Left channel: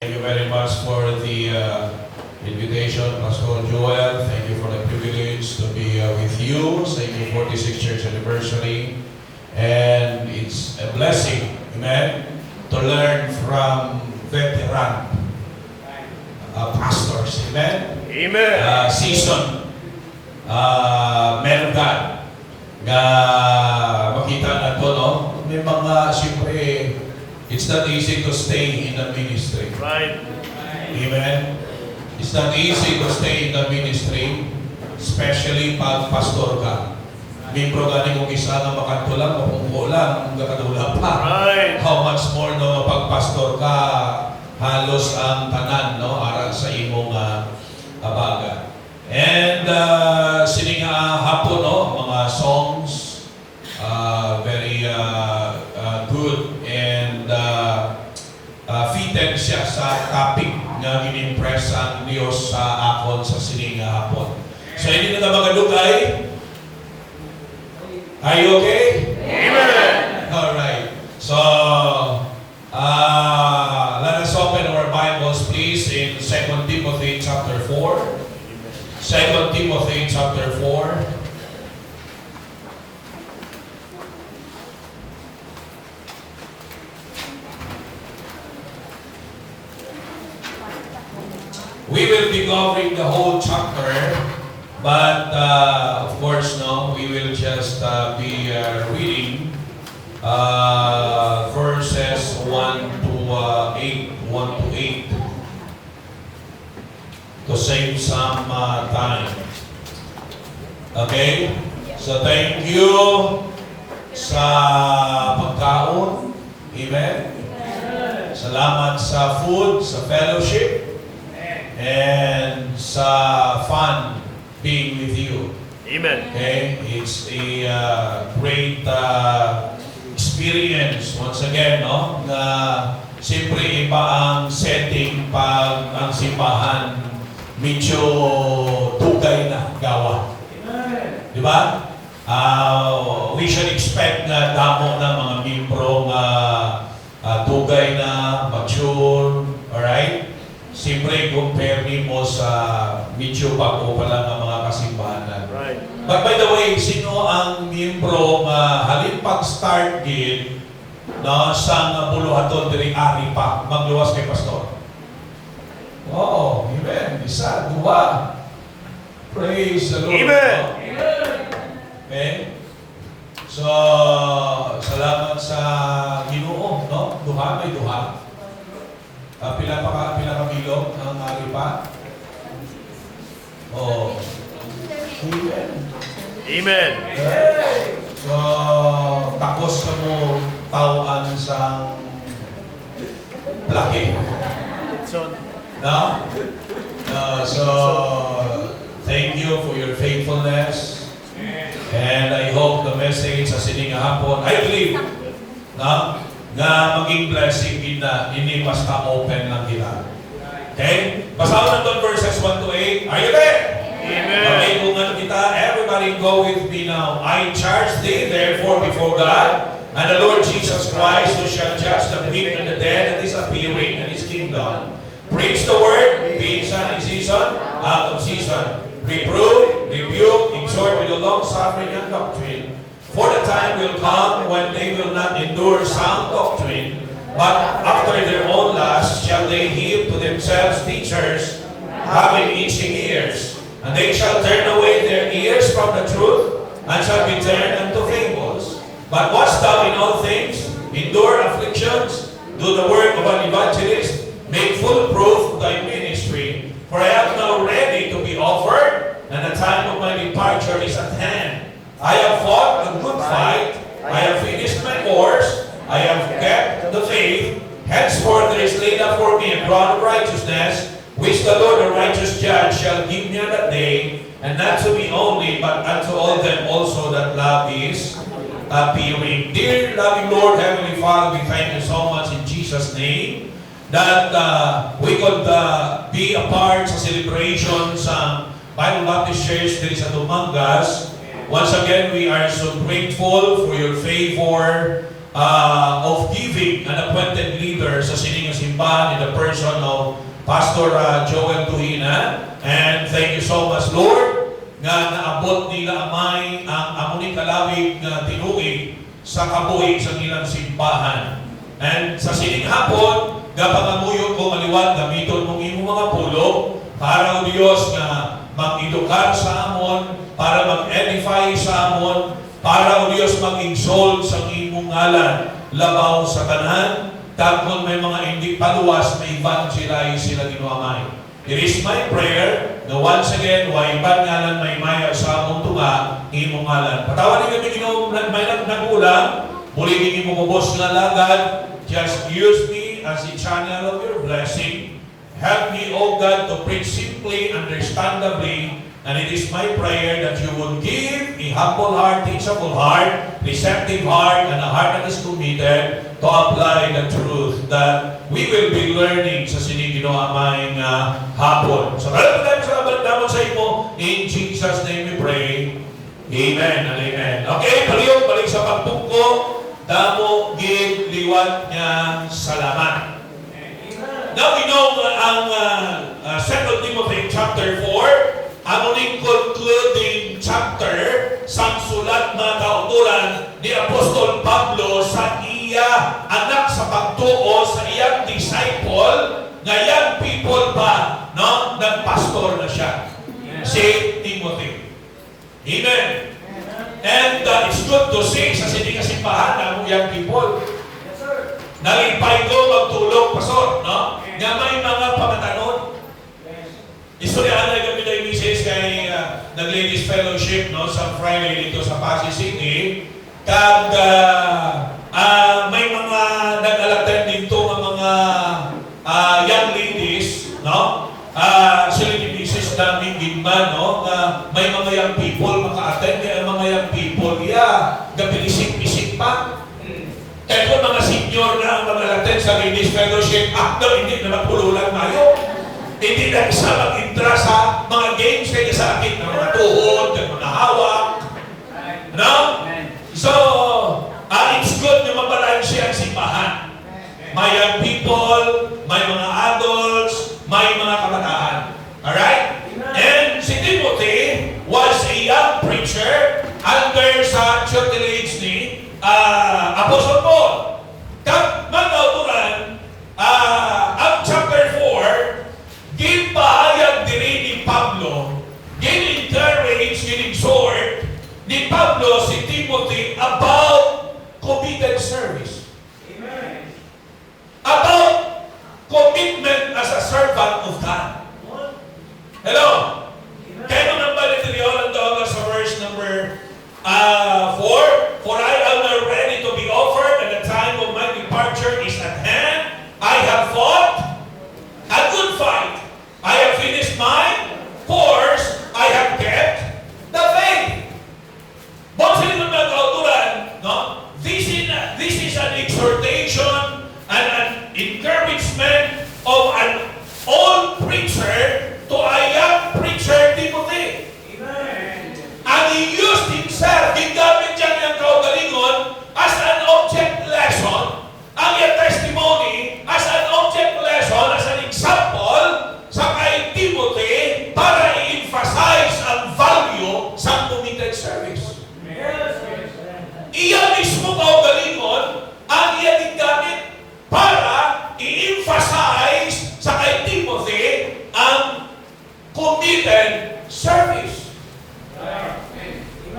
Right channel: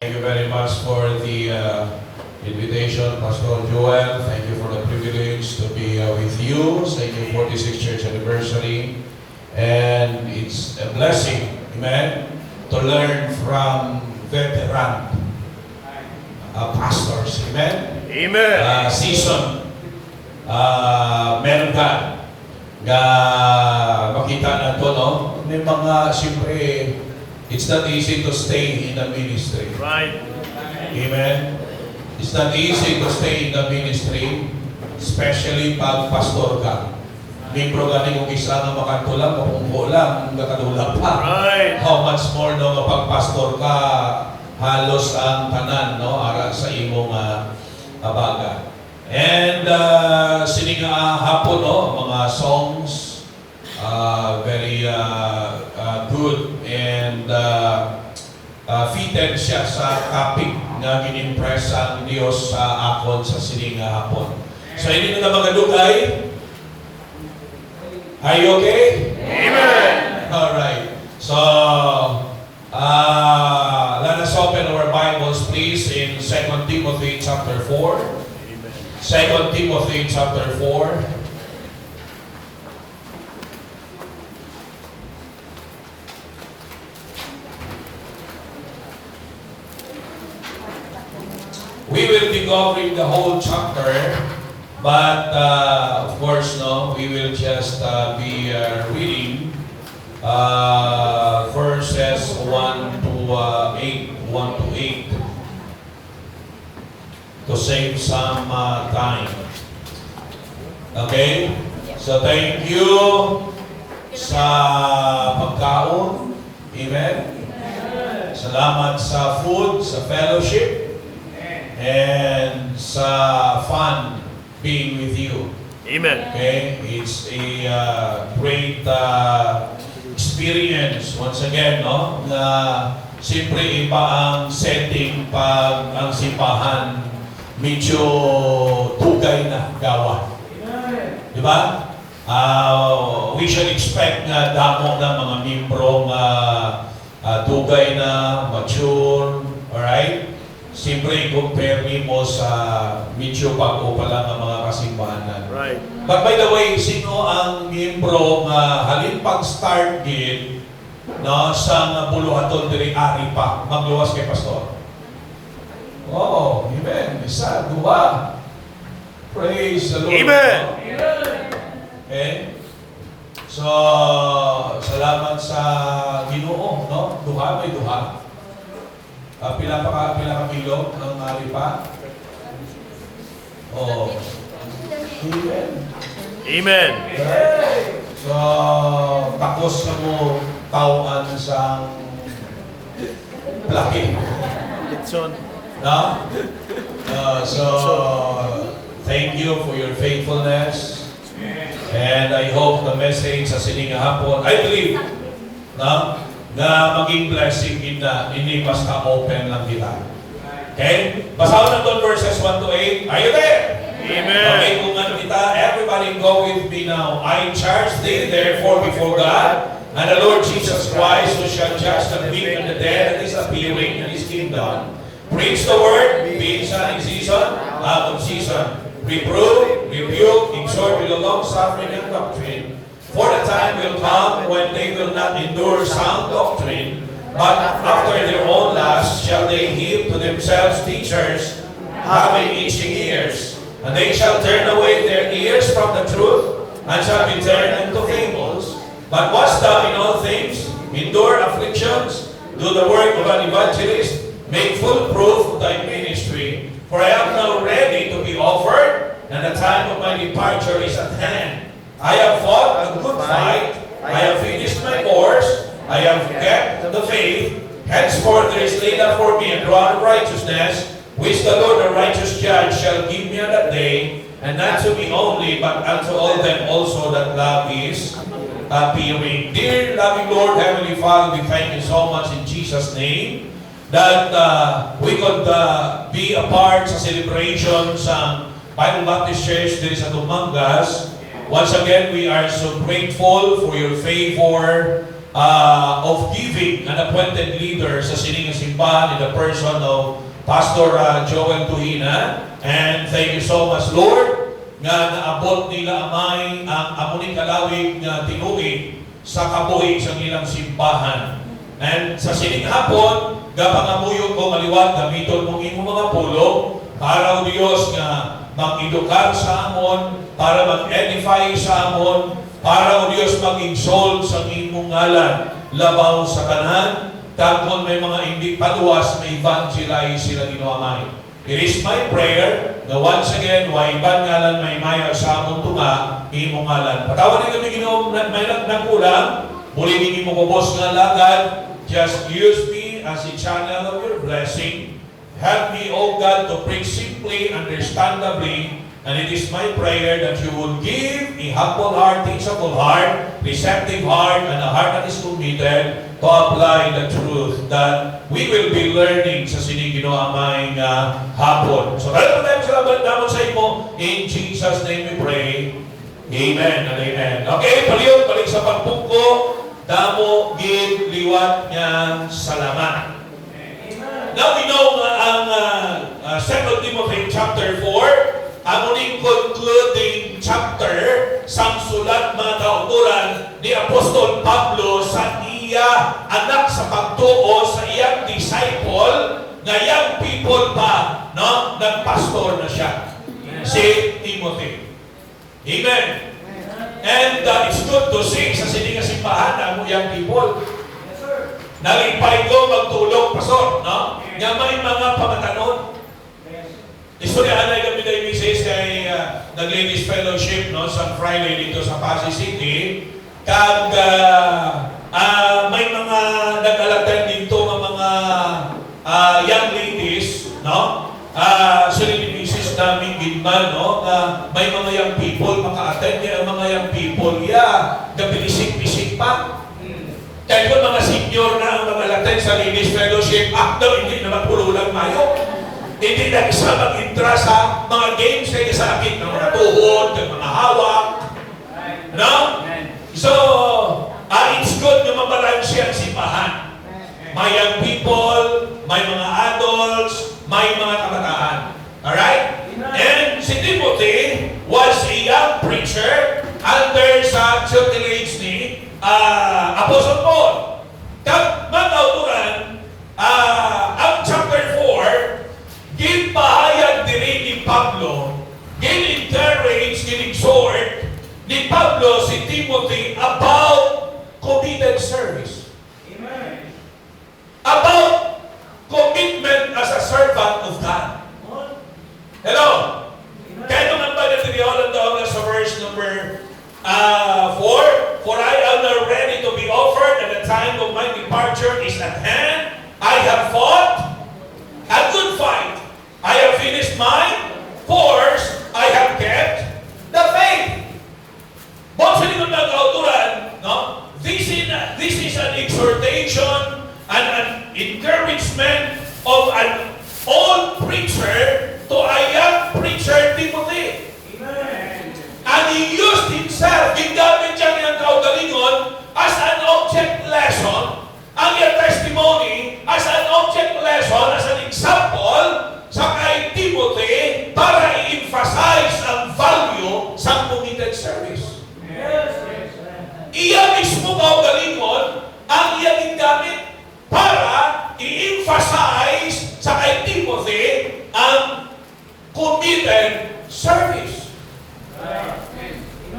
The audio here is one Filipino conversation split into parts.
Thank you very much for the invitation, Pastor Joel. Thank you for the privilege to be with you sa inyong 46th church anniversary. And it's a blessing, amen, to learn from veteran pastors, amen? Amen. Seasoned men of God nga makita nato, no? May mga, siyempre, it's not easy to stay in the ministry. Right. Amen? It's not easy to stay in the ministry, especially pag pastor ka. Membro ka ni kung isa nga makatulang, mapungko lang, kakadula pa. Right. How much more no, pag pastor ka, halos ang tanan, no, ara sa imong abaga. And sininga hapon, no, mga songs, very good and fitted siya sa topic nga ginimpress ang Diyos sa akon sa sininga hapon. So, hindi na magadugay. Are you okay? Amen. Alright. So, let us open our Bibles, please, in 2 Timothy chapter 4. 2 Timothy chapter 4. We will be covering the whole chapter, but of course, no, we will just be reading verses 1 to 8, to save some time. Okay? So thank you sa pagkaon. Amen? Salamat sa food, sa fellowship, and sa fun being with you. Amen. Okay? It's a great experience once again, no? Na siyempre iba ang setting pag ang simbahan medyo tugay na gawa. Di ba? We should expect na damo ng mga membro nga tugay na, mature, alright? Siyempre, compare mo sa medyo bago pa lang ang mga kasimbahanan. Right. But by the way, sino ang miyembro nga halin pag-start gid no, sa buluhaton diri ari pa magluwas kay pastor? Oh, amen. Isa, dua. Praise the Lord. Amen. Okay? So, salamat sa Ginoo, no? Duha may duha. Pila ka kilo ng aripa? Oh. Amen. Amen. So, takos ka mo tawaan sa plaki. No? So, thank you for your faithfulness. And I hope the message sa sininga hapon, I believe, no? Na maging blessing hindi basta open lang kita. Okay? Basahin natin verses 1 to 8. Are you there? Amen. Okay, kung ano kita, everybody go with me now. I charge thee therefore before God and the Lord Jesus Christ, who shall judge the quick and the dead that is appearing in His kingdom. Preach the word, be inside in season, out of season. Reprove, rebuke, exhort with a long suffering and doctrine. For the time will come when they will not endure sound doctrine, but after their own lust shall they heap to themselves teachers, having itching ears. And they shall turn away their ears from the truth, and shall be turned unto fables. But watch thou in all things, endure afflictions, do the work of an evangelist, make full proof thy ministry. For I am now ready to be offered, and the time of my departure is at hand. I have fought a good fight. I have finished my course. I have kept the faith. Henceforth there is laid up for me a crown of righteousness, which the Lord the righteous judge shall give me on that day, and not to me only, but unto all them also that love is appearing. Dear loving Lord, Heavenly Father, we thank you so much in Jesus' name that we could be a part sa celebration sa Bible Baptist Church dito sa Tumangas. Once again, we are so grateful for your favor of giving an appointed leader sa sining simbahan in the person of Pastor Joel Tuhina. And thank you so much, Lord, nga naabot nila amay ang amuning kalawig nga tinuig sa kabuhi sa ilang simbahan. And sa sining hapon, gapangamuyo ko maliwan gamiton mong imong mga pulo para o Diyos nga mag-edukar sa amon, para mag-edify sa amon, para o Diyos mag-insult sa imong ngalan, labaw sa kanan, kung may mga hindi paluwas na evangelize sila ginuamay. It is my prayer na once again, wa ibang ngalan may maya sa among tunga, imong ngalan. Patawan ni kami Ginoo may nagkulang, muli ni imong kubos nga lagad, just use me as a channel of your blessing. Help me, O God, to preach simply, understandably, and it is my prayer that you will give a humble heart, teachable heart, receptive heart, and a heart that is committed to apply the truth that we will be learning sa sinigino aming hapon. So, maraming tayo sa laban naman sa imo. In Jesus' name we pray. Amen and amen. Okay, paliyong, balik sa pagpungko. Damo, gid, liwat nga, salamat. Now we know ang 2 Timothy chapter 4, ang uning concluding chapter sa sulat mga kauturan ni Apostol Pablo sa iya anak sa pagtuo sa iyang disciple nga young people pa, no? Nagpastor na siya. Si Timothy. Amen. And it's good to see sa sininga simbahan na young people. Nalipay ko magtulog, pastor, no? Nga may mga pamatanon. Istorya na kami na imisis kay nag-ladies fellowship, no? Sa Friday dito sa Pasig City. Kag may mga nag-alattend dito ng mga young ladies, no? Sila imisis namin ginman, no? May mga young people maka-attend, kaya mga young people, gabilisik-bisik pa. Kaya kung mga senior na ang mag-alattend sa ladies fellowship, daw hindi na magpululang mayo. Hindi na isa mag-intra sa mga games kaya sa akin ng mga tuhod, ng mga hawak. No? So, it's good na mabalansi ang simbahan. May young people, may mga adults, may mga kabataan. Alright? And si Timothy was a young preacher under sa tutelage ni Apostle Paul. Kag magkauturan, ang chapter 4, give pahayag diri ni Pablo, give encourage, give exhort ni Pablo si Timothy about committed service. Amen. About commitment as a servant of God. Hello? Kaya naman ba natin doon sa verse number 4, for I am now ready to be offered, and the time of my departure is at hand. I have fought a good fight. I have finished my course. I have kept the faith. But sa likod ng kauturan, no? This is an exhortation and an encouragement of an old preacher to a young preacher, Timothy. Amen. And he used himself, gingamit siya niyang kaugalingon as an object lesson, ang iyang testimony as an object lesson, as an example sa kay Timothy para i-emphasize ang value sa committed service. Iya mismo kaugalingon ang iyang gingamit para i-emphasize sa kay Timothy ang committed service.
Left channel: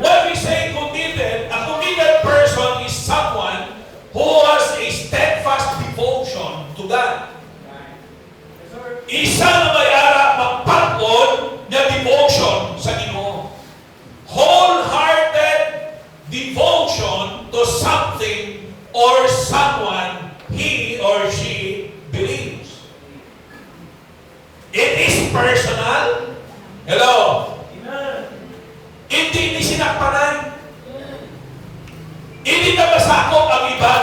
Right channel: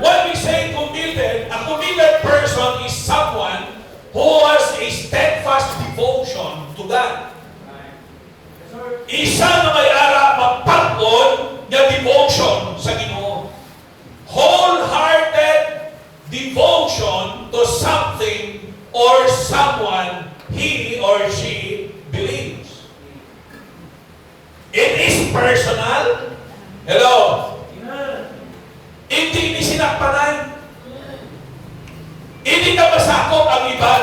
When we say committed, a committed person is someone who has a steadfast devotion to God. Isa na may ara magpagod na devotion sa Ginoo. Wholehearted devotion to something or someone he or she believes. It is personal. Hello? Hindi ni sinakpanan. Hindi na masakop ang iba.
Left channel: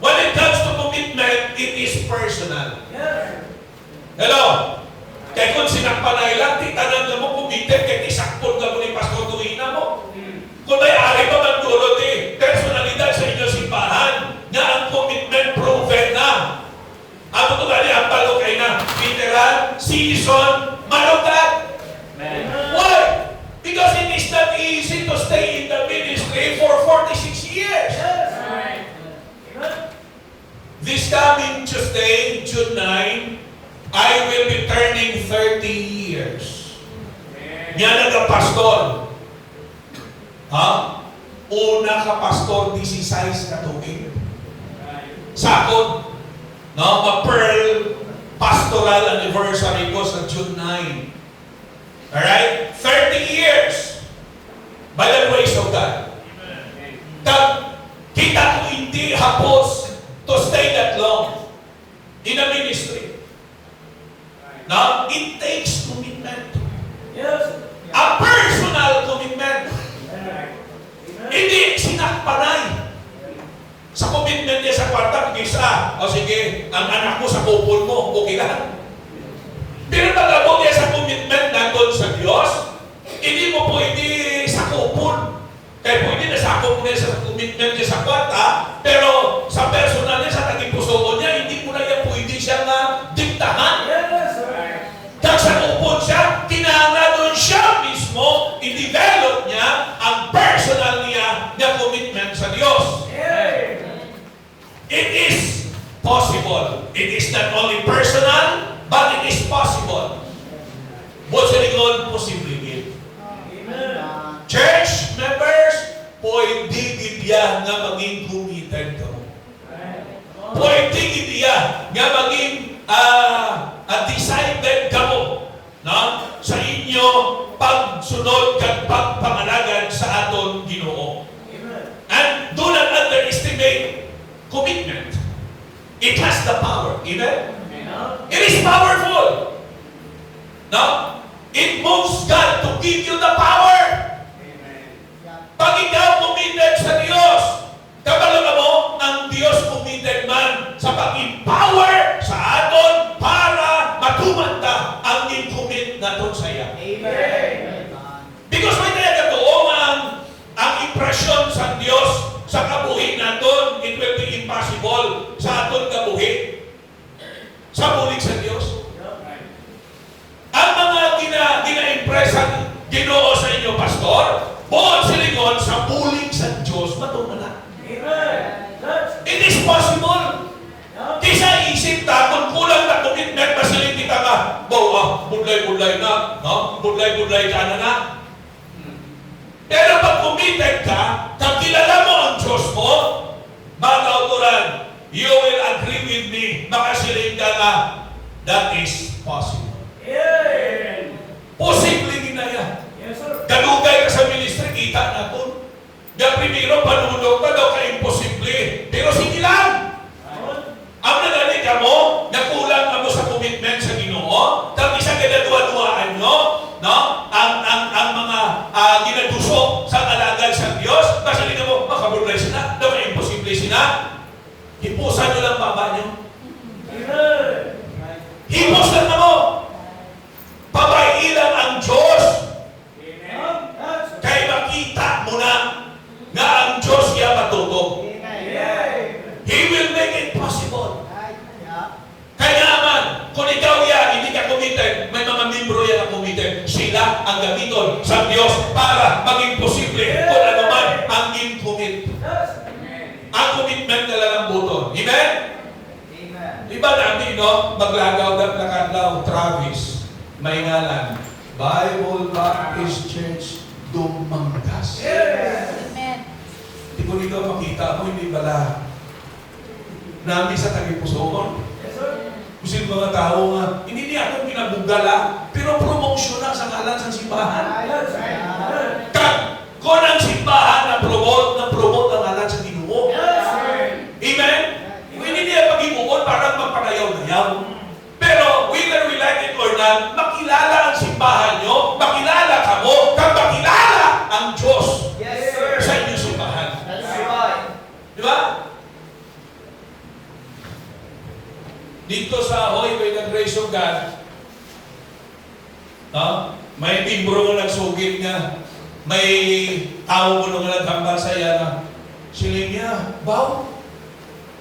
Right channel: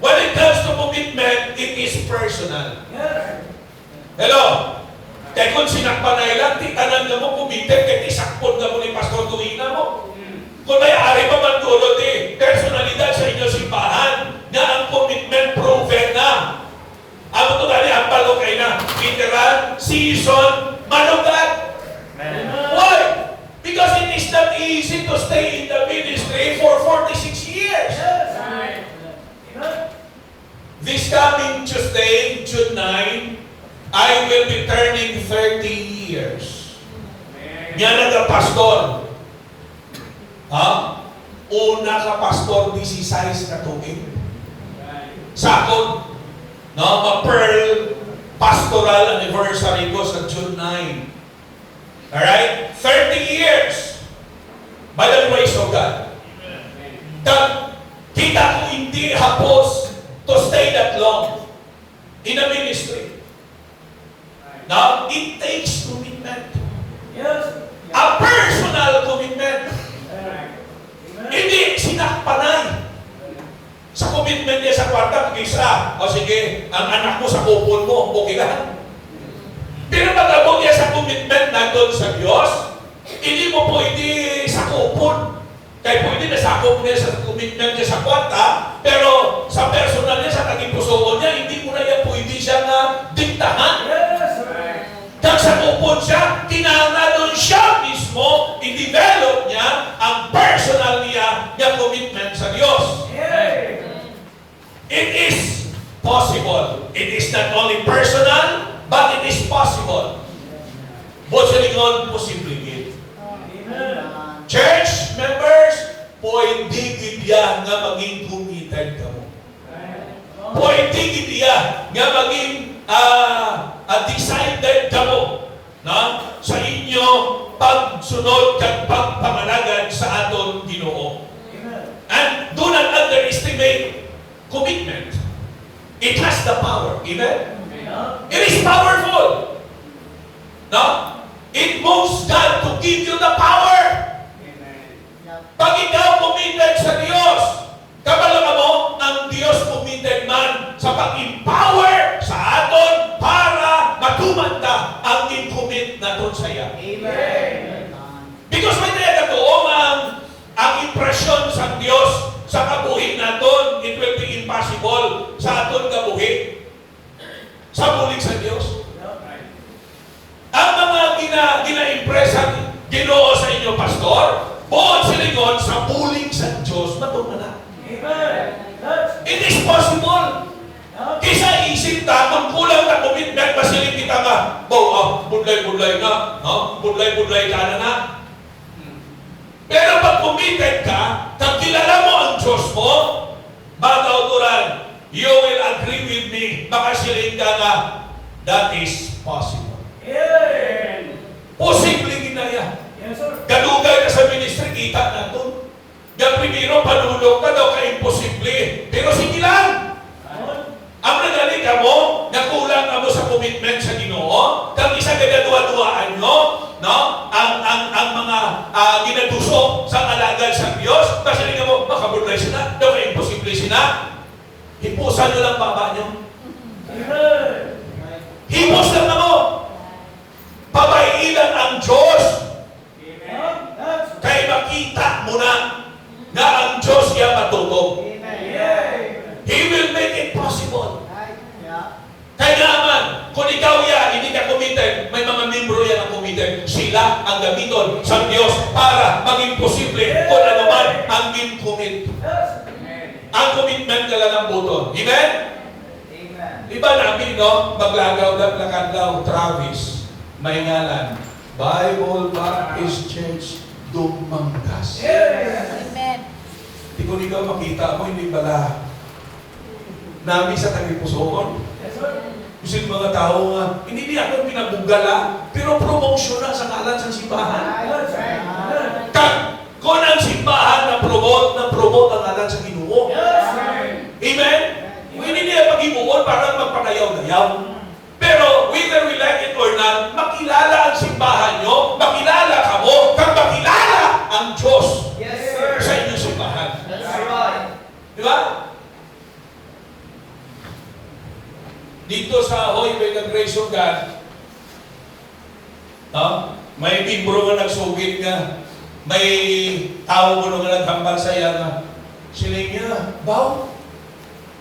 When it comes to commitment, it is personal. Hello? Kaya kung sinakpanay lang, titanan ka mo, committed, kaya isakpon ka mo ni Pastor Tuina mo. Kung may ari pa man dulot personalidad veteran, seasoned man of God. Why? Because it is not easy to stay in the ministry for 46 years. This coming Tuesday, June 9, I will be turning 30 years. Yan ang pastor. Ha? Una ka pastor, 16 ka tuig. Sakot. No, ma-pearl pastoral anniversary ko sa June 9. Alright? 30 years. By the grace of God. Kita ko hindi hapos to stay that long in a ministry. Now, it takes commitment. A personal commitment. Hindi sinakpanay. Sa commitment niya sa kwarta, isa, o sige, ang anak mo sa kupon mo, okay lang. Pero pag-abot niya sa commitment nandun sa Diyos, hindi mo pwede sa kupon. Kaya pwede nasakop niya sa commitment niya sa kwarta, pero sa personal niya, sa naging puso niya, hindi mo na yan pwede siya na diktahan. Dahil sa kupon siya, kinahanglan siya mismo, i-develop niya ang personal niya na commitment sa Diyos. It is possible. It is not only personal, but it is possible. Buot sa likod, posible gid. Church members, pwede gid yan nga maging committed ka mo. Pwede gid yan nga maging decided ka mo, no? Sa inyo pagsunod kag pagpangalagan sa aton Ginoo. And do not underestimate commitment. It has the power. Amen? It is powerful. No? It moves God to give you the power. Pag ikaw committed sa Diyos, kabalaga mo, ang Diyos committed man sa pag-empower sa aton para matumanda ang in-commit na ton saya. Because may talaga doon ang impresyon sa Diyos sa kabuhi naton, it will be impossible sa aton kabuhi. Sa bulig sa Diyos. Ang mga gina-impress ang Ginoo sa inyo, pastor, buod silingon sa bulig sa Diyos, matumana. It is possible. Kisa isip ta, kung kulang na commitment, basiling kita nga, budlay-budlay na, no? Budlay-budlay ka na. Pero pag committed ka, kung kilala mo ang Diyos mo, mga kauturan, you will agree with me, makasiling ka nga, that is possible. Posible ginaya. Galugay ka sa ministry, kita natin. Yung primero, panulong ka daw ka imposible. Pero sige lang. Ang nagani ka mo, nakulang ka mo sa commitment sa Ginoo, kang isa ginaduwa-duwaan nyo, no? Ang mga ginadusok sa alagad sa Diyos, kasi nga mo, makabulay sila, daw ka imposible sila. Hipusan nyo lang baba nyo. Hipos lang na mo. Pabayilan ang Diyos. Kaya makita mo na ang Diyos niya matutog. He will make it possible. Kaya naman, kung ikaw yan, hindi ka committed, may mga membro yan ang committed, sila ang gamiton sa Diyos para maging posible kung ano man ang in-commit. Ang commitment ka lang ang buton. Amen? Diba namin, no? Maglagaw na kandaw, Travis, may ngalan, Bible Baptist Church, Dumanggas. Amen. Hindi ko ikaw makita mo, hindi bala namin sa tagipusoon. Kasi mga tao nga, hindi niya ako pinabugala, pero promotion na sa ngalan sa simbahan. Kung ang simbahan na promote ang ngalan sa Ginoo. Amen? Hindi niya pag-imuon parang magpanayaw-nayaw. Pero whether we like it or not, makilala ang simbahan nyo, makilala ka mo, kang makilala ang Diyos sa inyong simbahan. Di ba? Dito sa Ahoy, by the grace of God, may membro nga nagsugit nga, may tao mo nga naghambal sa iya nga, sila niya, Baw,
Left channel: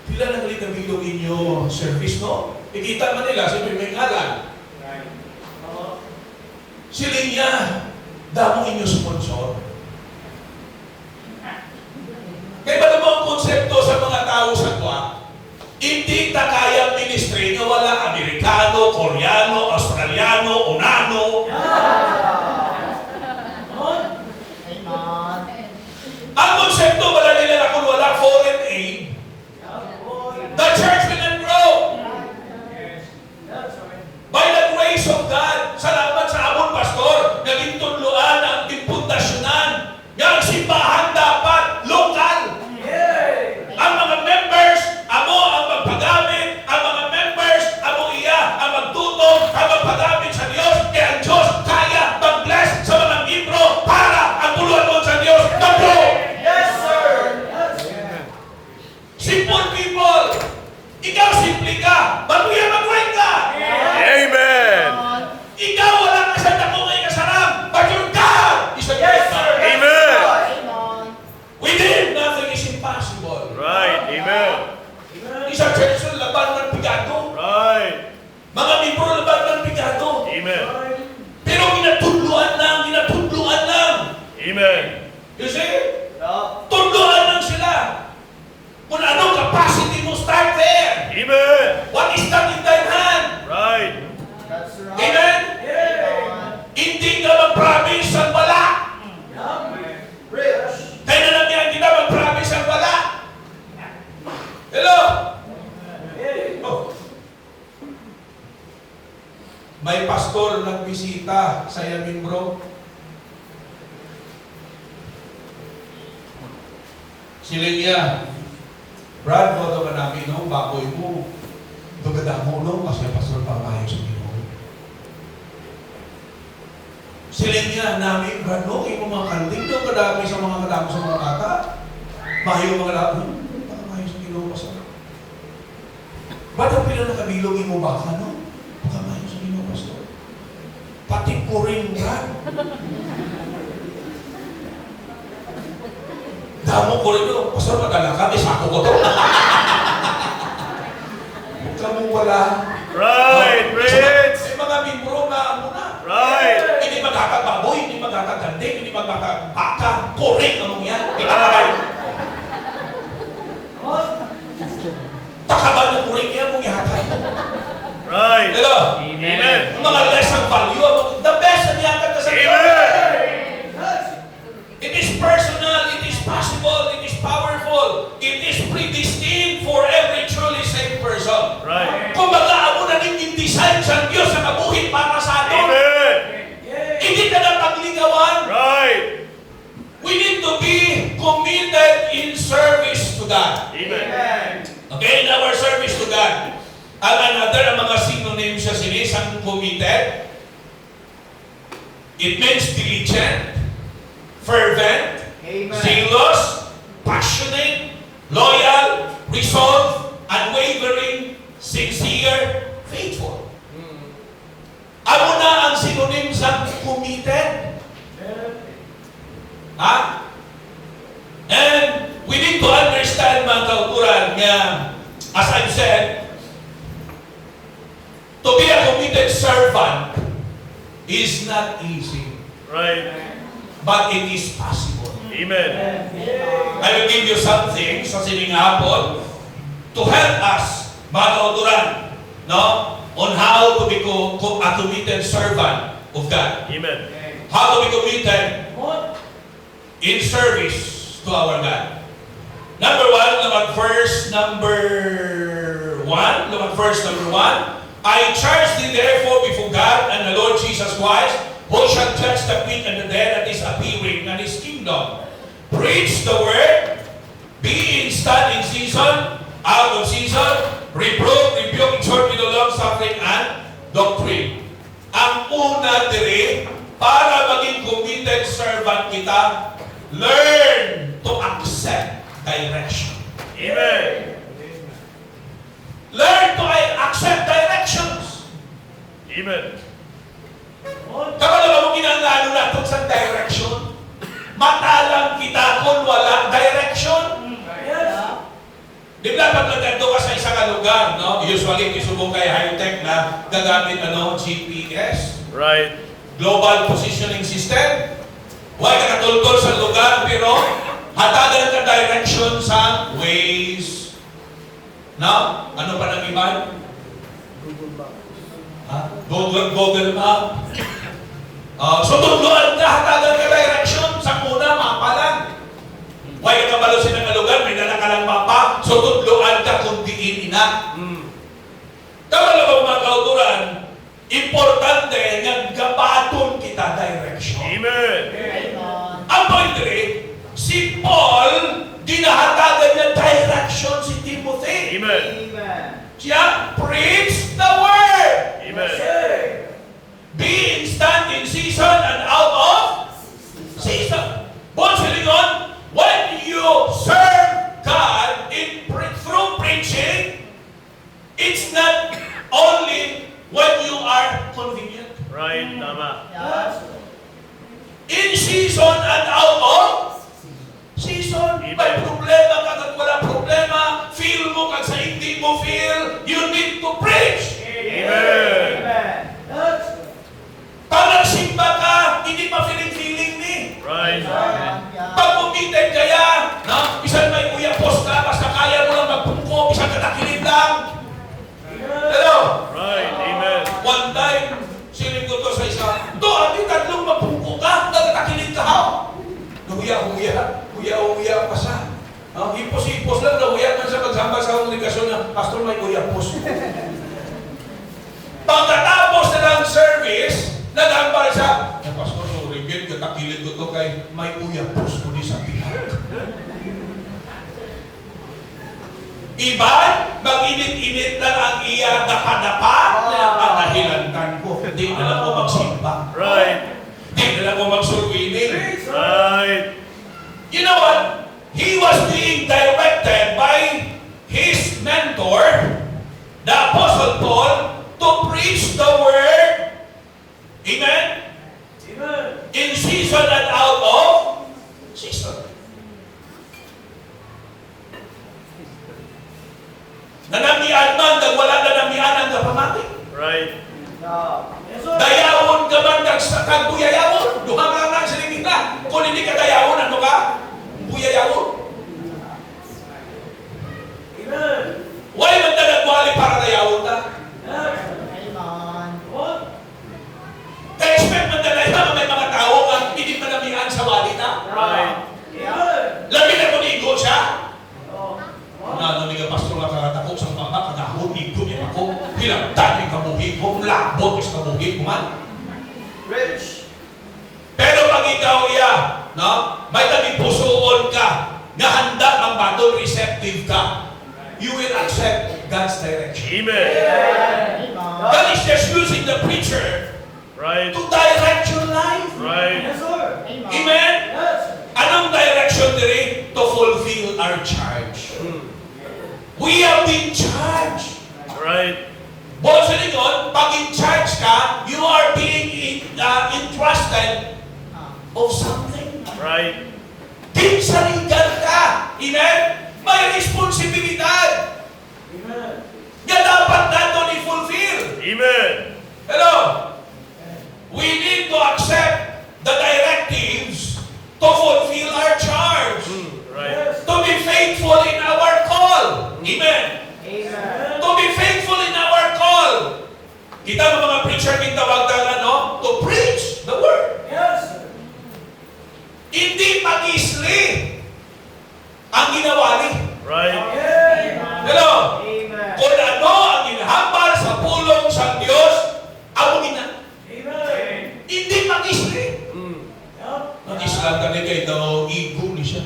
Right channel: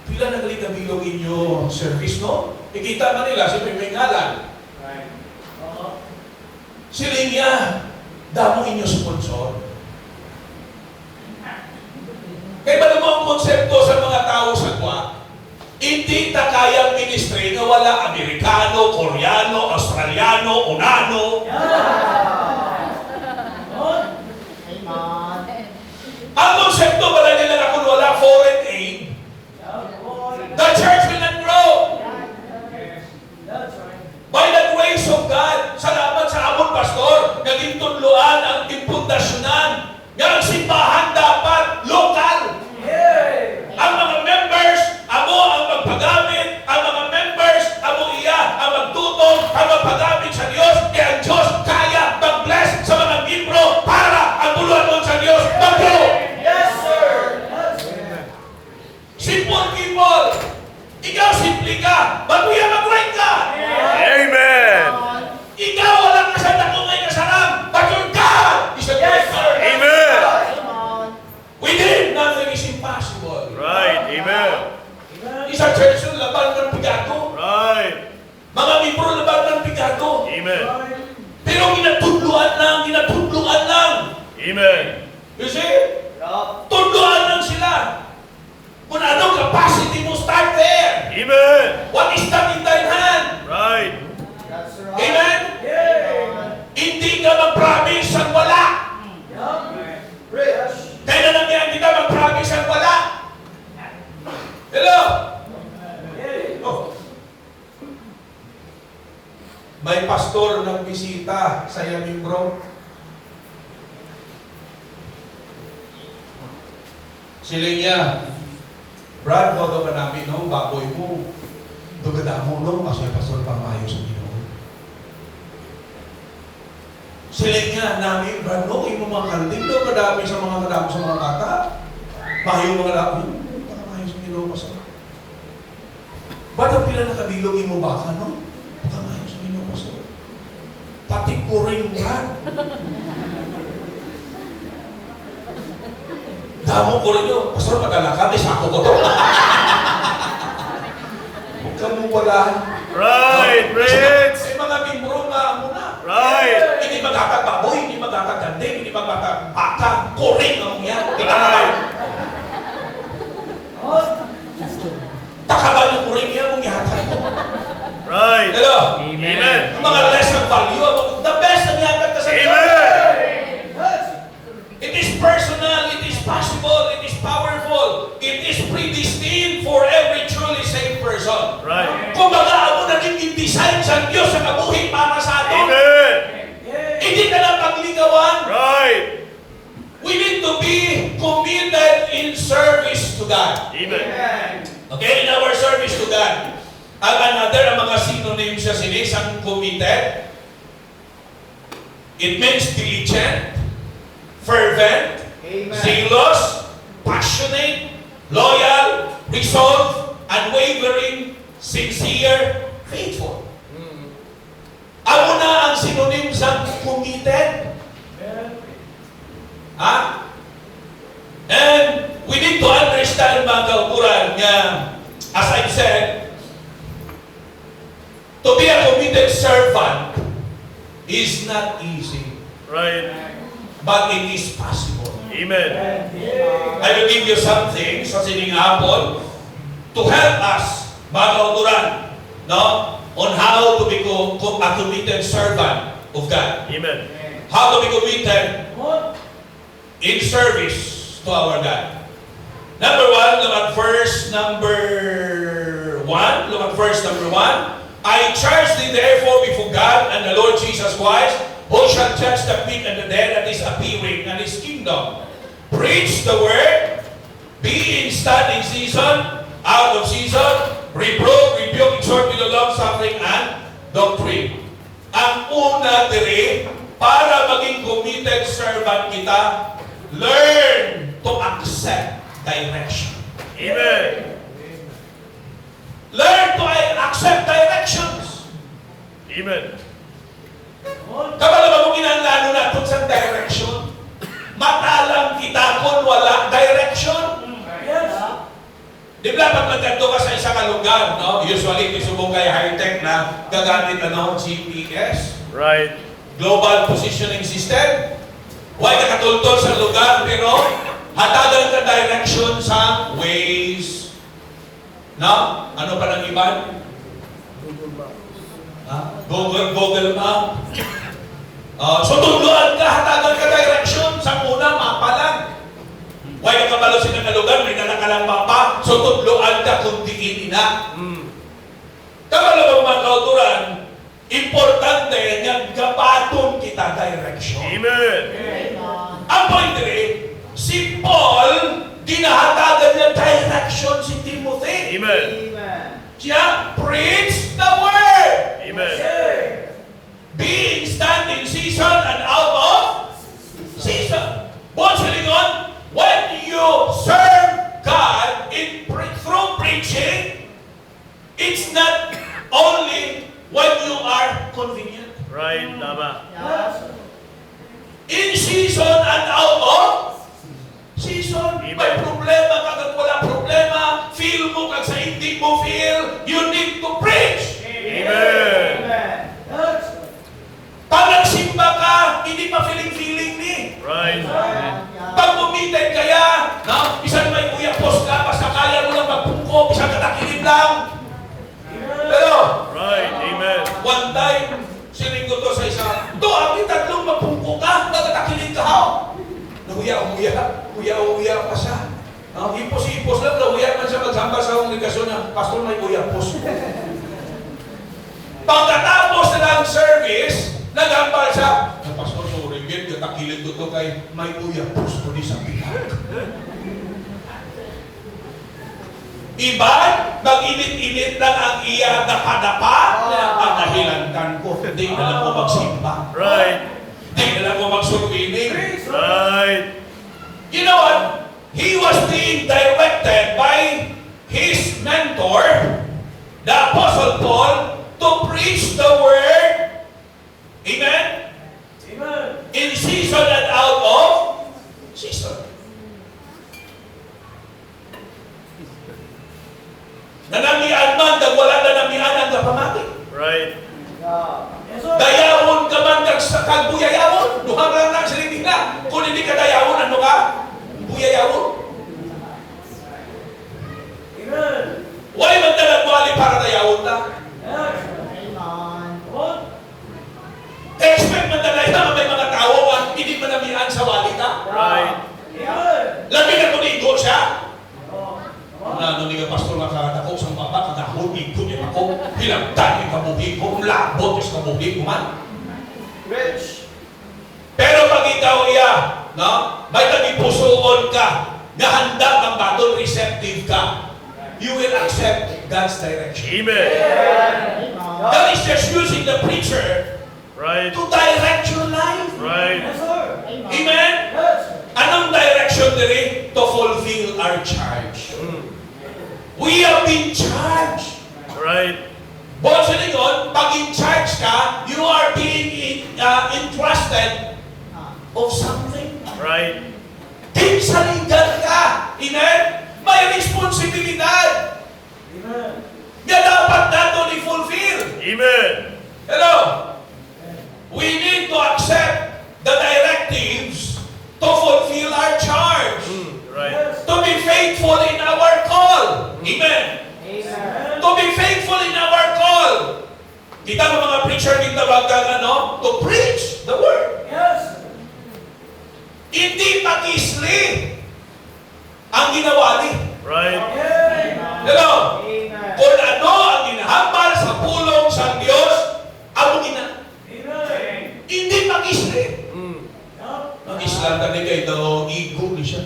pila nagaligabilog inyo service, no? Ikita man nila, siyempre may ngalan. Sila niya, damo inyo sponsor. Kaya ba naman ang konsepto sa mga tao sa kwa? Hindi ta kayang ministry na wala Amerikano, Koreano, Australiano, Unano. Ang konsepto wala nila na kung wala foreign aid, the church will not grow. By the grace of God, salamat sa amon pastor, naging tunluan ang impundasyonan ng simbahan dapat lokal. Ang mga members, amo ang magpagamit, ang mga members, amo iya ang magtutong, ang magpagamit sa Diyos, kaya ang Diyos kaya mag-bless sa mga membro para ang puluhan mo sa Diyos mag-grow. Yes, sir. Simple people. Ikaw simple ka, bago yan mag-right ka. Amen. Ikaw wala ka sa takungay kasarang, but your God is a great God. Amen. With Him, nothing is impossible. Right. Amen. Isang church na laban ng pigado. Right. Mga libro laban ng pigado. Amen. Pero ginatudluan lang. Amen. You see? Tudluan lang sila. Kung ano capacity mo, start there. Amen. What is that in thy hand? Right. That's right. Amen? Hindi ka mag-promise ang wala. Rich. Kaya na lang yan, hindi ka mag-promise ang wala. Hello? Oh. May pastor na bisita sa yamin bro. Sila niya, Brad, mo ka namin, no? Baboy mo. Dugada mo, no? Kasi pastor pamayo sa Ginoo. Sila niya, namin, Brad, no? Yung mga kanding, no? Kadami sa mga bata. Mayo mga kadami. Pamayo sa Ginoo, pastor. Ba't ang pinanakabilogin mo baka, no? Pamayo sa Ginoo, pastor. Pati ko rin, Brad. Damo ko rin yun. Pastor, madala ka. May sako ko to. Huwag ka mong wala. Right. Rich. May mga membro na muna. Right. Hindi magkakababoy, hindi magkakaganding, hindi magkakabaka. Kuring ang mga yan. Hindi kakabay. Takaban ng kuring yan, mga yata. Right. Hello? Amen. Ang mga less ng value, the best ang yata ka sa Diyos. Amen. It is personal, it is possible, it is powerful, it is predestined for every truly saved person. Right. Kung mag-aamo naging in-design sa Diyos sa kabuhin para sa atin, Amen. hindi na lang pagligawan. Right. We need to be committed in service to God. Amen. Okay, in our service to God. Ang another, ang mga synonyms sa sinis, ang committed, it means diligent, fervent, Amen. zealous, passionate, loyal, resolved, unwavering, sincere, faithful. Ano na ang synonyms ng committed? Ha? And we need to understand, mga kaukuran, nga, as I've said, to be a committed servant is not easy, Right. but it is possible. Amen. I will give you something sa sining hapon to help us, mga kaukuran, no? On how to become a committed servant of God. Amen. How to be committed in service to our God. Number one, look at verse number 1. Look at verse number 1. I charge thee therefore before God and the Lord Jesus Christ, who shall judge the quick and the dead at his appearing and his kingdom. Preach the word, be instant in season, out of season, reprove, rebuke, exhort with long suffering and doctrine. Ang una dire, para maging committed servant kita, learn to accept direction. Amen. Learn to accept directions. Amen. Kapag mo ginanlalo na itong sa direction, matalang kita kung wala direction. Di ba pag nagkando ka sa isang lugar, no? Usually, kisubong kay high-tech na gagamit GPS. Right. Global Positioning System. Huwag ka katultol sa lugar, pero hatagan ka direction sa Waze. No? Ano pa ng iba? Google Map. So, tuluan ka, hatagan ka direction sa una, mapa lang. Huwag ka kabalusin ng lugar, may nanakalang mapa, so tuluan ka kung diin ina. Tama lang ba mga kauturan? Importante nga gabaton kita direction. Amen. Ang point rin, si Paul, dinahatagan niya direction si Timothy. Amen. Siya, preach the word. Amen. Be instant in season and out of season. Bonsiling on, when you serve God through preaching, it's not only when you are convenient. Right. Tama. In season and out of season. May problema kag wala problema, feel mo kag sa hindi mo feel, you need to preach. Amen. Pag nagsimba ka, hindi pa feeling ni. Right. Pag umitin kaya, na, bisan may uyapos ka, basta kaya mo lang magpungko, bisan katakilin lang. Pero, Right. Amen. one time, siling ko to sa isa, to, amin tatlong magpungko ka, nagkatakilin ka ha. Uya pa siya. Ipos lang, uya man siya maghamba sa kongregasyon na, pastor may uyapos. Pagkatapos na ng service, naghambal siya. Pastor, so ringgit, katakilin ko to kay may uyapos ko di sa pilang. Iba, mag-init-init lang ang iya dapa-dapa, ang nahilantan ko. Hindi na lang ko magsimba. Right. Hindi na lang ko magsurwining. Right. You know what? He was being directed by his mentor, the Apostle Paul, to preach the word. Amen? In season and out of season. Nanamian man, nang wala nanamian ang kapamati. Right. Dayawon ka man, kag buyayawon. Duha lang na sa nila. Kung hindi ka dayawon, ano ka? Buyayawon. Why man na nagwali para dayawon na? Expect man na dayawon may mga tao nga hindi manamian sa wali na. Right. Lagi na kung igo siya. Ano ni pastor nakakatako sa papa, kagahon, igo niya ako. Pinagtan yung kabuhi ko, labot yung kabuhi ko man. Pero pag ikaw no? May tagipusoon ka, na handa kang battle, receptive ka, you will accept God's direction. Amen. God is just using the preacher Right. to direct your life. Right. Amen? Anong direction diri? To fulfill our charge. We have been charged. Right. Boss Lincoln, pag in charge ka, you are being entrusted of something. Right. Pinsalingan ka. Amen? May responsibilidad. Nga dapat nato i-fulfill. Amen. Hello? We need to accept the directives to fulfill our charge. Right. To be faithful in our call. Amen? To be faithful in our call. Kita mo mga preacher, gitawag ng to preach the word. Hindi pag-isli ang ginawa ni. Right. Hello? Kung ano ang inahambal sa pulong sa Diyos, ang ina. Hindi pag-isli. Ang Islam ka ni kayo daw ego ni siya.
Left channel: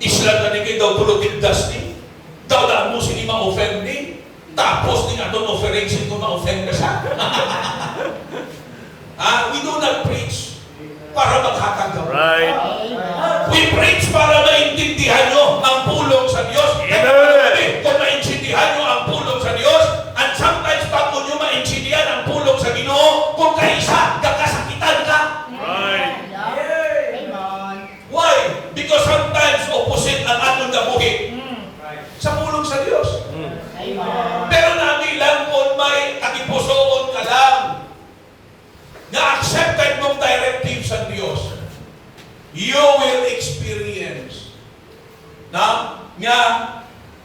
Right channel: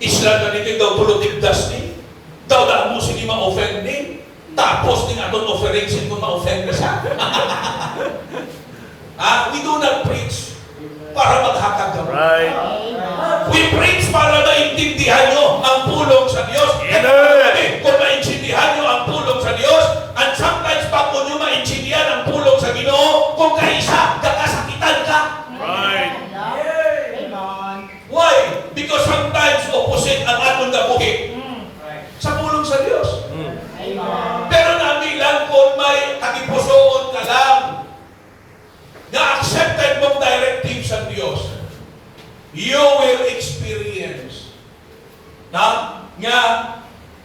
Islam ka ni kayo daw politigdas ni. Daw na mo sini ma-offend ni. Tapos ni aton offering sin kung ma-offend ka siya. We do not preach para maghatag ka. Right. We preach para maintindihan nyo ang pulong sa Diyos. Amen. Kung maintindihan nyo ang pulong sa Diyos, and sometimes pag kung nyo maintindihan ang pulong sa Ginoo, kung kaisa, kakasakitan ka. Right. Why? Because sometimes opposite ang atong gabuhi sa pulong sa Diyos.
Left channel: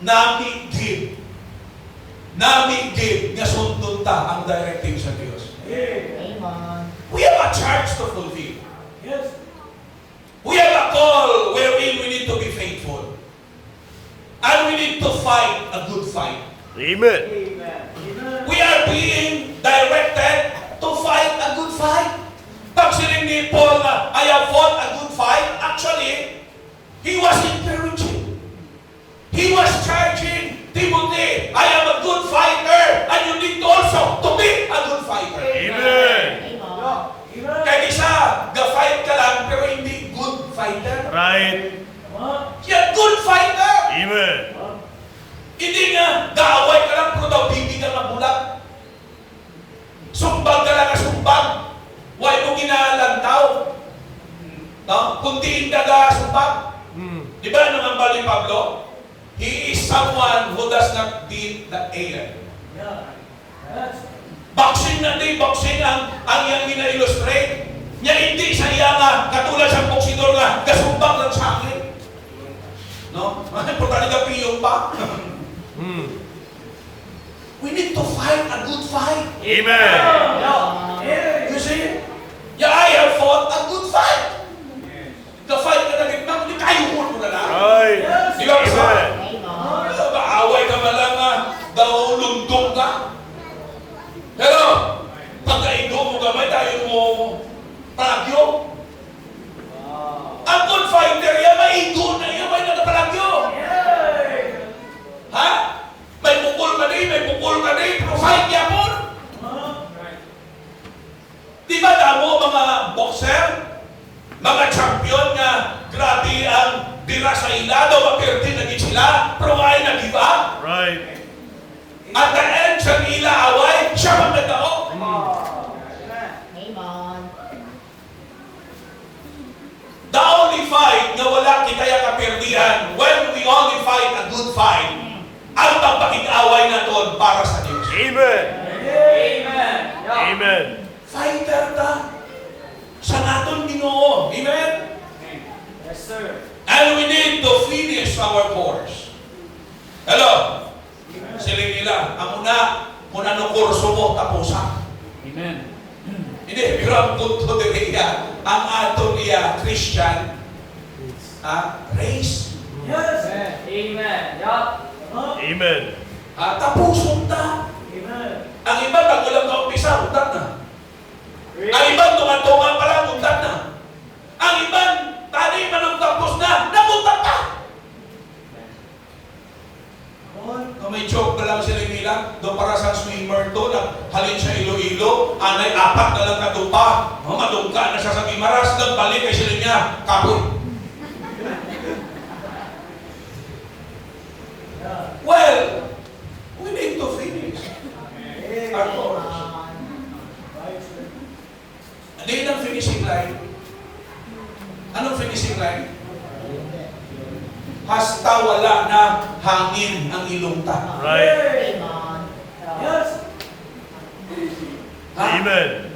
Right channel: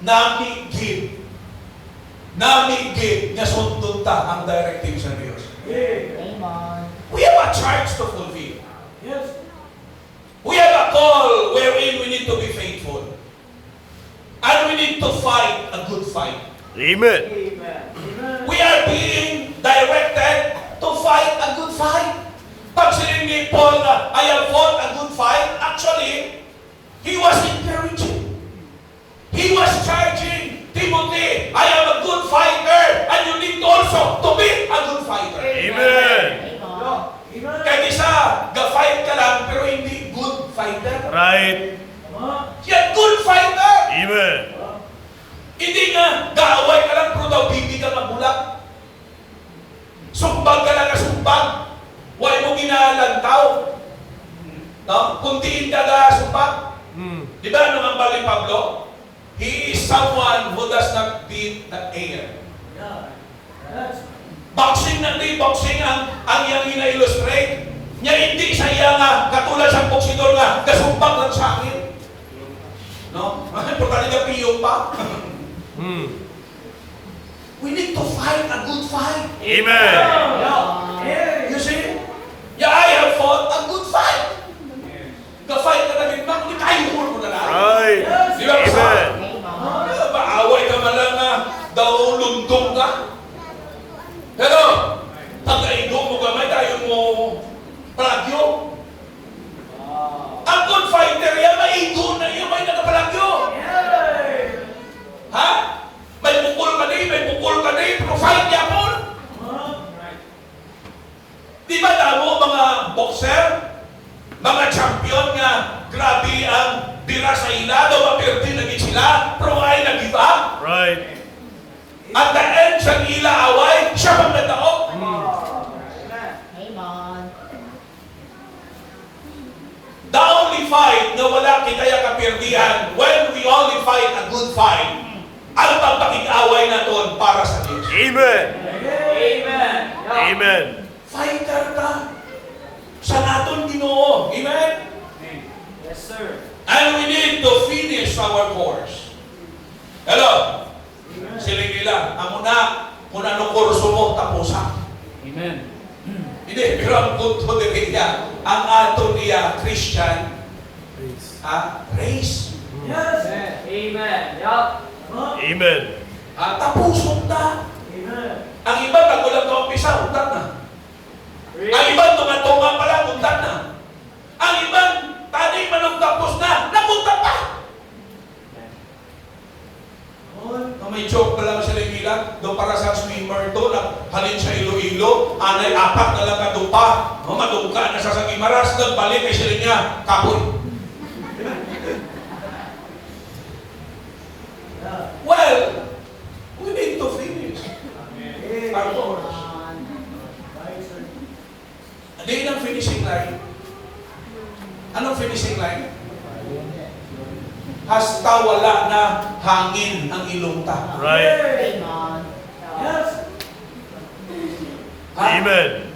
namigid nga sundon ta ang directive sa Dios. Amen. We have a charge to fulfill. Yes. We have a call wherein we need to be faithful. And we need to fight a good fight. Amen. Amen. We are being directed to fight a good fight. Pag sinabi ni Paul na, I have fought a good fight, actually, he was encouraging. He was charging Timothy, I am a good fighter, and you need also to be a good fighter. Amen. Kaya isa, ga-fight ka lang, pero hindi good fighter. Right. Yan, good fighter! Amen. Hindi nga, gaaway ka lang, pero daw hindi ka mabulat. Sumbag ka lang na sumbag. Huwag mo ginalantaw. No? Kung di ka na sumbag. Di ba naman ba ni Pablo? He is someone who does not beat the air. Boxing na di, boxing ang iyang ina-illustrate. Niya hindi sa iya nga, katulad sa boksidor nga, kasumbag lang sa akin. No? Importante ka piyong pa. We need to fight a good fight. Amen. You see? Yeah, I have fought a good fight. The fight na nagigman, hindi tayo mo na lang. Right. Di ba kasi? Amen. Maaway ka man lang na daw lundong ka. Pero, pag naigo mo gamay, tayo mo palagyo. Ang good fighter, yan, maigo na yan, may nagapalagyo. Ha? May pukul ka din, pero fight niya po. Di ba damo mga boxer, mga champion nga, grabe ang bira sa ilado, mapirti naging sila, pero ay nag-give up. Right. At the end, sa ila away, siya pang nagdaok. The only fight na wala kitaya kapirdihan, when we only fight a good fight, ang pagpakit-away na doon para sa Diyos. Amen. Amen. Fighter ta. Sa naton Ginoo. Amen? Yes, sir. And we need to finish our course. Hello? Sila nila, amo na, kung ano kurso mo, tapusa. Amen. Hindi, pero ang punto nila, ang ato niya, Christian, race. Yes. Amen. Yup. Amen. Tapuson ta. Amen. Ang iba, tagulang ka umpisa, untat na. Ang iba, tunga-tunga pa lang, untat na. Ang iba, tanay manong tapos na, namunta pa. May joke na lang sila bilang, doon para sa swimmer to, halin sa Iloilo, anay apat na lang katupa, madungka na siya sa Gimaras, nagbalik kay sila niya, kapoy. Well, we need to finish our course. Ano yun ang finishing line? Anong finishing line? Hasta wala na hangin ang ilong ta. Right. Yes. Ha? Amen.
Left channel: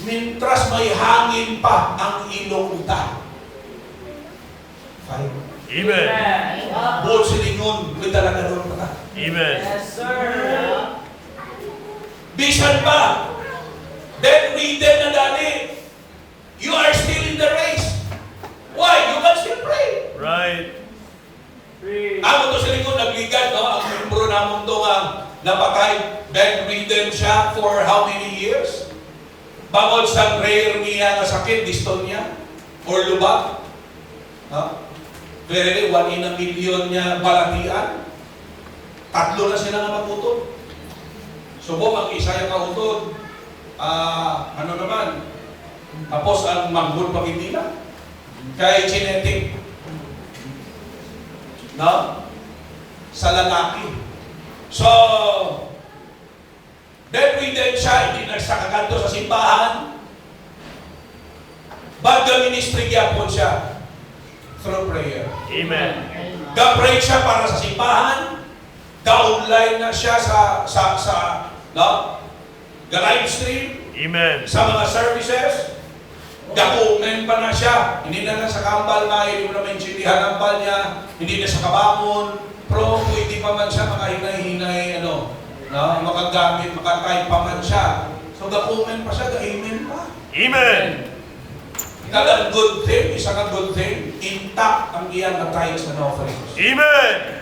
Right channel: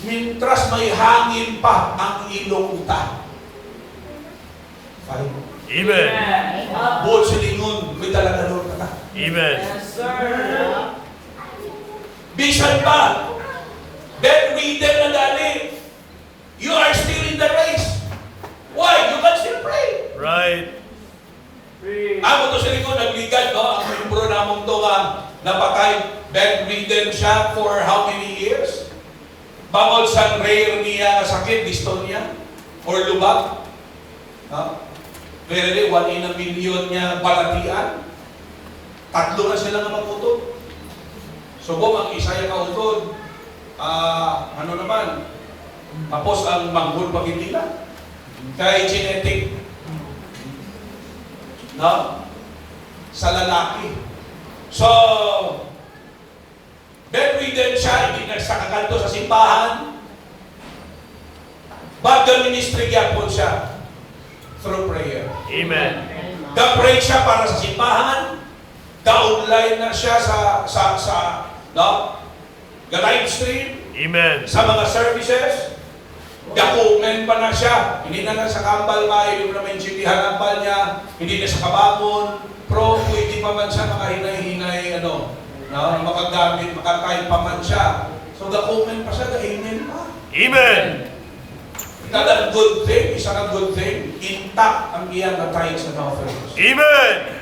Mintras may hangin pa ang ilong ta. Fine. Amen. Buod silingon, may talaga doon ka. Amen. Yes, sir. Bisan pa, bedridden na dali, you are still in the race. Why? You can still pray. Right. Amo to silingon, nagligad, no? Ang membro namong to napakay, bedridden siya for how many years? Bangod sa rare niya nga sakit, dystonia, or lubag. No? Very 1 in a million niya balatian. Tatlo na sila nga magutod. Subo, mag-isa yung kautod. Ano naman? Tapos ang manghul pag hindi na. Kaya genetic. No? Sa lalaki. So, bedridden siya, hindi nagsakakanto sa simbahan. Baga ministry gyapon siya through prayer. Amen. Ga-pray siya para sa simbahan. Ga-online na siya ga-live stream Amen. sa mga services. Ga-comment pa na siya. Hindi na lang sa kambal nga, hindi na maintindihan ang kambal niya. Hindi na siya kabangon. Pero pa man siya makahinay-hinay, makagamit, makakay pa man siya. So, ga-comment pa siya, ga-amen pa. Amen. Kada good thing, isa ka good thing, intact ang iyan na tithes and offerings. Amen.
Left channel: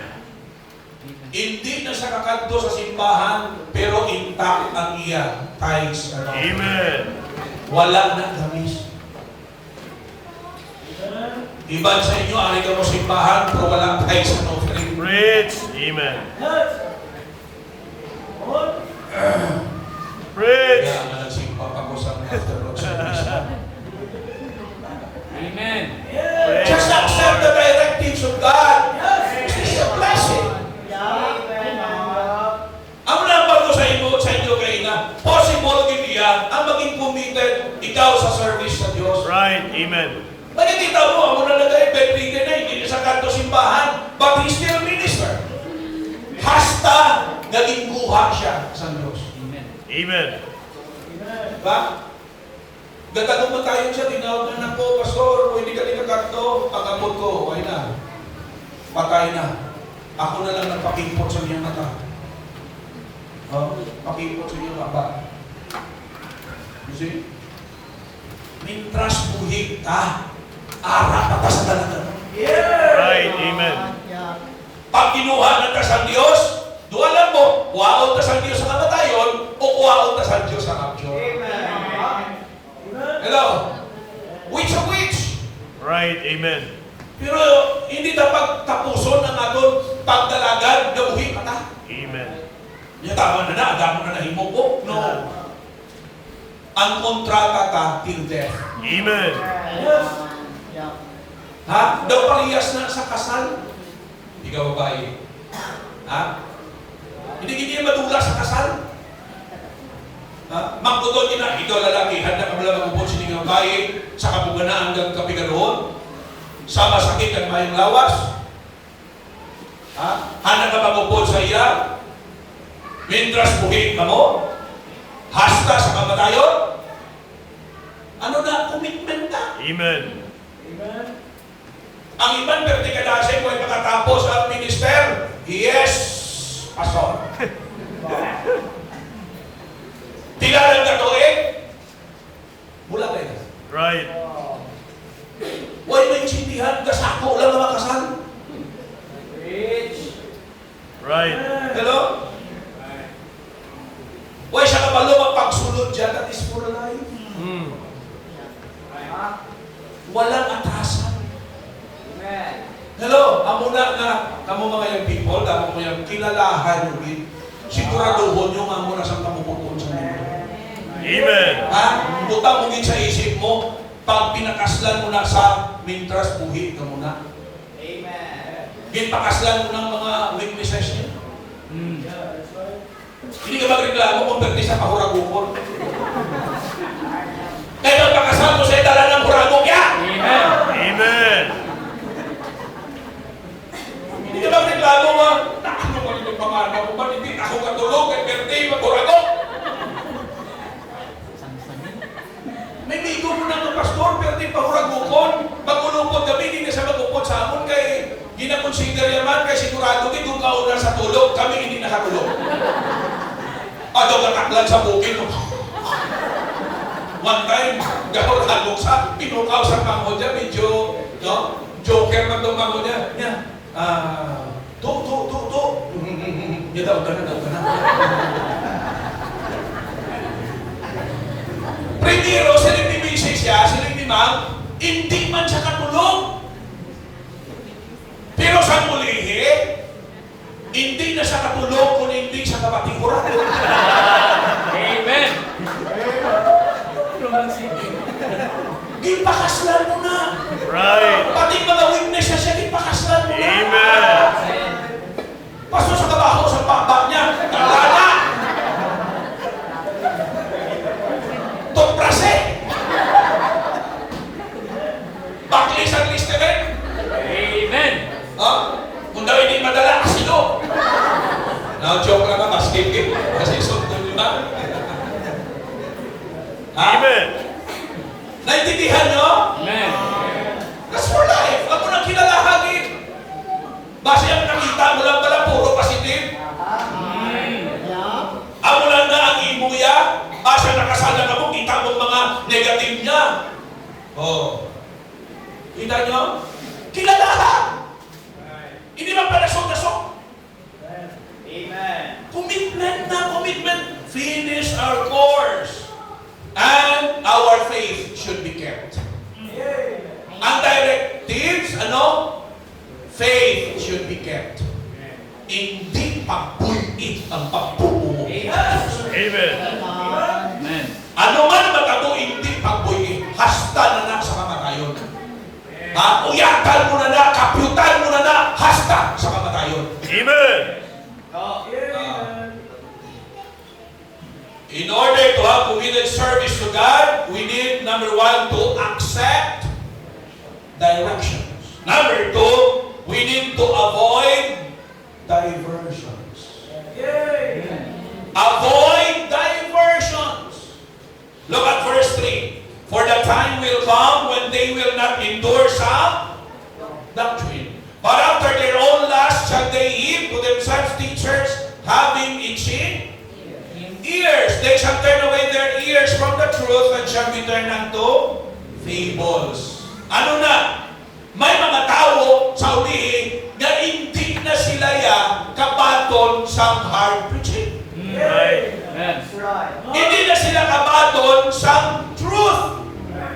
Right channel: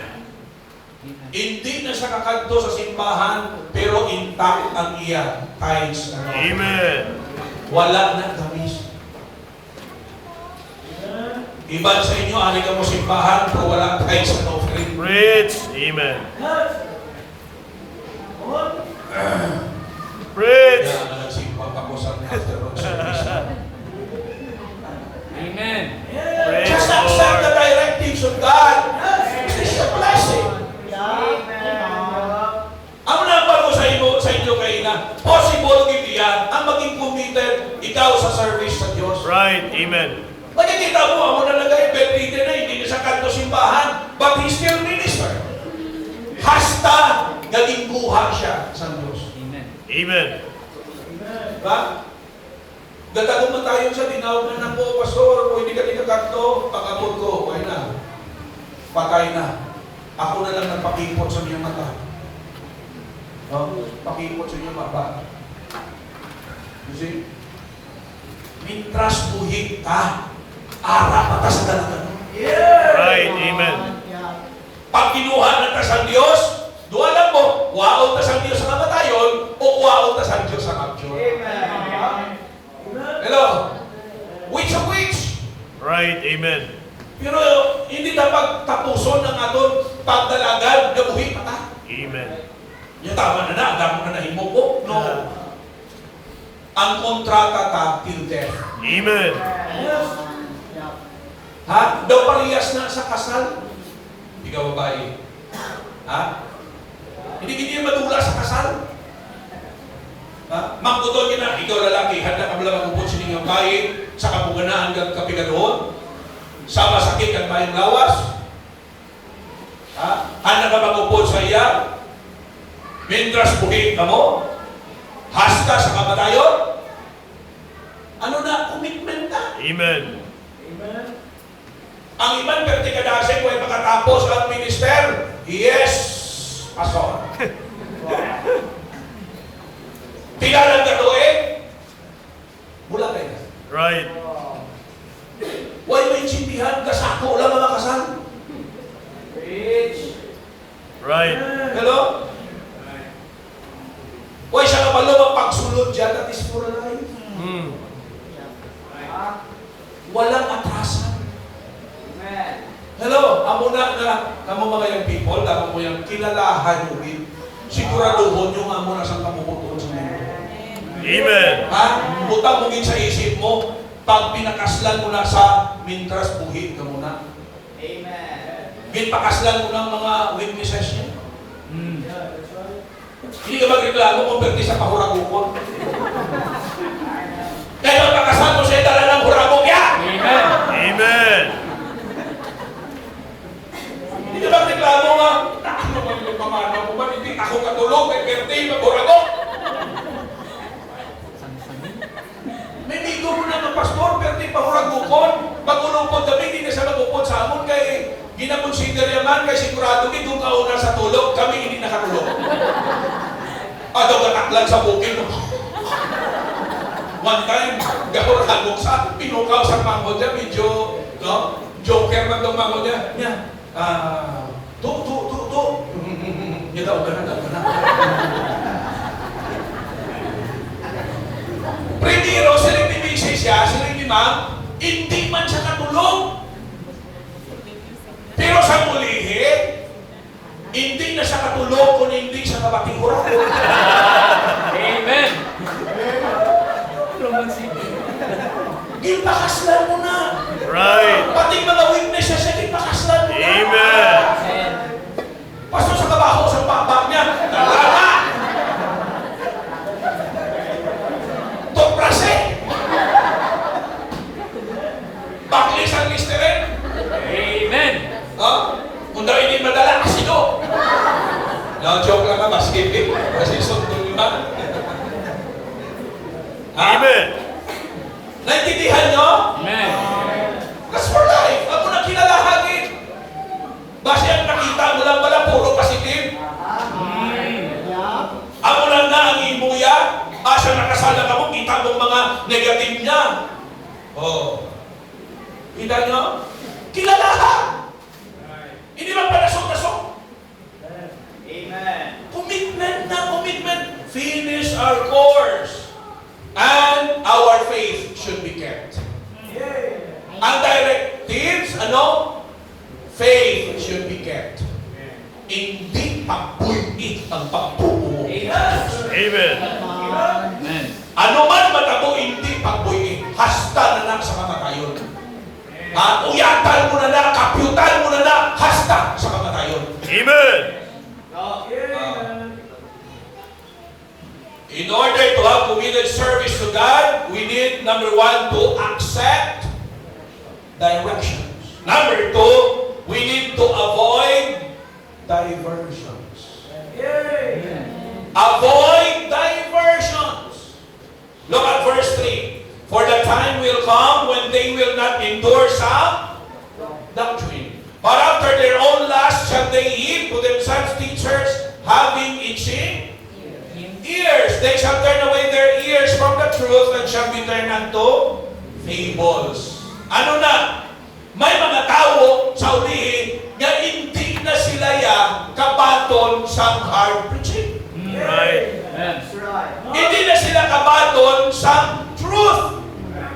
Hindi na siya kakanto sa simbahan, pero intact ang iyan tithes and offerings. Amen. Wala na gamis. Iban sa inyo, ari ka mo simbahan, pero wala tithes and offerings. Preach. Amen. Preach. Kaya nga nagsimpang ako sa afternoon service. Amen. Just accept the directives of God. It's a blessing. Ang nambal ko sa inyo kayo na, possible gid yan ang maging committed ikaw sa service sa Diyos. Right. Amen. Nakikita mo, ako nalagay, bedridden na, hindi na sa kanto simbahan, but he still minister. Hasta naging buha siya sa Diyos. Amen. Amen. Diba? Gatago mo tayo siya, tinawag na ako, Pastor, kung hindi ka kanto, pagkatod ko, okay na. Patay na. Ako na lang nagpakipot sa iyong mata. Pakipot sa iyong mata. You see? Mintras buhig ka, ara pa ta sa dalaga. Right. Amen. Pag kinuha na ta sa Diyos, duwa lang mo, waon ta sa Diyos sa kamatayon, o waon ta sa Diyos sa kapsyon. Hello? Which of which? Right. Amen. Pero hindi dapat tapuson ng aton pagdalagan na buhi pa ta. Amen. Yung tama na agad mo na nahimong ko. No. Ang kontrata ta till death. Amen. Ha? Daw parehas na sa kasal. Ikaw babae. Ha? Hindi ganyan madula sa kasal. Ha? Magkuto niya na, ikaw lalaki, handa ka lang magpupot sa inyong babae sa kabuganaan ng kapigadoon. Sa masakit ang mayong lawas. Ha? Handa ka magpupot sa iya. Mintras buhit ka mo. Hasta sa kamatayon. Ano na? Commitment na. Amen. Ang iban perti kadasig kung pagkatapos ang minister, yes, pastor. Tigalang gatuin, mula kayo. Right. Huwag may insindihan, kasako lang ang makasal. Preach. Right. Hello? Huwag siya kapalo magpagsulod dyan, that is for life. Walang atasan. Amen. Hello, amo na nga, kamo mga young people, kamo mo yung kilalahan nyo, siguraduhon nyo nga mo na saan kamuputon sa nyo. Amen. Ha? Utang mo din sa isip mo, pag pinakaslan mo na sa mintras buhi ka muna. Amen. Ginpakaslan mo ng mga witnesses niya. Hindi ka magreklamo kung perti sa pahuragukon. Kaya magpakasal mo sa dala ng huragok ya! Amen. Amen. Hindi ka magreklamo nga, ano ba nito pamana ko ba? Hindi ako katulog kay perti maghuragok. May bigo mo na ng pastor, perti pahuragukon. Pag-ulupod kami, hindi na siya mag-upod sa amon kay ginakonsider yaman kay sigurado din kung kauna sa tulog, kami hindi nakatulog. Ado kataklan sa bukid. One time, gahor hagok sa pinukaw sa mango niya, medyo, no? Joker man itong mango niya. Niya, to. Niya daw, gana. Primero, sila bibisi siya, sila imam, hindi man siya katulog. Pero sa mulihi, hindi na siya katulog kung hindi siya kabatikura. Amen. Gipakaslan mo na. Right. Pati mga witnesses siya, gipakaslan mo na. Amen. Pastor sa kabaho, sa pakbak niya, kalala. Tokprase. Baklis ang listerin. Amen. Kung daw hindi madala, asido. Joke lang na, maskip. Kasi sundol na. Amen. Naintindihan nyo? Amen. That's for life. Ako nang kinalahagin. Base ang nakita mo lang pala, puro kasi Asa nakasala ka mo, kita mo mga negative niya. Oh. Kita nyo? Kilalahan. Hindi man palasok-lasok. Amen. Commitment na commitment. Finish our course. And our faith should be kept. Ang directives, faith should be kept. Hindi pagbuit ang pagbubuo. Amen. Amen. Ano man matabo, hindi pagbuit. Hasta na sa kamatayon. Uyatan mo na, kapyutan mo na, hasta sa kamatayon. Amen. In order to have committed service to God, we need, number one, to accept directions. Number two, we need to avoid diversions. Avoid diversions. Look at verse 3. For the time will come when they will not endure sound doctrine. But after their own lust shall they heap to themselves teachers having itching ears. They shall turn away their ears from the truth and shall be turned unto fables. Ano na? May mga tao sa ulihin na hindi na sila kabaton sa hard preaching. Right. That's right. Hindi na sila kabaton sa truth.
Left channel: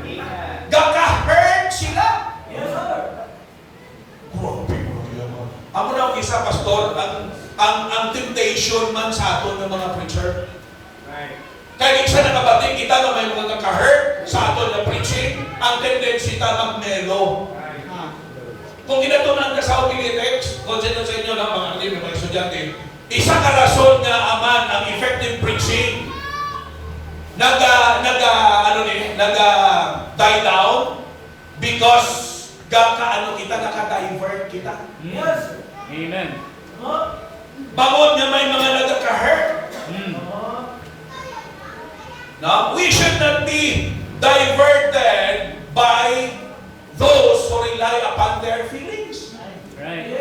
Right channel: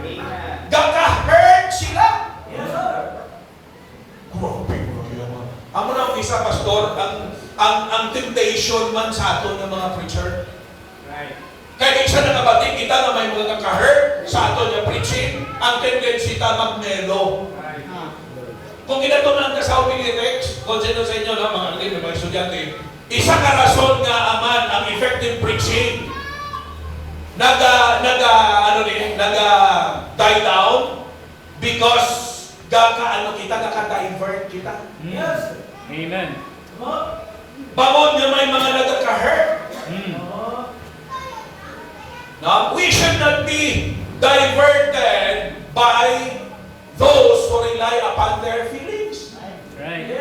Amen. Gaka-hurt sila. Grabe mo naman. Amo na ang isa, pastor, ang temptation man sa ato ng mga preacher. Kaya isa na kabating kita na may mga kaka-hurt sa ato na preaching, ang tendency ta magmelo. Kung inatunan ka sa Unilitex, o dyan sa inyo lang, mga estudyante, isang karason nga aman ang effective preaching die down because naka-divert kita. Yes. Amen. Bangon nga may mga nagka-hurt. Now, we should not be diverted by those who rely upon their feelings. Right.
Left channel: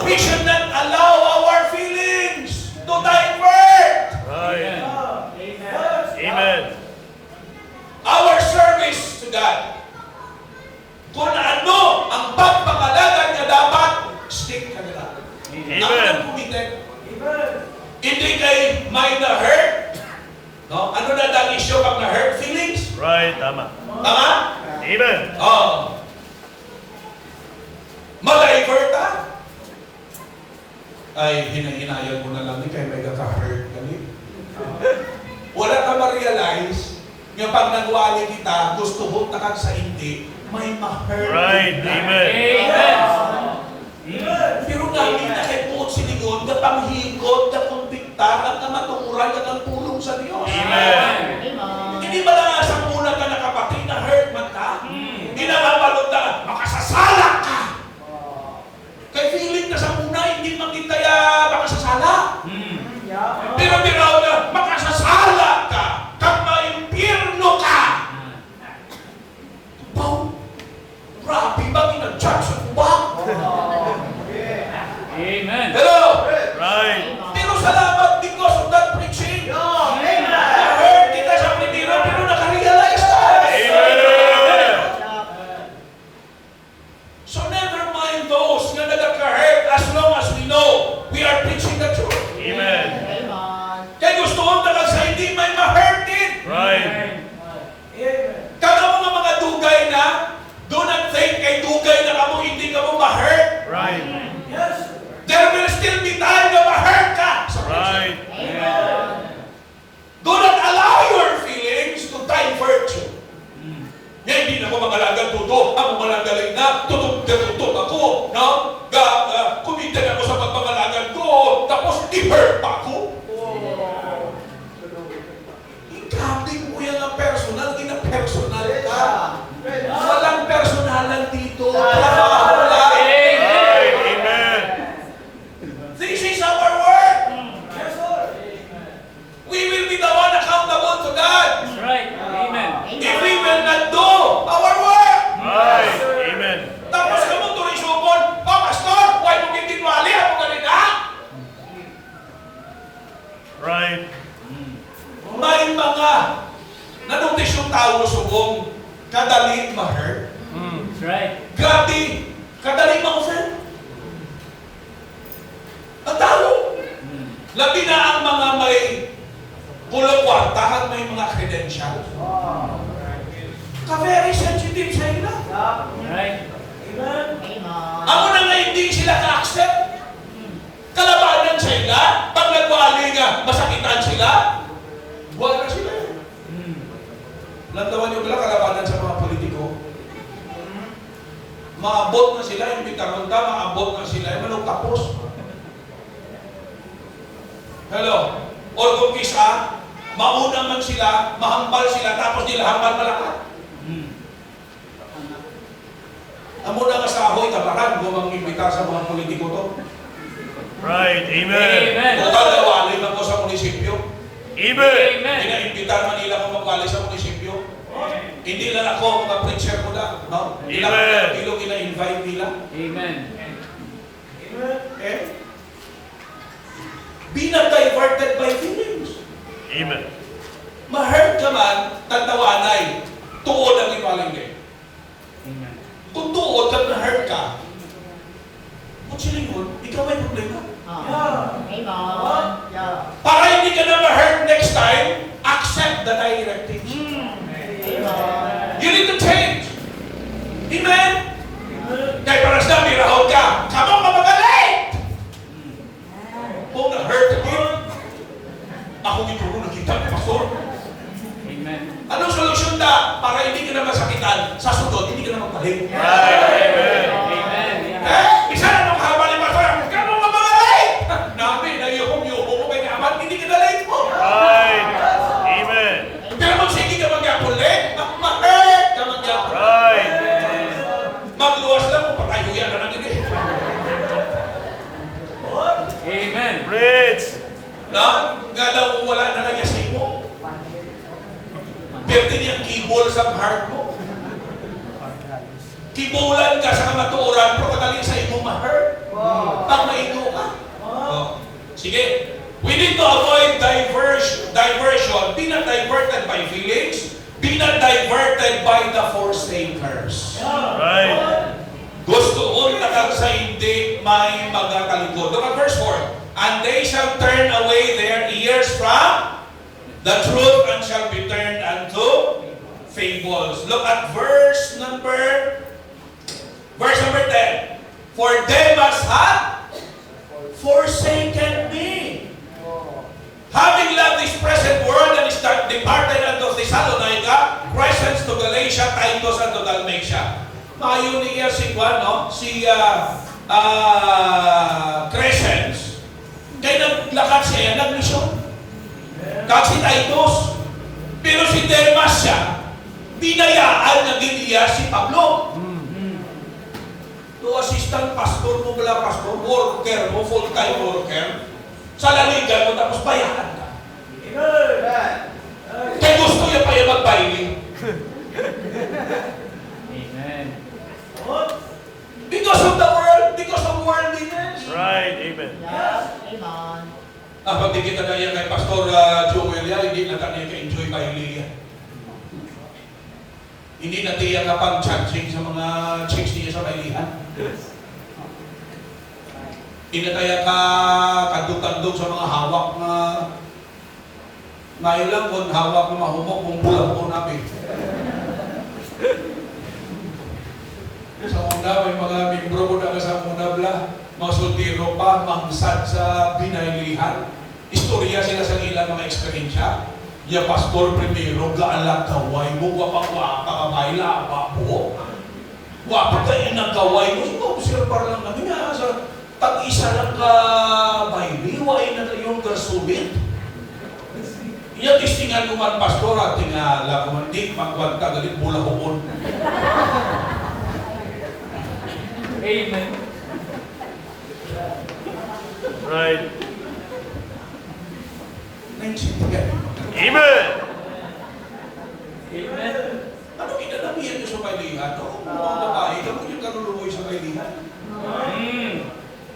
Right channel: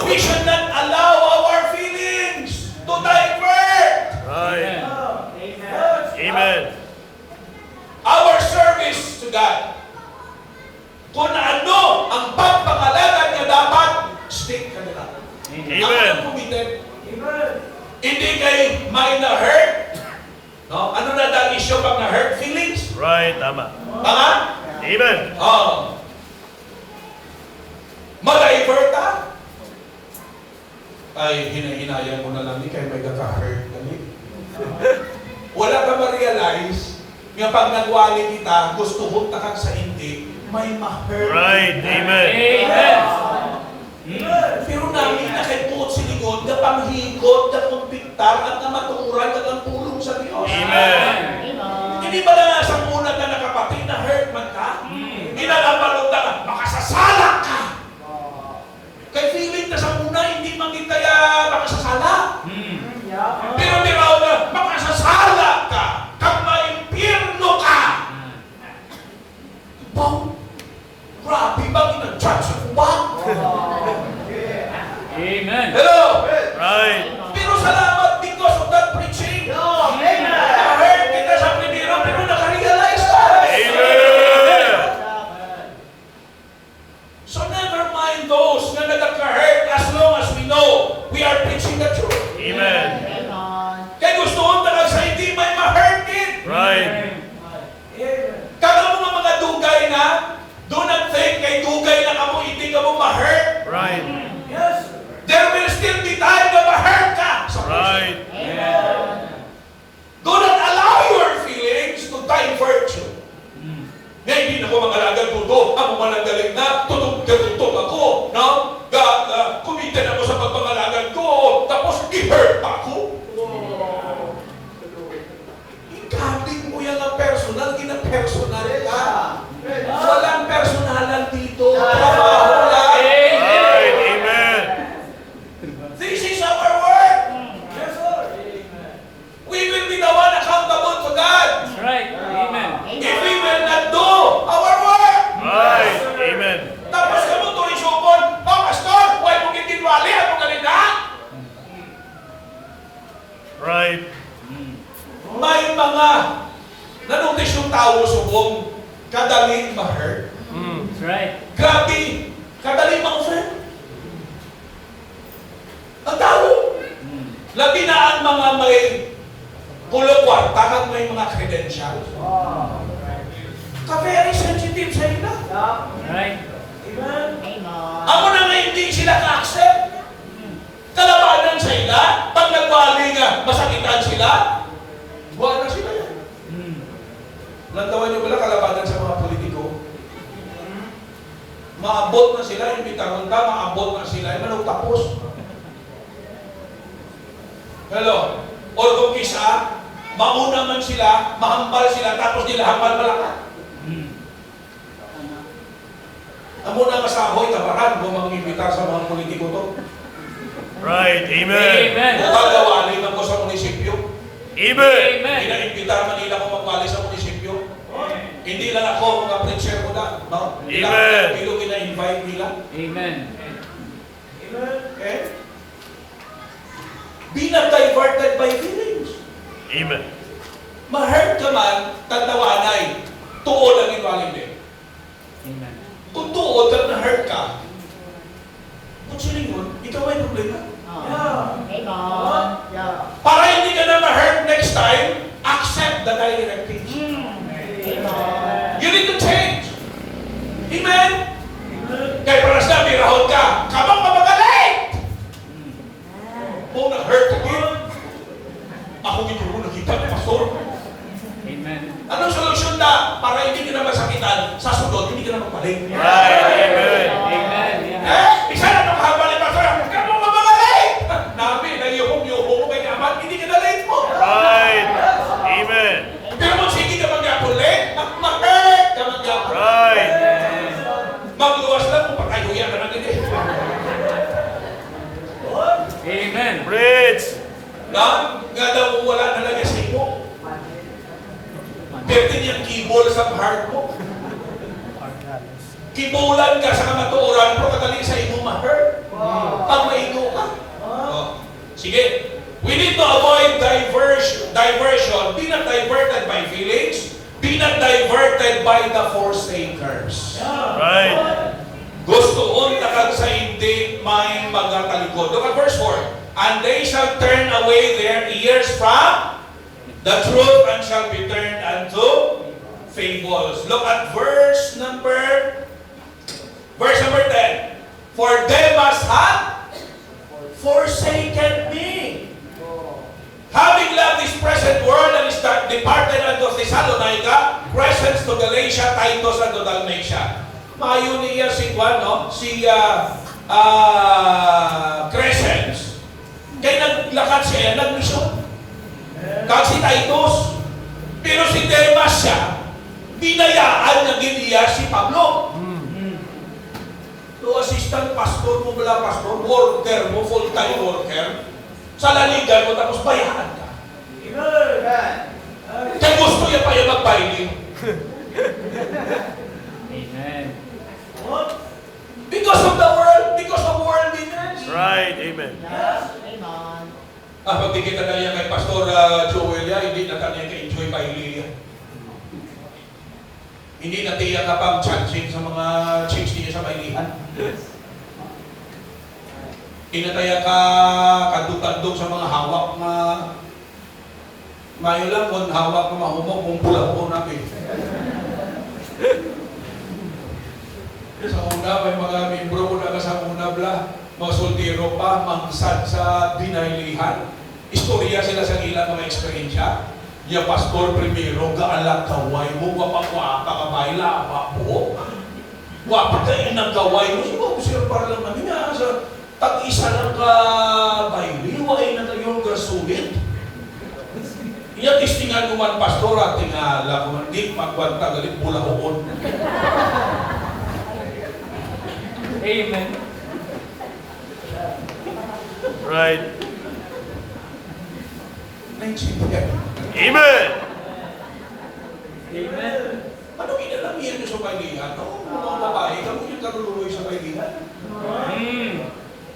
We should not allow our feelings to divert Right. Amen. Amen. our service to God. Kung ano ang pagpangalagan na dapat, stick ka nila. Amen. Ang committed. Hindi kay may na-hurt. No? Ano na ang issue pag na-hurt? Feelings? Right. Tama. Tama? Amen. Oh. Ma-divert ka? Ay, hinahinayang mo na lang ni kaya may naka-hurt ka ni. Wala ka ma-realize nga pag nagwali kita, gusto mo takag sa hindi, may ma-hurt. Right. Amen. Pero namin nakipuot si Ligon, na panghigot, na kumpiktar, at na matukuran, at ang pulong sa Diyos. Amen. Hindi ba na sa muna ka na kapatid na hurt man ka? Ginagabalot na, makasasala ka! Kay feeling na sa muna, hindi man kita makasasala. Pero biraw na, makasasala ka! Kang maimpirno ka! Wow! Grabe bang ina-judge sa kuba? Amen. Hello! Right. Pero salamat because of that preaching. Amen. Na-hurt mga nanuntis yung tao subong kadali ma-hurt. That's right. Grabe, kadali ma-offend. Ang tao. Labi na ang mga may pulo kwarta at may mga credential. Ka-very sensitive sa ila. Right. Amen. Amo na nga hindi sila ka-accept. Kalabanan sa ila. Pag nagwali nga, masakitan sila. Buwan na sila. Lantawan niyo pala kalabanan sa mga politiko. Maabot na sila, yung pitangonta, maabot na sila, yung manong tapos. Hello? O kung kisa, mauna man sila, mahambal sila, tapos nila hambal malakat. Amo na nga sa ahoy, tabaran, kung imbita sa mga politiko to. Right. Amen. Amen. O tagawalay na ko sa munisipyo. Amen. Amen. Pinaimbitar man nila kung magwalay sa munisipyo. Hindi lang ako, mga preacher ko lang. No? Ilang kilo kina-invite nila. Amen. Amen. Okay? Be not diverted by feelings. Amen. Ma-hurt ka man, tagtawanay. Tuod ang iwaling din. Amen. Kung tuod at na-hurt ka, kung silingon, ikaw ay problema. Para hindi ka na ma-hurt next time, accept the directives. You need to change. Amen? Kaya para sa namin, rahon ka, kamang mamagalit! Kung na-hurt ka din, ako dito ko nakita ni Pastor. Amen. Anong solusyon na para hindi ka na masakitan? Sa sunod, hindi ka na magpalit. Amen. Amen. Isa na nung habang ni Pastor, kamang mamagalit! Nabi, nag-yuhong-yuhong ko kay Aman, hindi ka na late mo. Right. Amen. Pero kung sige ka mag-apulit, mag-hurt ka mag-apulit. Right. Magluwas lang kung pakayuyan ka natin eh. Amen. Rich. Na, nga daw wala na lang sa mo. Pero niyang kibol sa heart mo. Kibulan ka sa kamatuoran, pero kadali sa imo ma-hurt. Ang maino ka. Sige. We need to avoid diversion. Be not diverted by feelings. Be not diverted by the forsakers. Right. Gusto unta kag sa hindi may mga talikod. Look at verse 4. And they shall turn away their ears from the truth and shall be turned unto fables. Look at verse number 10. For they must have forsaken me. Having loved this present world and is departed unto Thessalonica, Crescens to Galatia, Titus unto Dalmatia. Mayo niya si Juan, no? Si Crescens. Kaya naglakad siya, nagmisyon. Kag si Titus. Pero si Demas siya, binayaan na giniya si Pablo. To assistant pastor mo bala pastor, worker mo, full-time worker. Sa lanigan mo, tapos bayaran ka. Kaya gusto niya pa yung mag-binding. Amen. Because of the world, because of worldliness. Right. Amen. Pag di kita na yan kay Pastor Joel yan, hindi na tayo ka-enjoy pa Ilya. Hindi na tiya ka pang charging sa mga chicks niya sa Bailihan. Hindi na tayo ka kadug-kadug sa mga hawak na ngayon lang kung hawak na mahumok kung pula ko namin. Sa una, may mga membro ko na sa una bla, mga soldiro pa, mangsad sa binailihan. Istorya sila sa ilang mga eksperyensya. Ya pastor primero, gaalag kaway mo, wapang-wapa ka baila, wapo. Wapa ka inagkaway mo, ikaw sila parang kami nga sa tag-isa lang ka baili, wain na kayong kasulit. Iya tistingan ko man pastor at tingala ko man di magwanta galit mula hukon. Amen. Right. Naintindihan. Amen. Amen. Ano kinalamihan nyo sa bailihan? No? Mga babae, kamo yung karululoy sa bailihan.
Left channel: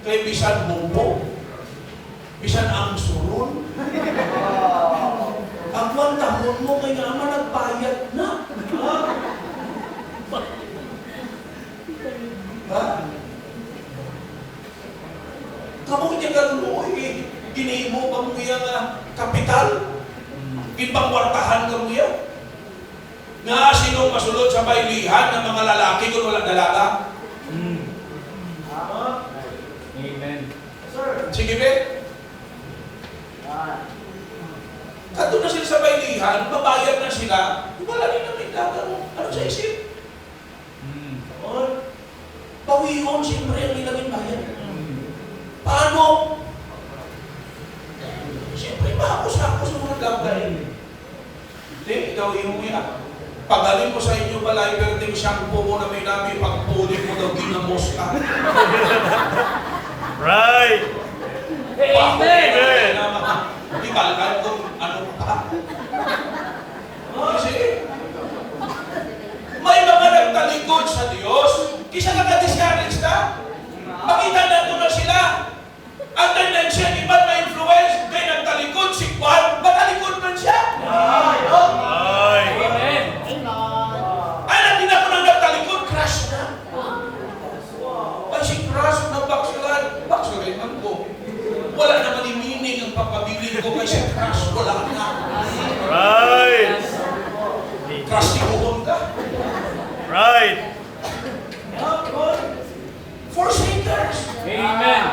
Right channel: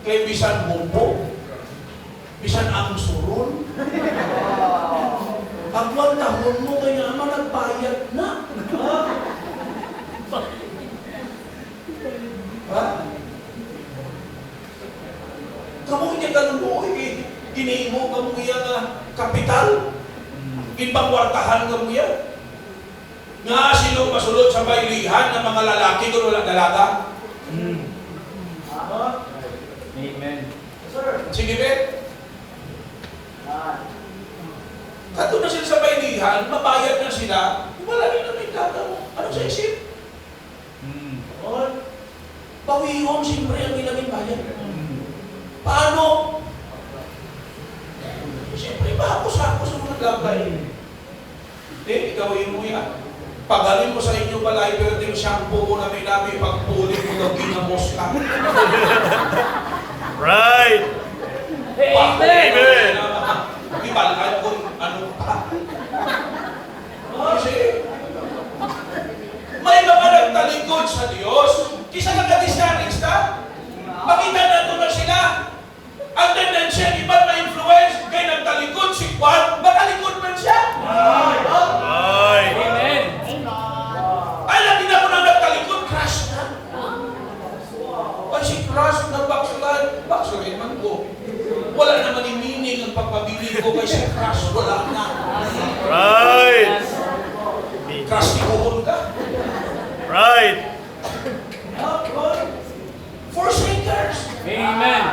Kaya bisan bumbo, bisan ang surun, ang Pagwantahon mo kay nga ama nagbayad na. Ha? Ha? Kamu niya galunoy, ginahin mo kamu nga kapital, ipangwartahan kamu yan. Nga sinong masulod sa baylihan ng mga lalaki kung wala dalaga? Amen. Sige, be. Kato na sila sa baylihan, mabayad na sila, wala rin na may dalaga mo. Ano sa isip? Pawihon, siyempre ang ginaming bayad. Paano? Siyempre, mahapos ako sa mga gabay. Hindi, gawin mo yan. Pagaling ko sa inyo pala, iperting shampoo mo na may namin, pagpulit mo na ginamos ka. Right. Amen. Di ba, alam kung ano pa? Kasi, may mga nagtalikod sa Diyos, kisa nag-discourage na, makita na ito na sila. Ang tendency, iba na influence, kaya nagtalikod si Juan, nakalikod man siya. Right. Amen. Ay, natin ako nang nagtalikod, crash na. Pag si crash na backslide man ko. Wala naman yung meaning ang pagpabiling ko kay si crash, wala na. Right. Crash ibuhon ka. Right. Forsakers, Amen.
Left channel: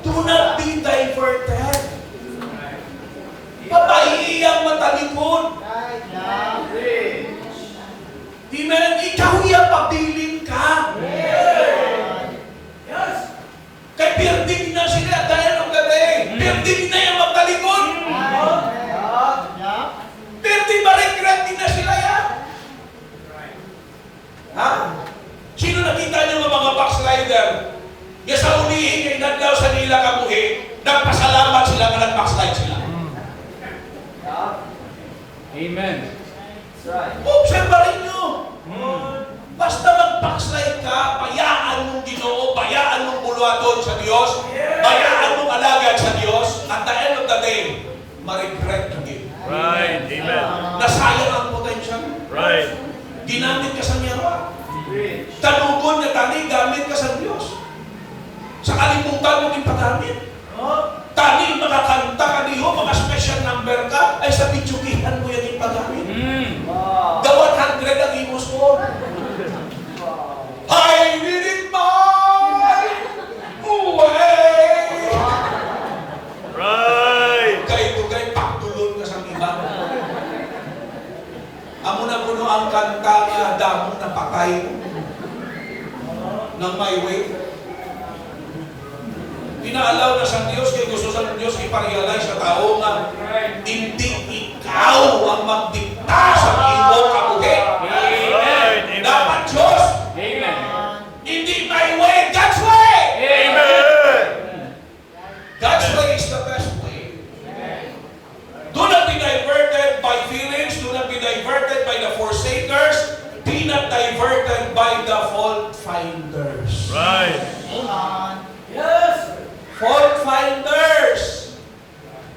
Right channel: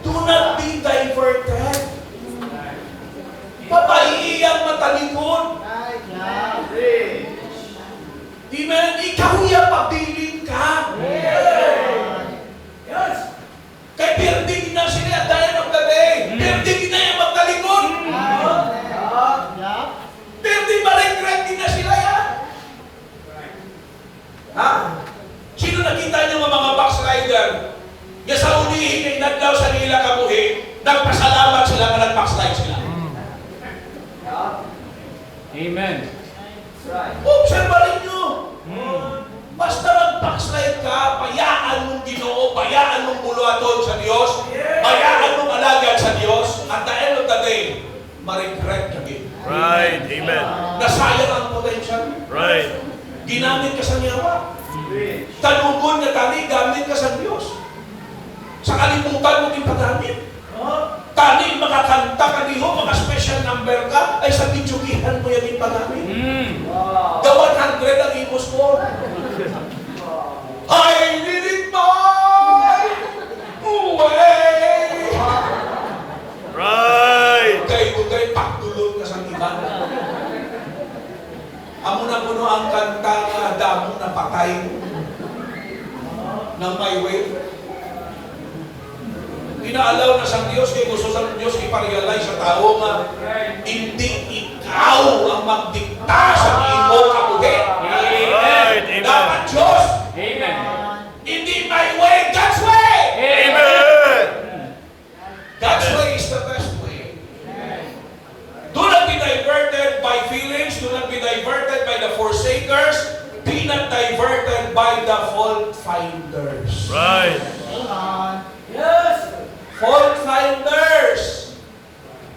do not be diverted. Papaiyang matalikod. Amen. Ikaw yung pabiling ka. Yes. Kay pirdig na sila at dahil ng gabi. Pirdig na yung magtalikod. Pirdig ma-regret din na sila yan. Ha? Sino nakita niyo ng mga backslider? Nga sa ulihin kay nadlaw sa nila kabuhi, nagpasalamat sila nga nag-backslide sila. Amen. Obserbarin nyo. Basta mag-backslide ka, bayaan mong Ginoo, bayaan mong buluaton sa Diyos, bayaan mong alagad sa Diyos, at the end of the day, ma-regret again. Right. Amen. Nasayang ang potential. Right. Ginamit ka sa niyawa. Tanugon na tani, gamit ka sa Diyos. Sa kalimutan mo yung paggamit. Tani, makakanta ka niyo, mga special number ka, ay sa bitsugihan mo yan yung paggamit. The 100 ang imos ko. I did it my way. Right. Kay pagtulon ka sa iba. Amo na puno ang kanta nga damo na patay ng my way. Inaalaw na sa Diyos, kaya gusto sa Diyos iparealize sa tao nga hindi ikaw ang magdikta sa imo kabuhi. Right. Dapat Diyos, Amen. hindi my way, God's way. Amen. God's way is the best way. Do not be diverted by feelings, do not be diverted by the forsakers, be not diverted by the fault finders. Right. Yes! Fault finders!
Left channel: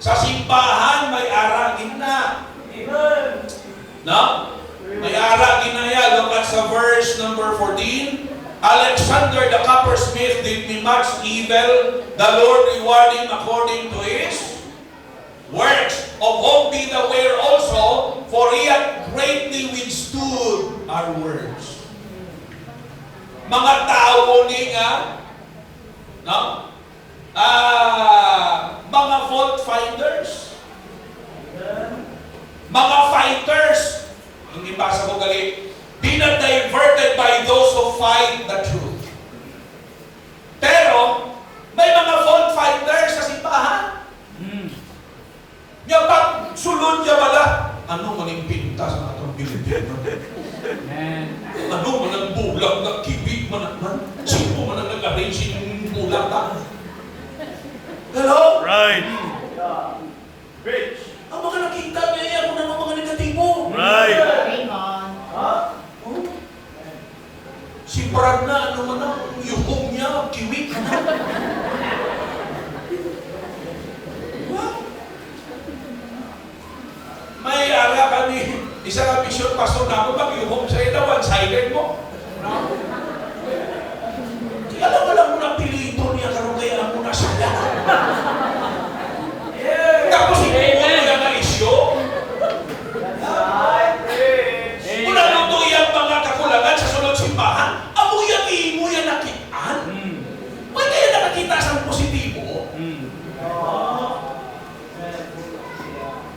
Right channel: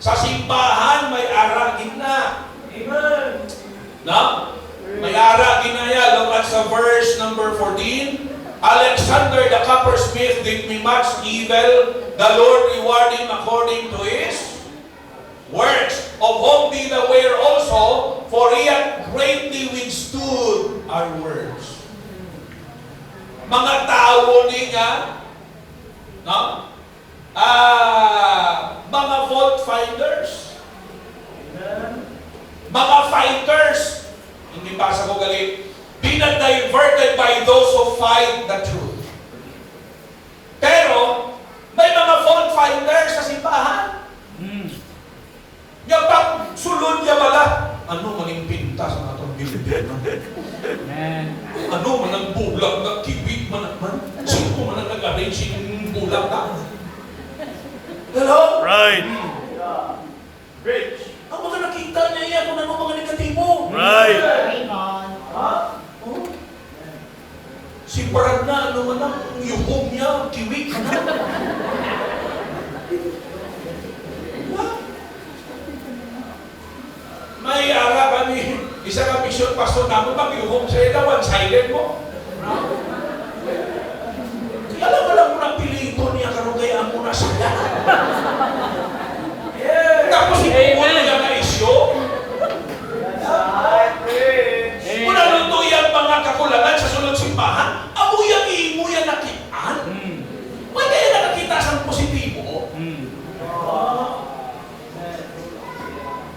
Sa simbahan, may aragin na. Amen! No? May aragin na yan. Look at sa verse number 14. Alexander the coppersmith did me much evil, the Lord reward him according to his works, of whom be the aware also, for he hath greatly withstood our words. Mga tao ni nga, no? Mga fault finders. Mga fighters. Hindi basa ko galit. Be not diverted by those who fight the truth. Pero, may mga fault finders sa simbahan. Yung pag sulod niya wala, ano maning pinta sa natong Pilipino? Amen. Ano man ang bulag na kibit man naman? Sino man ang nag-arrange yung bulag na? Hello? Right. Ang mga nakita niya yan kung ano mga negatibo. Right. Ha? Oh? Si Brad na, ano man na, yung home niya, kiwik. isa ka mission pastor namin, mag-yuhong sa'yo na one-sided mo. Alam mo ng pilito niya, karoon kaya mo na saya. Tapos ikuha niya na isyo. Muna luto yung mga kakulangan sa sunod simbahan, amo yung imo yung nakitaan. May kaya na nakita sa positibo.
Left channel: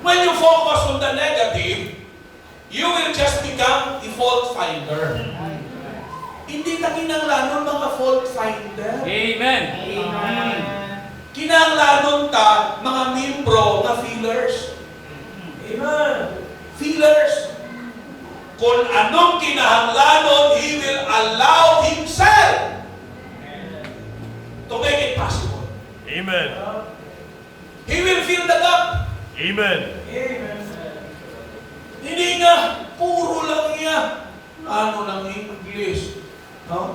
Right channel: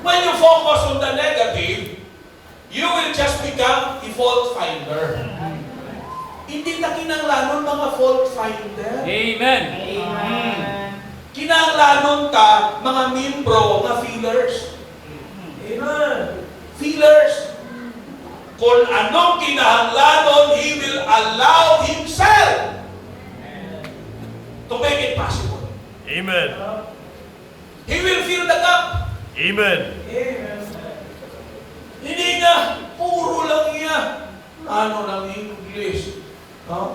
When you focus on the negative, you will just become a fault finder. Hindi na kinanglanon mga fault finder. Amen. Kinanglanon ta mga membro nga feelers. Amen. Feelers. Kung anong kinahanglanon, He will allow Himself to make it possible. Amen. He will fill the gap. Amen. Hindi nga, puro lang niya. Ano ng English?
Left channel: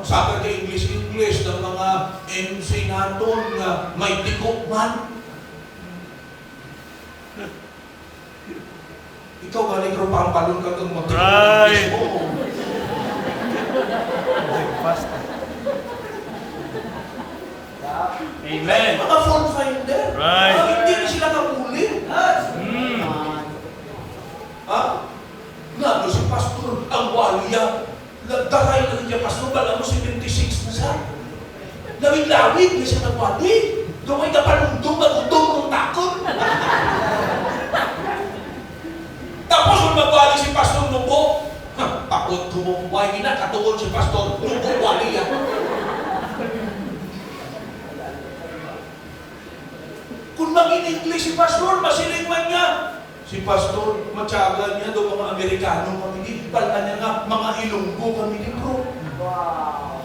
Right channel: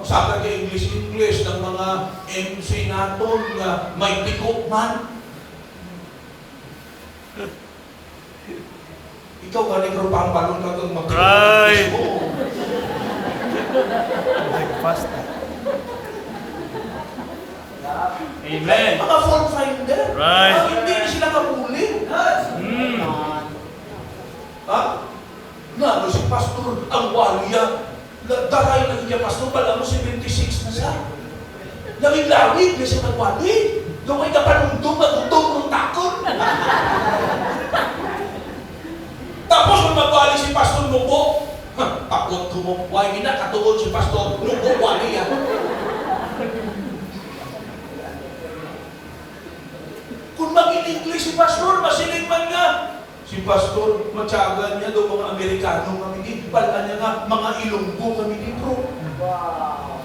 Sabi ka English ng mga MC natin nga may tikok man. Ikaw ka negro pampalon ka kung magtikok English mo. Amen. Mga fault finder. Right. Hindi na sila kapulit. Ha? Nga, si pastor, ang waliya. Daray na niya, pastor, alam mo, 76 na siya. Lawig-lawig na siya nagwali. Doon ay kapanundong na utong ng takot. Tapos, kung magwali si pastor, nubo. Takot ko mo. Why na katuon si pastor, nubo, wali yan. Kung mag-in-English si pastor, masiling man nga. Si pastor, matyagan niya daw mga Amerikano kami din. Pala niya nga, mga Ilonggo kami din, bro. Wow.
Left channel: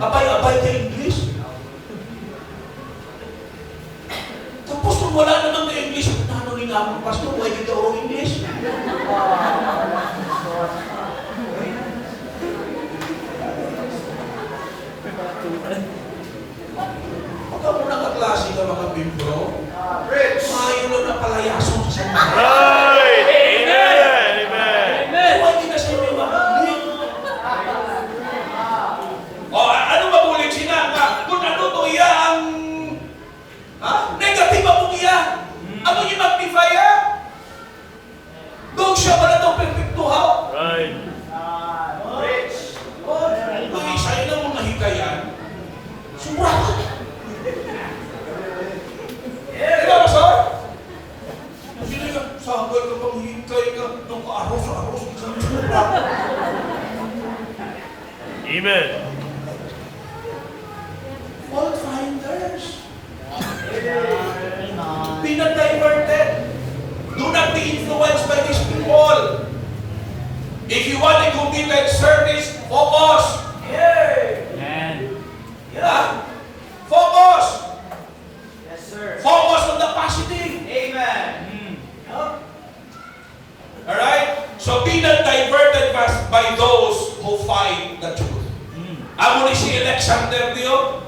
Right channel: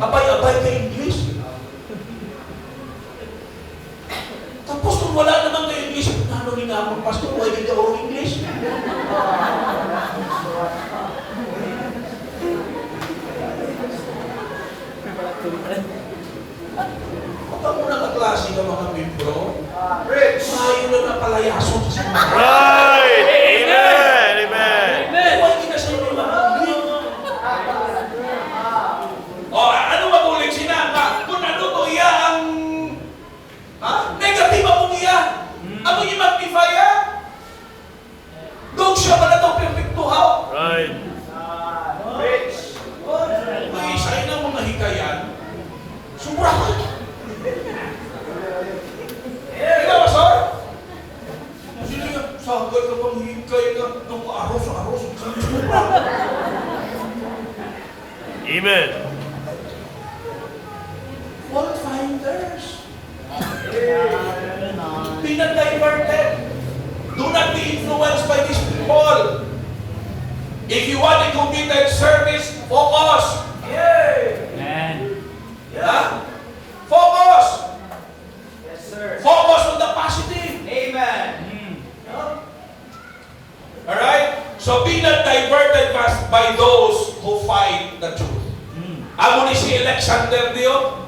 Abay-abay ka English. Tapos kung wala namang na English, ano ni nga mo, pastor, why did ka English? Baka mo na kaklase ka mga membro. Maayon na napalayason sa mga. Right. Amen. Amen. Why di na sa inyo makakalik? Ano mabulit sila? Kung ano to iya ang negative mo iya. Ano yung magnifier? Doon siya pala daw perfectuhaw. Right. Kung isa yun ang mga hikayan, sobrahan. Ikaw, sir? Sino yung sagay ka pang hikay ka ng aros-aros? Isang sobrahan. Amen. Fault finders. Be not diverted. Do not be influenced by these people. If you want a committed service, focus. Amen. Yeah? Focus. Yes, sir. Focus on the positive. Amen. Alright? So be not diverted by those who fight the truth. Amo ni si Alexander Dio,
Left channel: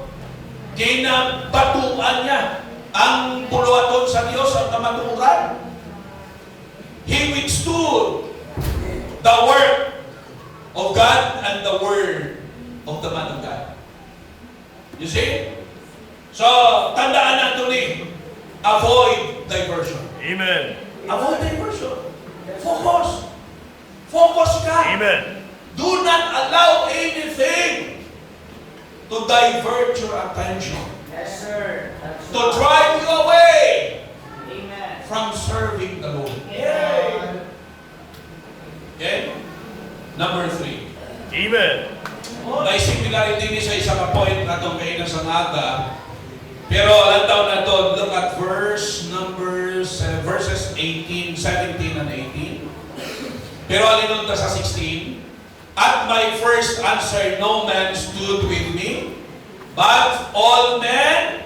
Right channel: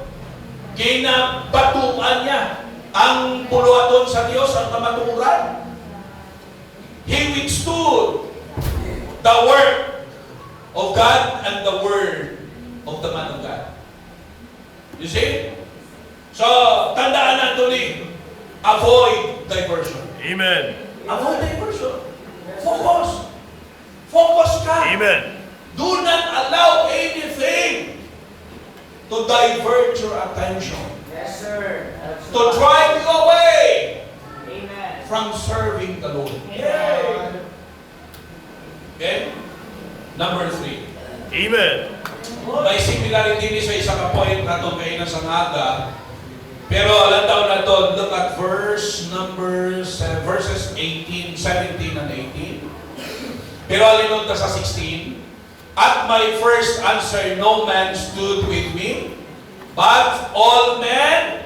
ginabatuan niya ang puluhaton sa Diyos, ang kamaturan. He withstood the work of God and the word of the man of God. You see? So, tandaan natin ni, avoid diversion. Amen. Avoid diversion. Focus. Focus ka. Amen. Do not allow anything to divert your attention, Yes, sir. to drive you away Amen. from serving the Lord. Okay? Number 3. Amen. May similarity ni sa isang point na itong kayo sa naga. Pero alam daw na ito, look at verses 18, 17 and 18. Pero alinunta sa 16. At my first answer, no man stood with me, but all men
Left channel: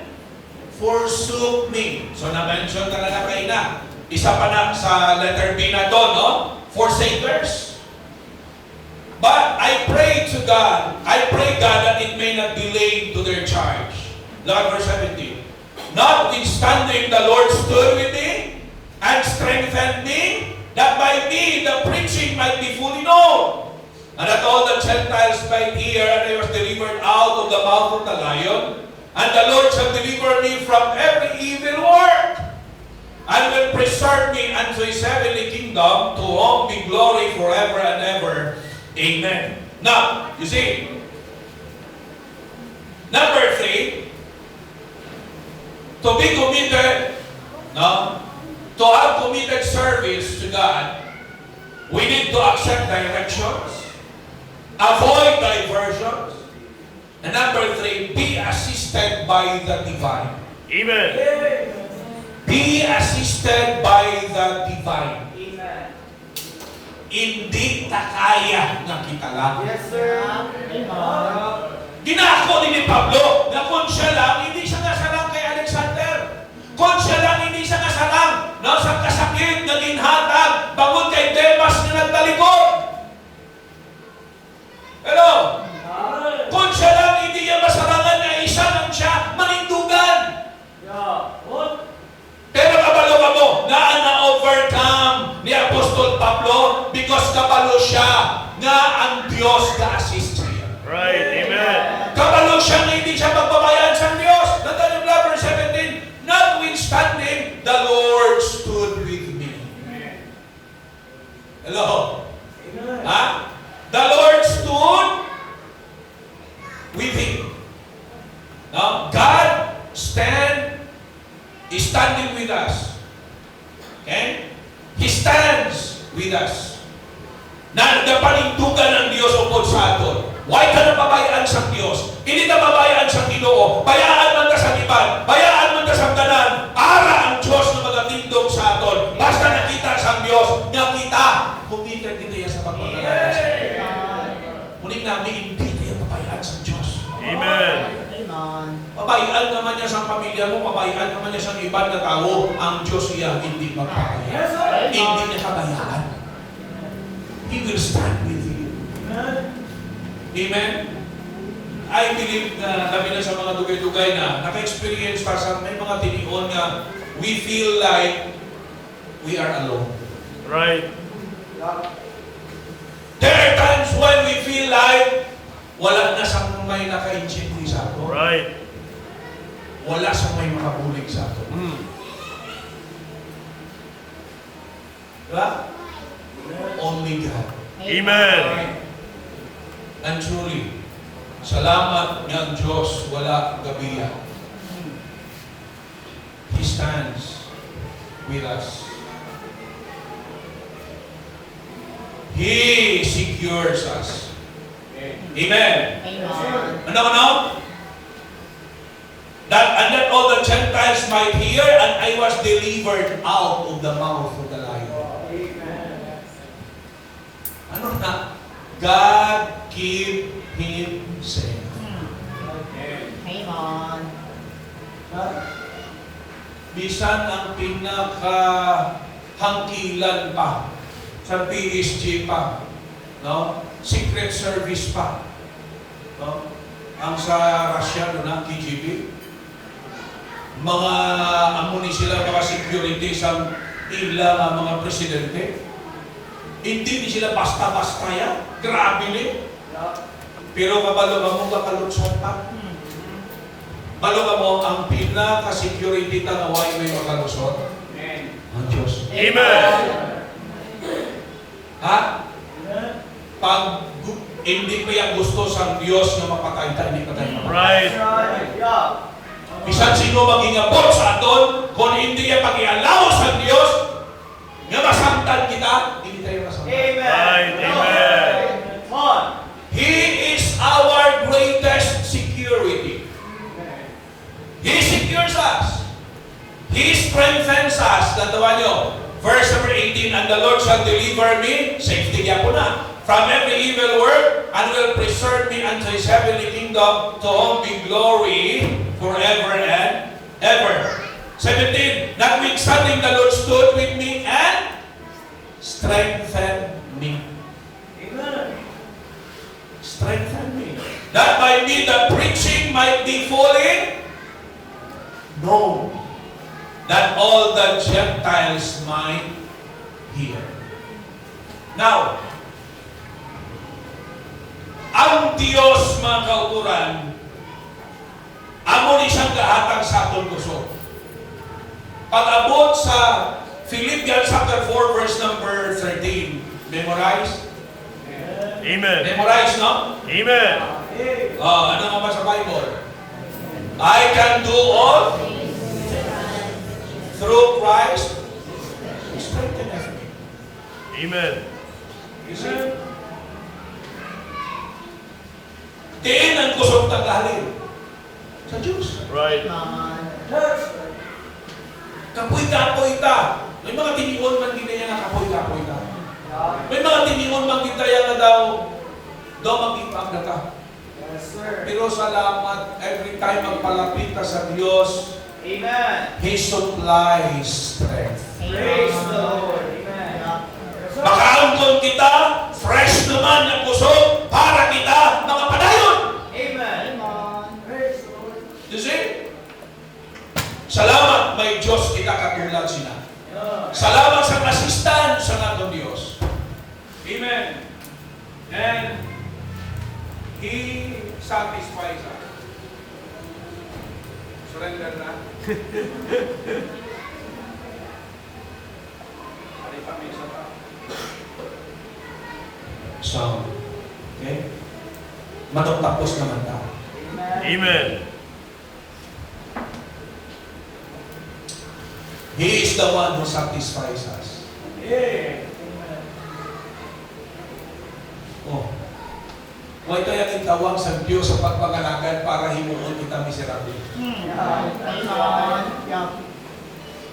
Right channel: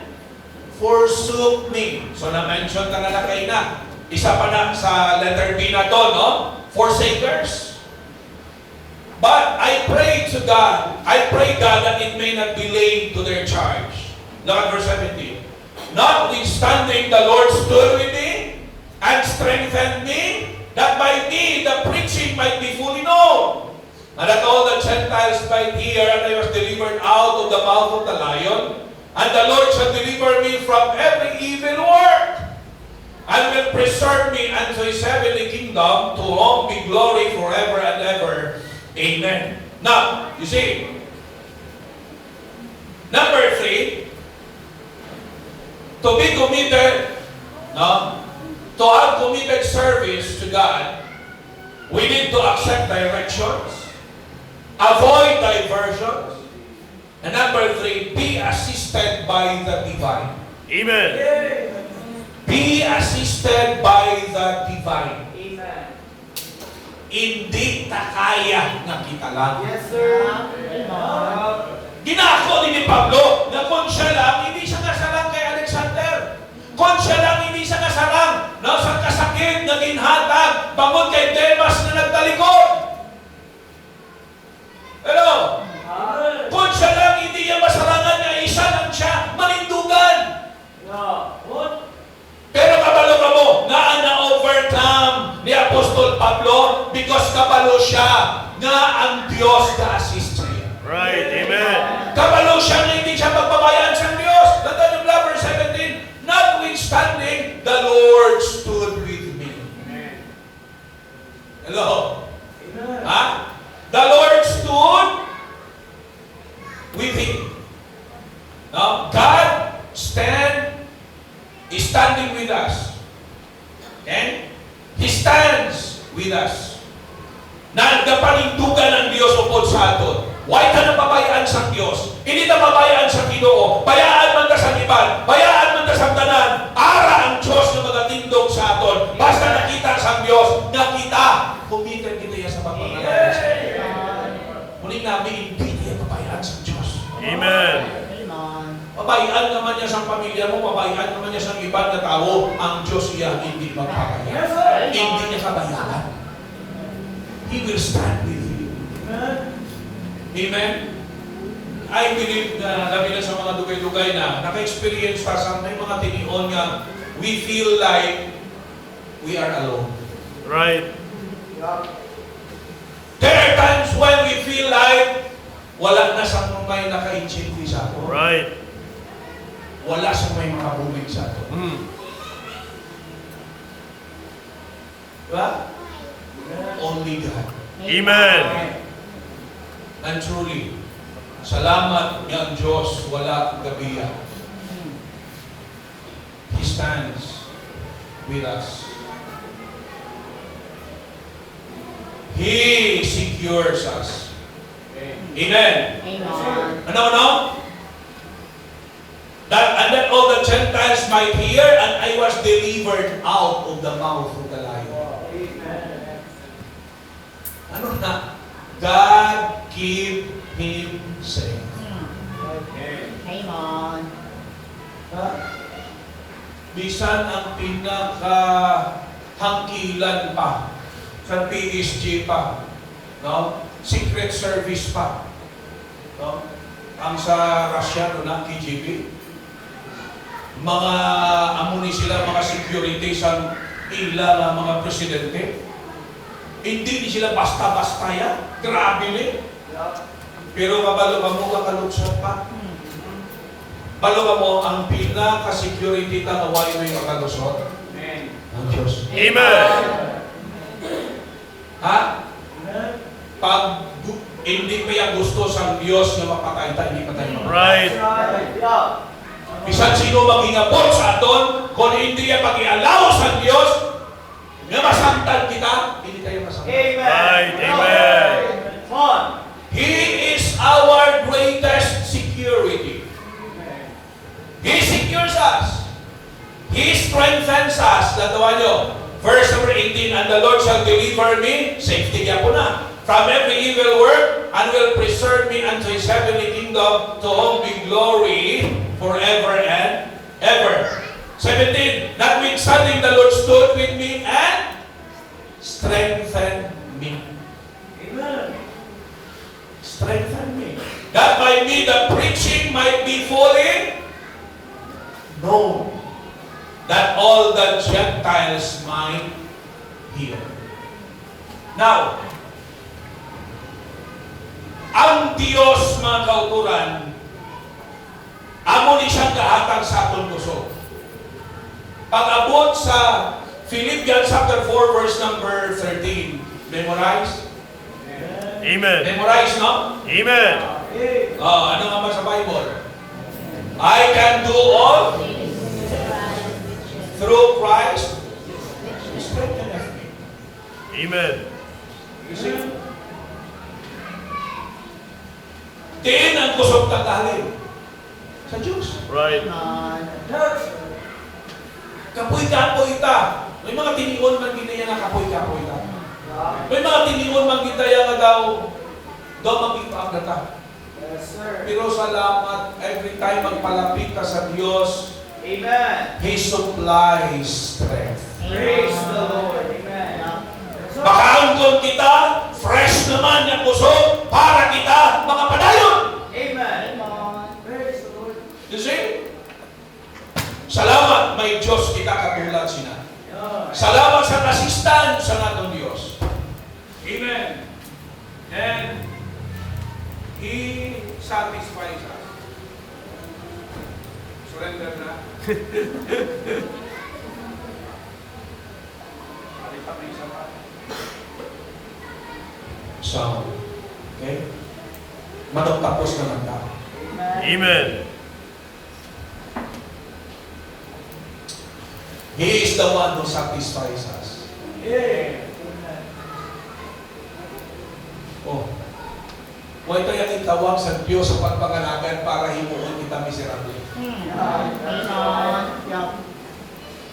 forsook me. So na-mention ka na kayo na. Isa pa na sa letter B na to, no? Forsakers. But I pray to God, I pray God that it may not be laid to their charge. Look at verse 17. Notwithstanding, the Lord stood with me and strengthened me that by me the preaching might be fully known, and that all the Gentiles might hear. And I was delivered out of the mouth of the lion, and the Lord shall deliver me from every evil work, and will preserve me unto his heavenly kingdom, to whom be glory forever and ever. Amen. Now, you see, number 3, to be committed, no? To have committed service to God, we need to accept directions, avoid diversions, and number 3, be assisted by the divine. Amen. Be assisted by the divine. Amen. Hindi ta kaya nga kita lang. Yes, sir. Ginako ni Pablo na kung siya lang, hindi siya nasalang kay Alexander. Kung siya lang, hindi siya nasalang sa kasakit na ginhatag bangod kay Demas na nagtalikod. Hello? Kung siya lang, hindi niya masalangan na isa lang siya manindugan. Pero kabalo ka mo, na-overcome ni Apostol Pablo because kabalo siya nga ang Diyos ka-assist siya. Right. Amen. Kabalo siya nga hindi siya pagbabayaan sa Diyos. Nandun yung verse 17, notwithstanding, the Lord stood with me. Hello? Ha? The Lord stood with him. Now, God is standing with us. Okay? He stands with us. Nagapanindugan ng Diyos upod sa aton. Why ka napabayaan sa Diyos? Hindi napabayaan sa Ginoo. Bayaan man ka sa iban. Bayaan man ka sa kanan. Ara ang Diyos na magatindog sa aton. Basta nakita sa Diyos, nakita. Kumita kita yan sa pagmamahal sa Diyos. Muling namin, hindi tayo pabayaan sa Diyos. Amen. Pabayaan naman niya sa pamilya mo, pabayaan naman niya sa ibang na tao, ang Diyos iya hindi magpabayaan. Hindi niya pabayaan. He will stand with you. Amen? I believe na labi na sa mga dugay-dugay na naka-experience pa sa may mga tinion nga we feel like we are alone. Right. There are times when we feel like wala na sa may naka-intindi sa ato. Right. Wala sa may makabulig sa ato. Diba? Only God. Amen. And truly, salamat ng Diyos, wala gabiya. He stands with us. He secures us. Amen. Ano? That all the Gentiles might hear, and I was delivered out of the mouth of the lion. Ano na? God keep him safe. Amen. Bisan ang pinaka-hangkilan pa sa PSG pa, no? Secret Service pa, no? Ang sa Russia, no, ng KGB, mga amuni sila, mga security sa ila ng mga presidente. Hindi sila basta-basta yan. Grabe ni. Pero kabalo ka mo, kakaluksan pa. Balo ka mo, ang pinaka-security tanaway may makalusot. Ang Diyos. Amen. Ha? Pag hindi pa yung gusto sa Diyos na mapatay tayo, hindi pa tayo mapatay. Right. Bisan sino maging abot sa aton, kung hindi yung pag-ialaw sa Diyos, na masamtan kita, hindi tayo masamtan. Right. Amen. He is our greatest security. He secures us. He strengthens us. Tatawa nyo. Verse number 18, and the Lord shall deliver me, safety niya po na, from every evil work, and will preserve me unto his heavenly kingdom, to whom be glory forever and ever. 17, notwithstanding the Lord stood with me and strengthened me. Amen. Strengthen me. That by me the preaching might be fully known, that all the Gentiles might here. Now, ang Diyos, mga kauturan, amo ni siyang kahatag sa atong puso. Pag-abot sa Philippians chapter 4, verse number 13. Memorize? Amen. Memorize, no? Amen. Ano nga ba sa Bible? I can do all through Christ who strengtheneth me. Amen. You see? Diin ang kusog tanggalin sa Diyos. Right. Kapoy-kapoy ta. May mga tinigon man ginaya nga kapoy-kapoy ta. May mga tinigon man ginaya nga daw maging ka. Yes, sir. Pero salamat, every time magpalapit ka sa Diyos, Amen. He supplies strength. Praise the Lord. Amen. Makaangkon kita, fresh naman ang puso para kita makapadayon. Amen. Praise the Lord. You see? Salamat, may Diyos kita katulad sina. Salamat sa assistant sa natong Diyos. Amen. And He satisfies us. Surrender na. Ari pa may isa pa. So, okay? Matapos naman tayo. Amen. He is the one who satisfies us. Amen. Oh. Huwag tayo itawag sa Diyos sa pagpangalagan para himuon kita miserable.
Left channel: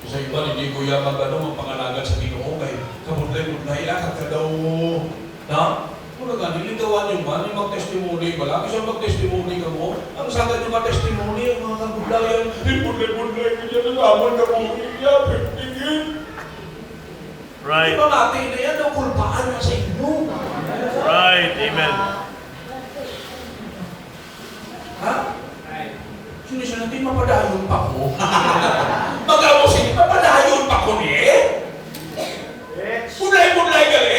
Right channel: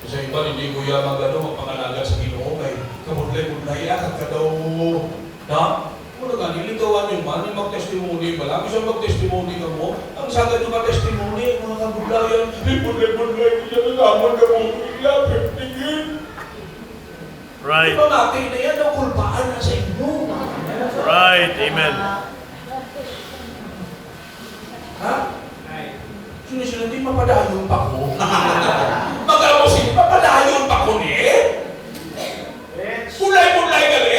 Kasi iba, hindi ko yaman magpangalagan sa Ginoo kay kabunlay-bunlay lakad ka daw. Na? Ano nga, nilitawan yung man, yung mag-testimony ka lang. Isa mag-testimony ka mo. Ang sagad yung mag-testimony, ang mga kagublayan, bunlay-bunlay, hindi na naman na mo, iyapit, tingin. Right. Diba natin na yan, ang kulpaan na sa inyo. Right. Amen. Ha? Sinusunod din, mapadayon pa ko. Mag-abusin, mapadayon pa ko ni Punlay-punlay gali.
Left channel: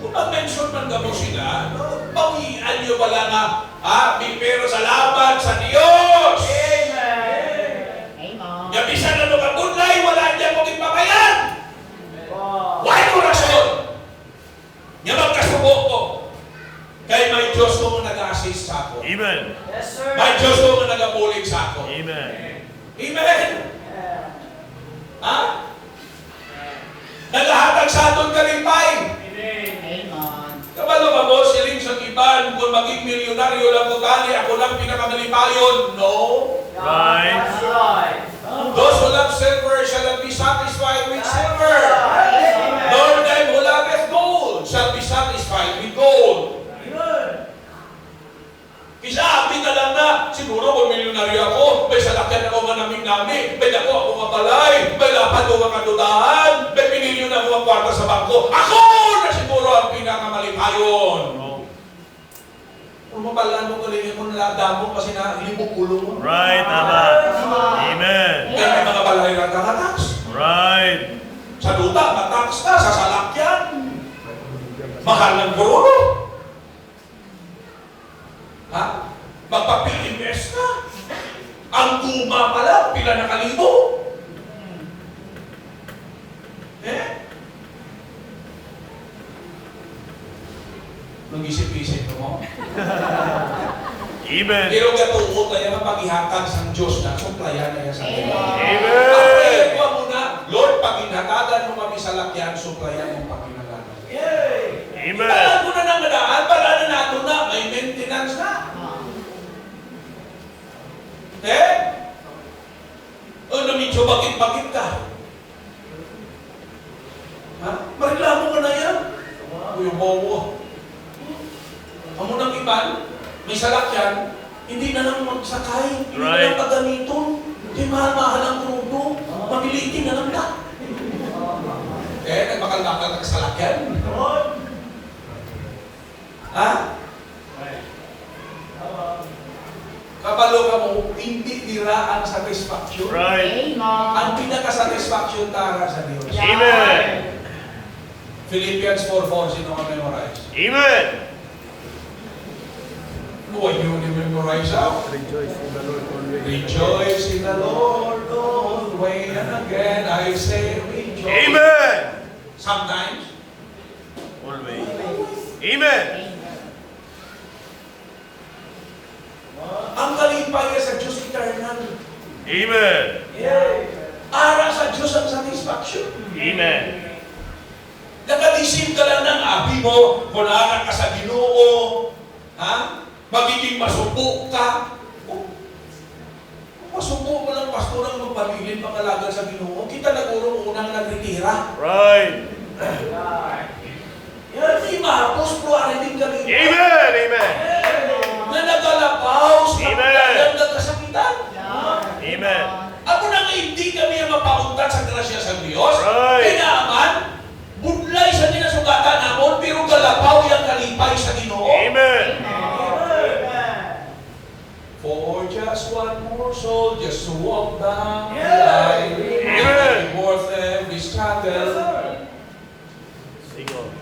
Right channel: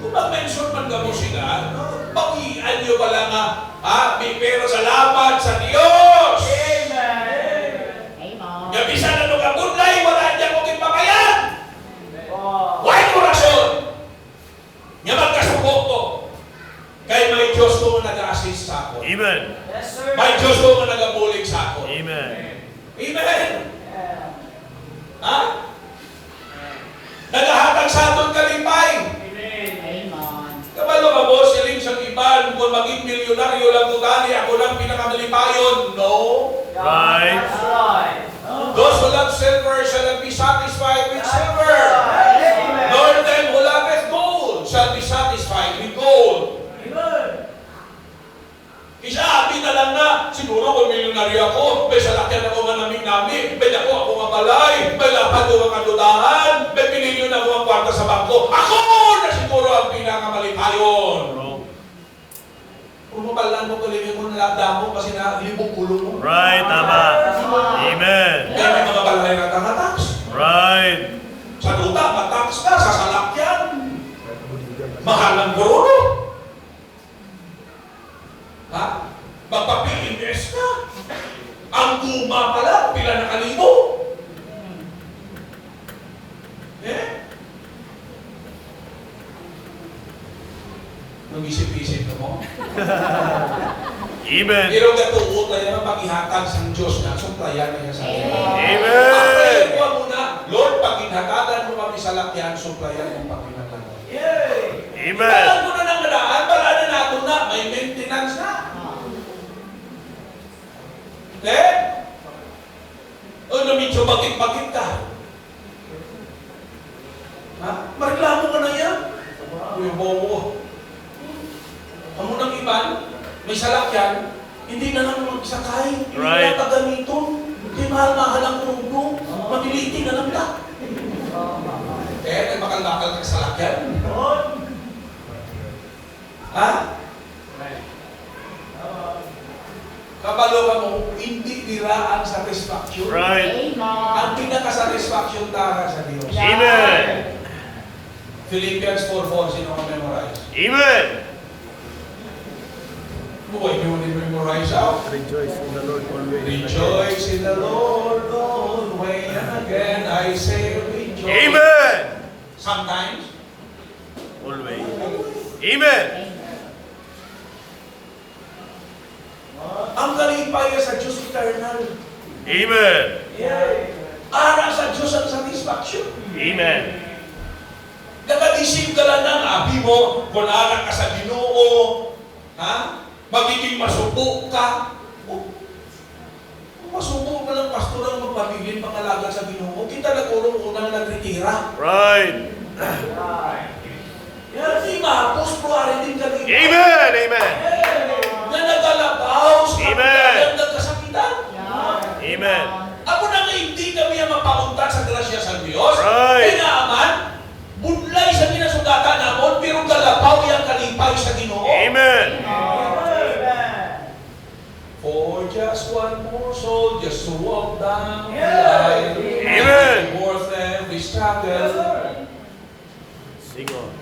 Kung mag-mention man gamo sila, pawian nyo pala nga, may pero salamat sa Diyos. Amen. Gabisan na nung punlay, wala dyan mong ipapayan. Why no rason? Nga magkasubo ko. Kaya may Diyos ko nga nag-assist sa ako. Amen. Yes, sir. May Diyos ko nga nag-abulig sa ako. Amen. Amen. Ha? Nagahatag sa atong kalipay. Kabalo ka boss, iling sa iban, kung maging milyonaryo lang tutali, ako lang pinakamalipayon. No. Right. That's right. Those who love silver shall be satisfied with silver. Nor them who loveth gold shall be satisfied with gold. Kisa amin na lang na, siguro kung milyonaryo ako, may salakyan ako nga namin, may dako ako nga balay, may lapad ko nga kadulahan, may pinilyon ako ang kwarta sa bangko. Ako na siguro ang pinakamalipayon. Kung mapalaan mo kalingin mo nalada mo kasi na libong ulo mo. Right. Tama. Amen. Kaya may mga balay na tax. Right. Sa duta, matax ka, sa salakyan. Mahal ng guro. Ha? Magpapi-invest ka. Ang guma pala, pila na kalibo. Nung isip-isip mo. Amen. Pero gatuot na naman paghihatag sa Diyos na suplayan niya sa atin. Amen. Ang prayer ko muna, Lord, paghinatagan mo kami sa lakyan, suplayan mo paghinatagan. Amen. Alam ko na nang nadaan, para na nato na, may maintenance na. Okay? Ano medyo bakit-bakit ka? Ha? Mareklamo ka na yan? Uy, bobo. Amo ng iban, may salakyan, hindi na lang magsakay, hindi na Right. lang taganito, hindi mahal-mahal ang tulog, mabiliti na lang ta. Eh, nagmakal-makal ng salakyan. Ha? Kapalo ka mo, hindi nila ang satisfaction. Right. Ang pinaka-satisfaction satisfaction tara sa Diyos. Amen. Philippians 4:4, sino ka memorize? Amen. Huwag nyo ni-memorize out. Rejoice in the Lord always. Rejoice in the Lord always, and again I say rejoice. Amen. Sometimes, Always. Amen. ang kalipay sa Diyos eternal. Amen. Ara sa Diyos ang satisfaction. Amen. Nakadisip ka lang ng abi mo, kung anak ka sa Ginoo, ha? Magiging masubo ka. Kung masubo ka lang, pastor ang magpamilin, pangalaga sa Ginoo, kita nagurong unang nagritira. Right. Yan, di mahapos po, arinig ka rin. Amen. Amen. Na nagalapaos, Amen. nagkasakitan. Amen. Ako na nga hindi kami ang mapauntat sa grasya sa Diyos. Right. Kaya naman, budlay sa ginasugatan namon, pero galapaw yung kalipay sa Ginoo. Amen. For just one more soul, just to walk down the Yeah. aisle, Amen. worth every struggle. Sing on.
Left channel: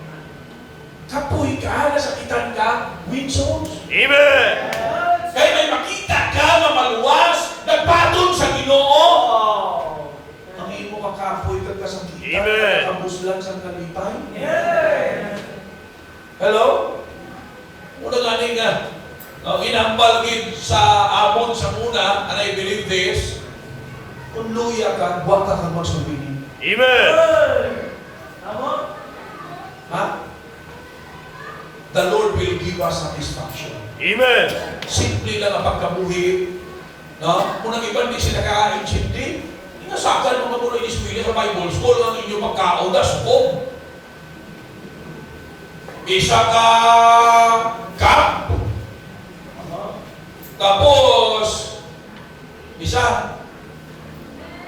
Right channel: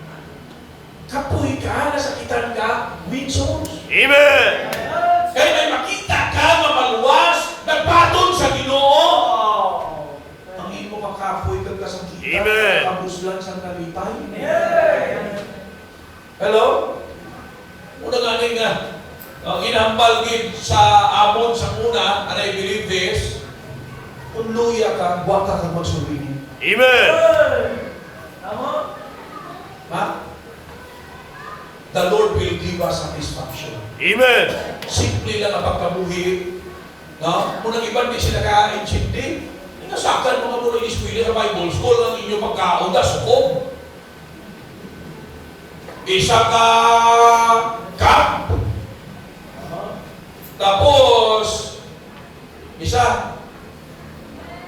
Kapoy ka, nasakitan ka, win souls. Amen. Kaya may makita ka, mamaluwas, nagpatong sa Ginoo. Ang imo makapoy kag kasakitan, Amen. kabuslan sa kalipay. Hello? Una nga nga, inambal gid sa amon sa una, and I believe this, kung luya ka, huwag ka kang magsubili. Amen. Ha? The Lord will give us satisfaction. Amen. Simple lang ang pagkabuhi. No? Kung ang iba hindi sila kakaintindi, nasakan mga muna ispili sa Bible School ang inyong pagkaon na sukob. Isa ka cup. Tapos, isa,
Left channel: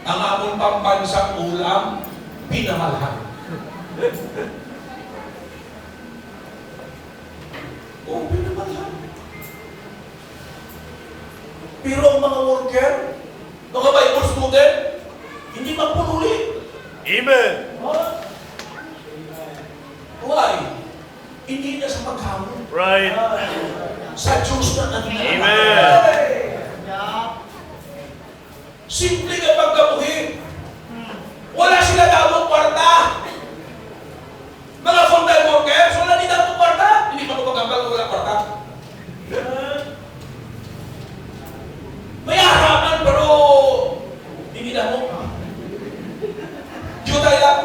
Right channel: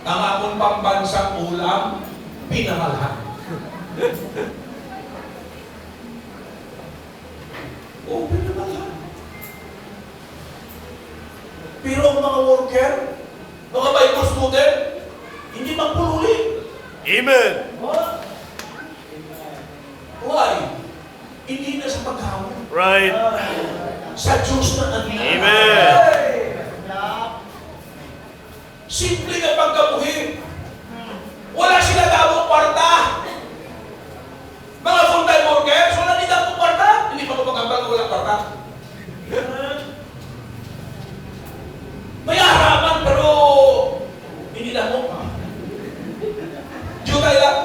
ang among pambansang ulam, pinamalhan. Oo, pinamalhan. Pero ang mga worker, mga Bible student, hindi magpululi. Amen. Why? Hindi na sa paghamon. Right. Sa Diyos na ang Amen. Simple nga pagkabuhi. Wala sila damong kwarta. Mga full-time workers, wala din damong kwarta. Hindi pa magpagambal kung wala kwarta. May harapan pero hindi na mo. Jutay lang.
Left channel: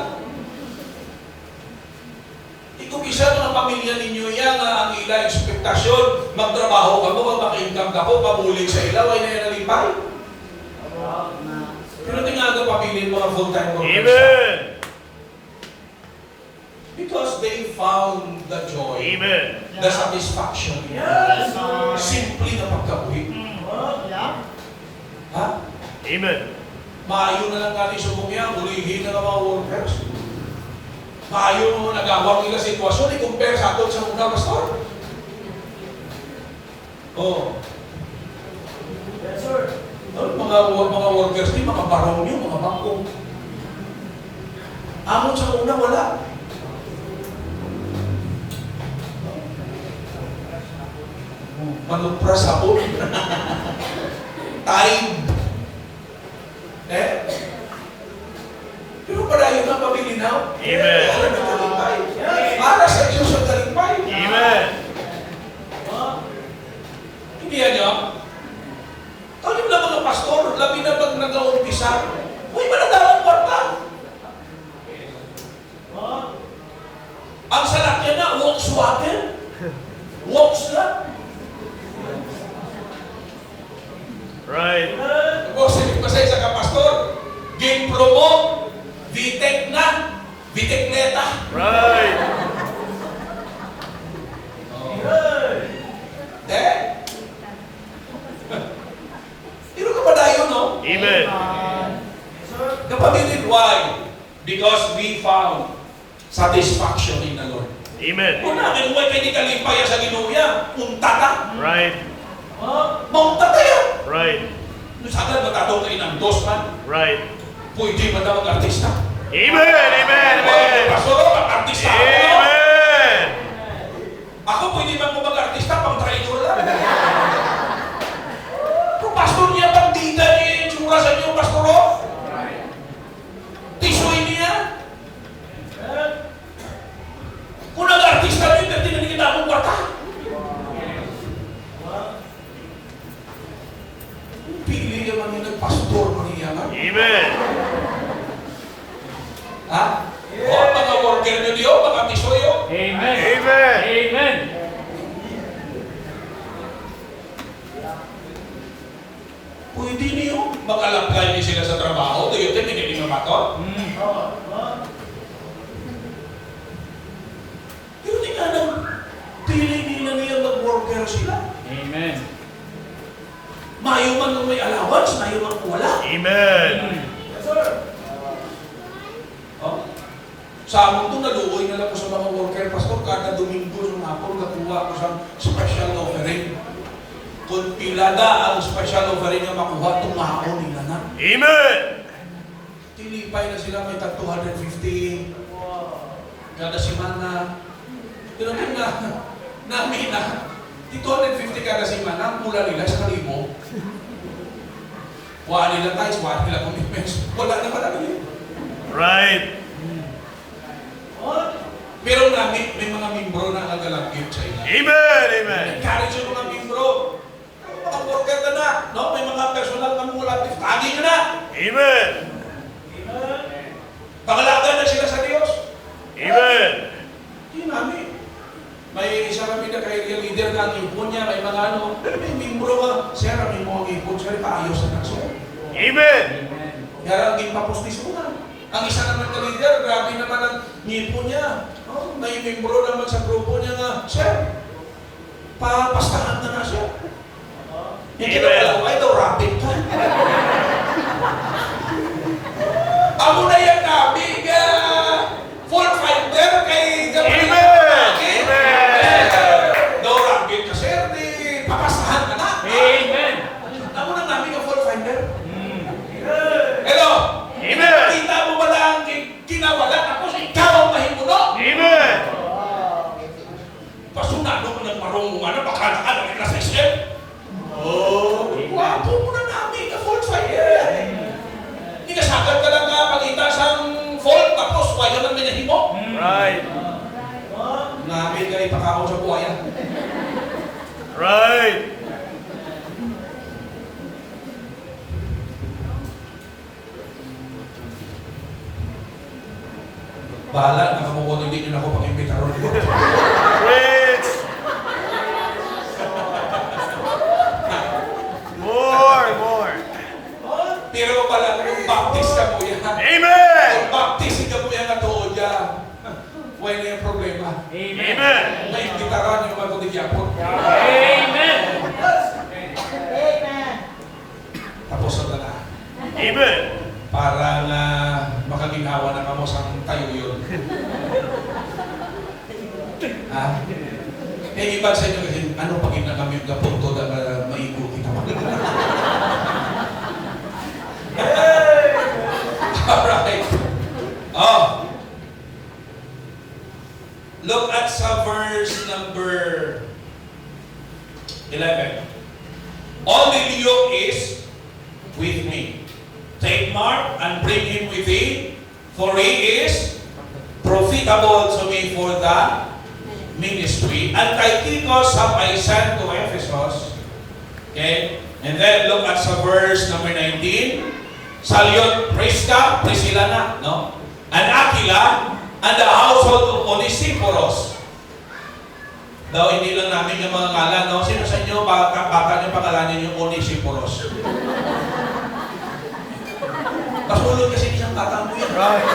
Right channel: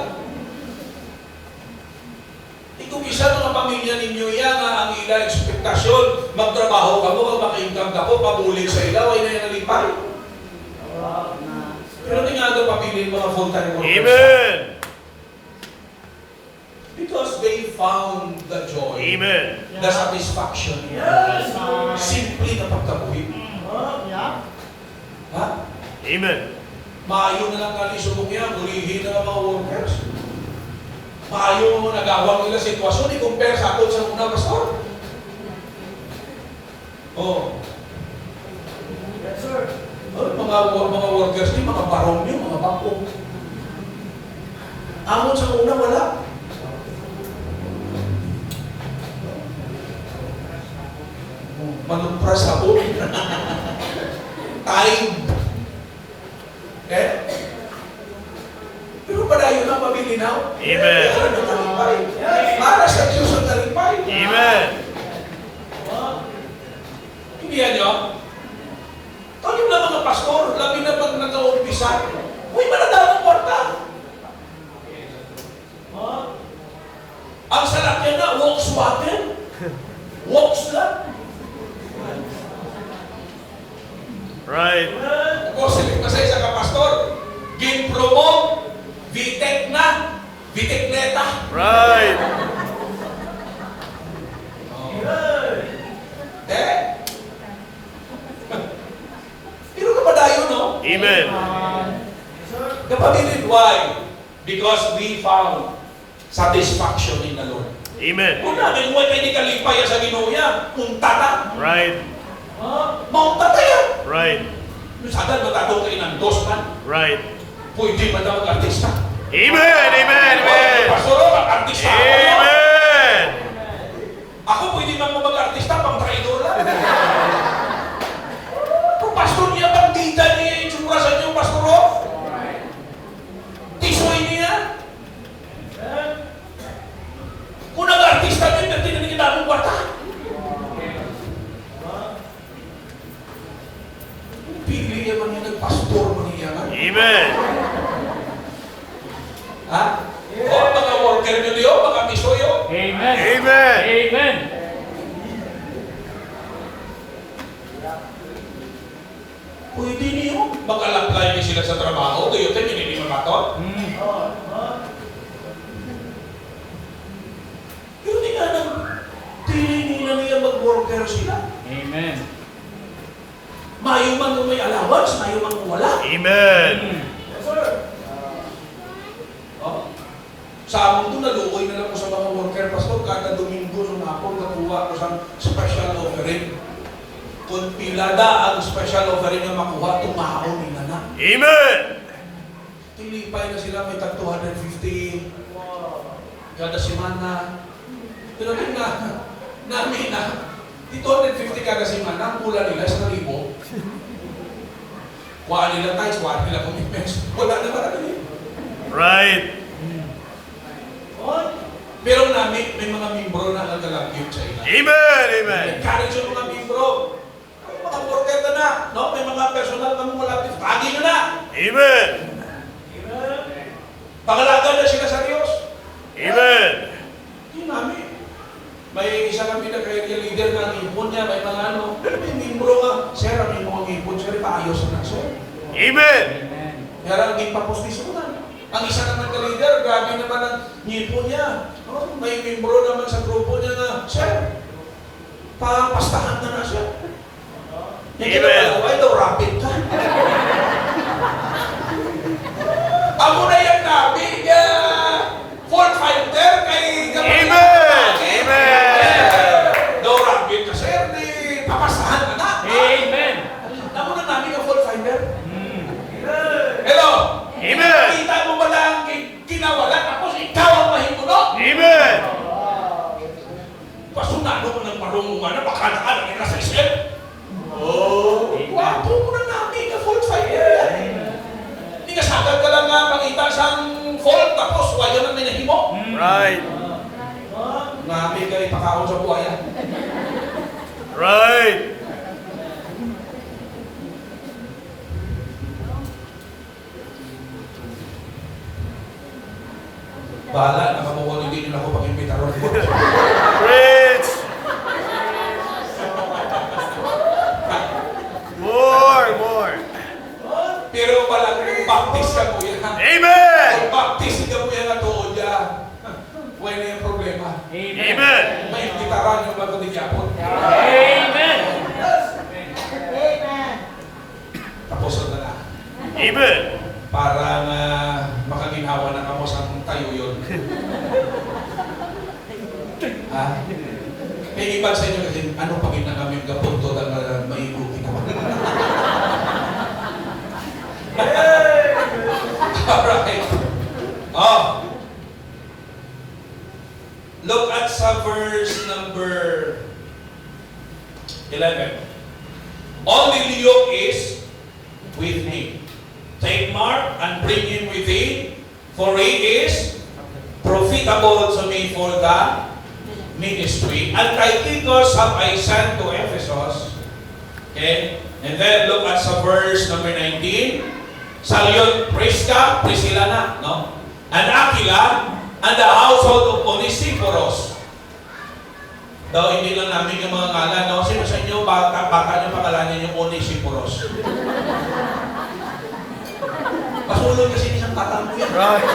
Ikupisa ng pamilya ninyo yan ang ilang ekspektasyon. Magtrabaho ka mo, mag-income ka po, pamulit sa ilaw, ay nanalipay. Pero hindi nga ito papilin mga full-time workers. Amen. Because they found the joy, Amen. the satisfaction. Simple na pagkabuhi. Ha? Amen. Maayo na lang kami subong yan, ulihin na lang mga workers. Maayo mo nagawang nila sitwasyon, i-compare sa atin sa unang pastor. Oh. Yes, sir. Mga workers ni, mga barong niyo, mga bangkong. Amon sa una, wala. Manupras ako. Time. Pero padayon na pabilinaw. Amen. Alam ng talumpay. Para sa Diyos ang talumpay. Amen. Hindi yan nyo? Talim lang mga pastor, labi na pag nag-uumpisa. Uy, manadalang kwarta. Ang sarap niya na, walks water. Walks lang. Right. Tapos, hindi masaya sa kapastor. Game promo, VTEC na, VTEC neta. Right. Pero kapadayon, no? Amen. Kapatid, why? Because we found satisfaction in the Lord. Amen. Kung namin, huwag kayo kalipaya sa ginuya, untata. Right. Mauntata yan. Right. Sadal, matatong kayo ng dos man. Right. Pwede ba daw mag-artista? Amen. Amen. Oy, pastor, mag-artista ako. Amen. Ako pwede ba mag-artista pang traidor lang? Pero pastor niya, bandita niya yung tsura sa inyo, pastor. Tisoy niya. Kung nag-artista niya, dati na kita akong bata. Pili naman yung nag-pastor mo niya. Amen. Ha? O, mga worker nyo niyo, mga tisoyo. Amen. Amen. Amen. Pwede niyo. Mag-alamply niyo sila sa trabaho. Do you think hindi mo ba ito? Pero di nga nang pili nila niya mag-worker sila. Amen. Mayo man kung may allowance, mayo man kung wala. Amen. Oh. Sa amon to, naluoy na lang ko sa mga worker, pastor, kada Domingo ng hapon, nakuha ko sa special offering. Kung pilada ang special offering na makuha, tumaon nila na. Amen. Tilipay na sila, may tag 250 kada semana. Pero din namin na, 250 kada semana, ang pula nila sa 1,000. Kuha nila tayo, kuha nila commitments. Wala naman namin eh. Right. Pero namin, may mga membro na nagalagyot sa ila. Amen. Amen. Encourage yung mga membro. Mga worker ka na, no? May mga personal na mga relative. Tagi nyo na! Amen. Pangalagan na sila sa Diyos. Amen. Hindi namin. May isa kami na kaya leader na ang ipon niya, may mga ano. Pero may membro ka, sir, may mga ipon, sir, paayos na sir. Amen. Kaya lang, hindi pa postis mo na. Ang isa naman na leader, grabe naman ang ngipon niya. No? May membro naman sa grupo niya nga, sir, papastahan na na siya. Yung Amen. kinawa, why daw rapid ka? Ako na yan nabi, full fighter kay Gabriel. Amen. Daw rapid ka, sir, di papastahan ka na. Amen. Ako na nabi ka full fighter. Hello? Amen. Kita mo ba lang kinawalan tapos ikaw ang mahingulo? Amen. Pasunado ko ng marong ano, bakalaan ang nasa isip. Oh, wapo mo na namin ka full fighter. Hindi ka sagad ka lang nga pagkita siyang fault tapos waya man may nahimo. Right. Namin ka ipakakon sa buhaya. Right. Bahala, nakamukunin din ako pag-imbita ron. Preach. More. Pero pala kung baptist ka mo yan. Amen. Kung baptist ka mo yan na tuod yan. Huwag na yung problema. Amen. Amen. May imbitaran yung mga kudigyapon. Amen. Tapos na na. Amen. Parang makaginhawa na kamo sa tayo yun. Ha? Kaya iba sa inyo kasi, ano pag na kami yung gapunto na maikuti naman. Alright. Oh. Look at sa verse number 11. Only Leo is with me. Take Mark and bring him with thee, for he is profitable to me for the ministry. And Tychicus have I sent to Ephesus. Okay? And then look at sa verse number 19. Salute Prisca, Priscilla na, no? And Aquila, and the household of Onesiphorus. Daw hindi lang namin yung mga ngalan, no? Sino sa inyo, baka yung pangalanan yung Onesiphorus? Pasulod kasi isang tatang mo yan. Right.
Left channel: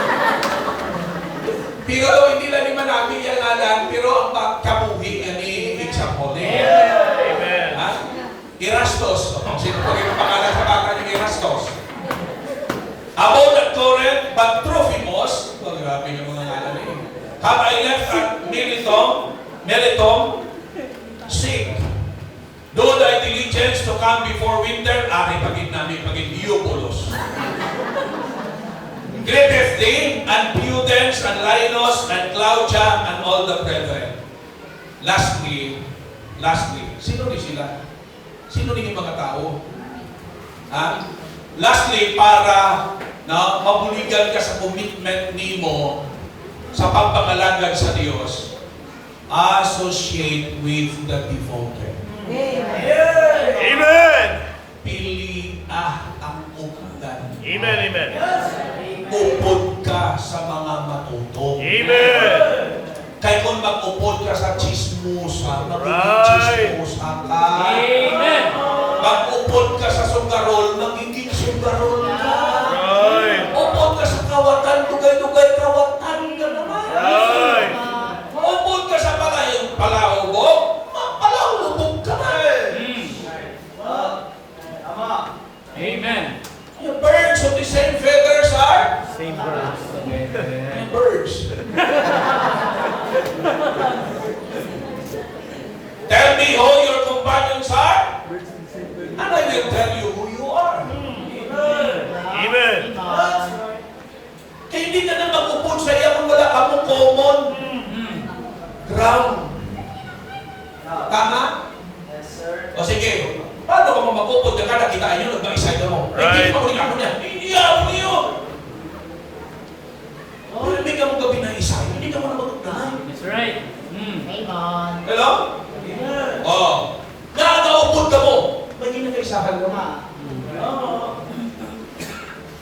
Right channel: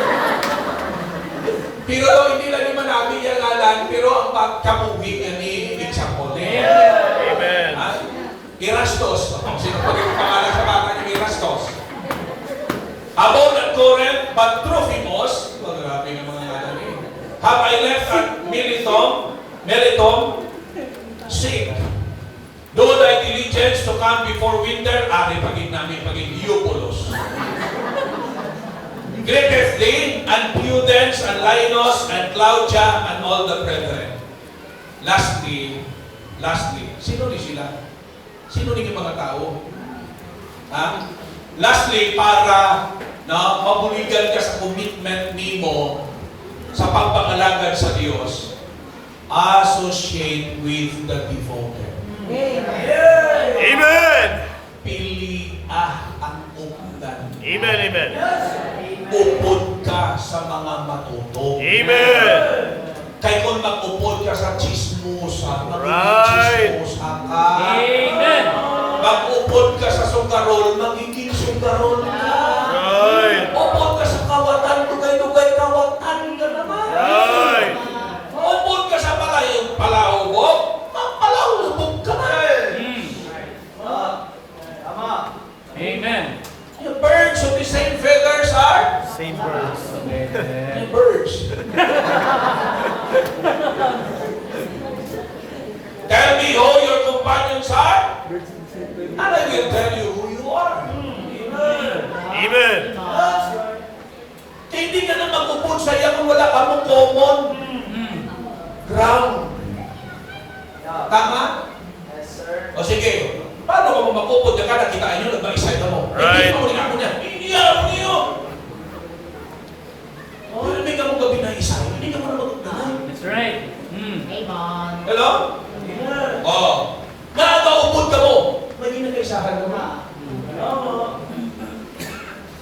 Pero daw hindi lang naman namin yung ngalan, pero ang pagkamuhi nga ni example din. Amen. Ha? Erastos. Sino pa rin pangalan sa kakar ni Erastos? About at Corinth, but Trophimus, grabe ng mga ngalan eh. Have I left at Miletum, sick. Do thy diligence to come before winter, ari pagin namin pagin Eupolos. Greeteth thee, and Pudens, and Linus, and Claudia, and all the brethren. Lastly, sino ni sila? Sino ni mga tao? Ha? Lastly, para na mabuligan ka sa commitment nimo sa pagpangalagad sa Diyos, associate with the devoted. Amen. Pili ang upudan. Amen. Amen. Upod ka sa mga matutong. Amen. Kaya kung mag-upod ka sa chismosa, Right. chismosa ka. Amen. Mag-upod ka sa sugarol, magiging sugarol ka. Right. Upod ka sa kawatan, dugay-dugay kawatan ka naman. Right. Upod ka sa palahubog, magpalahubog ka na. Amen. Yung birds of the same feathers are Same verse. the birds. Tell me who your companions are, and I will tell you who you are. Amen. Kaya hindi ka na magupon sa iya kung wala ka mong common ground. Tama? O sige, paano ka magupon ka na kitaan nyo, nagmaisay ka mo? Hindi Right. ka mo ako niya. Hindi ako niyo. Hindi ka mo gabi na isay. Hindi ka mo na magugdanay. That's right. Hello? Oo. Nakakaupod ka mo. May ginagkaisahan ka mo.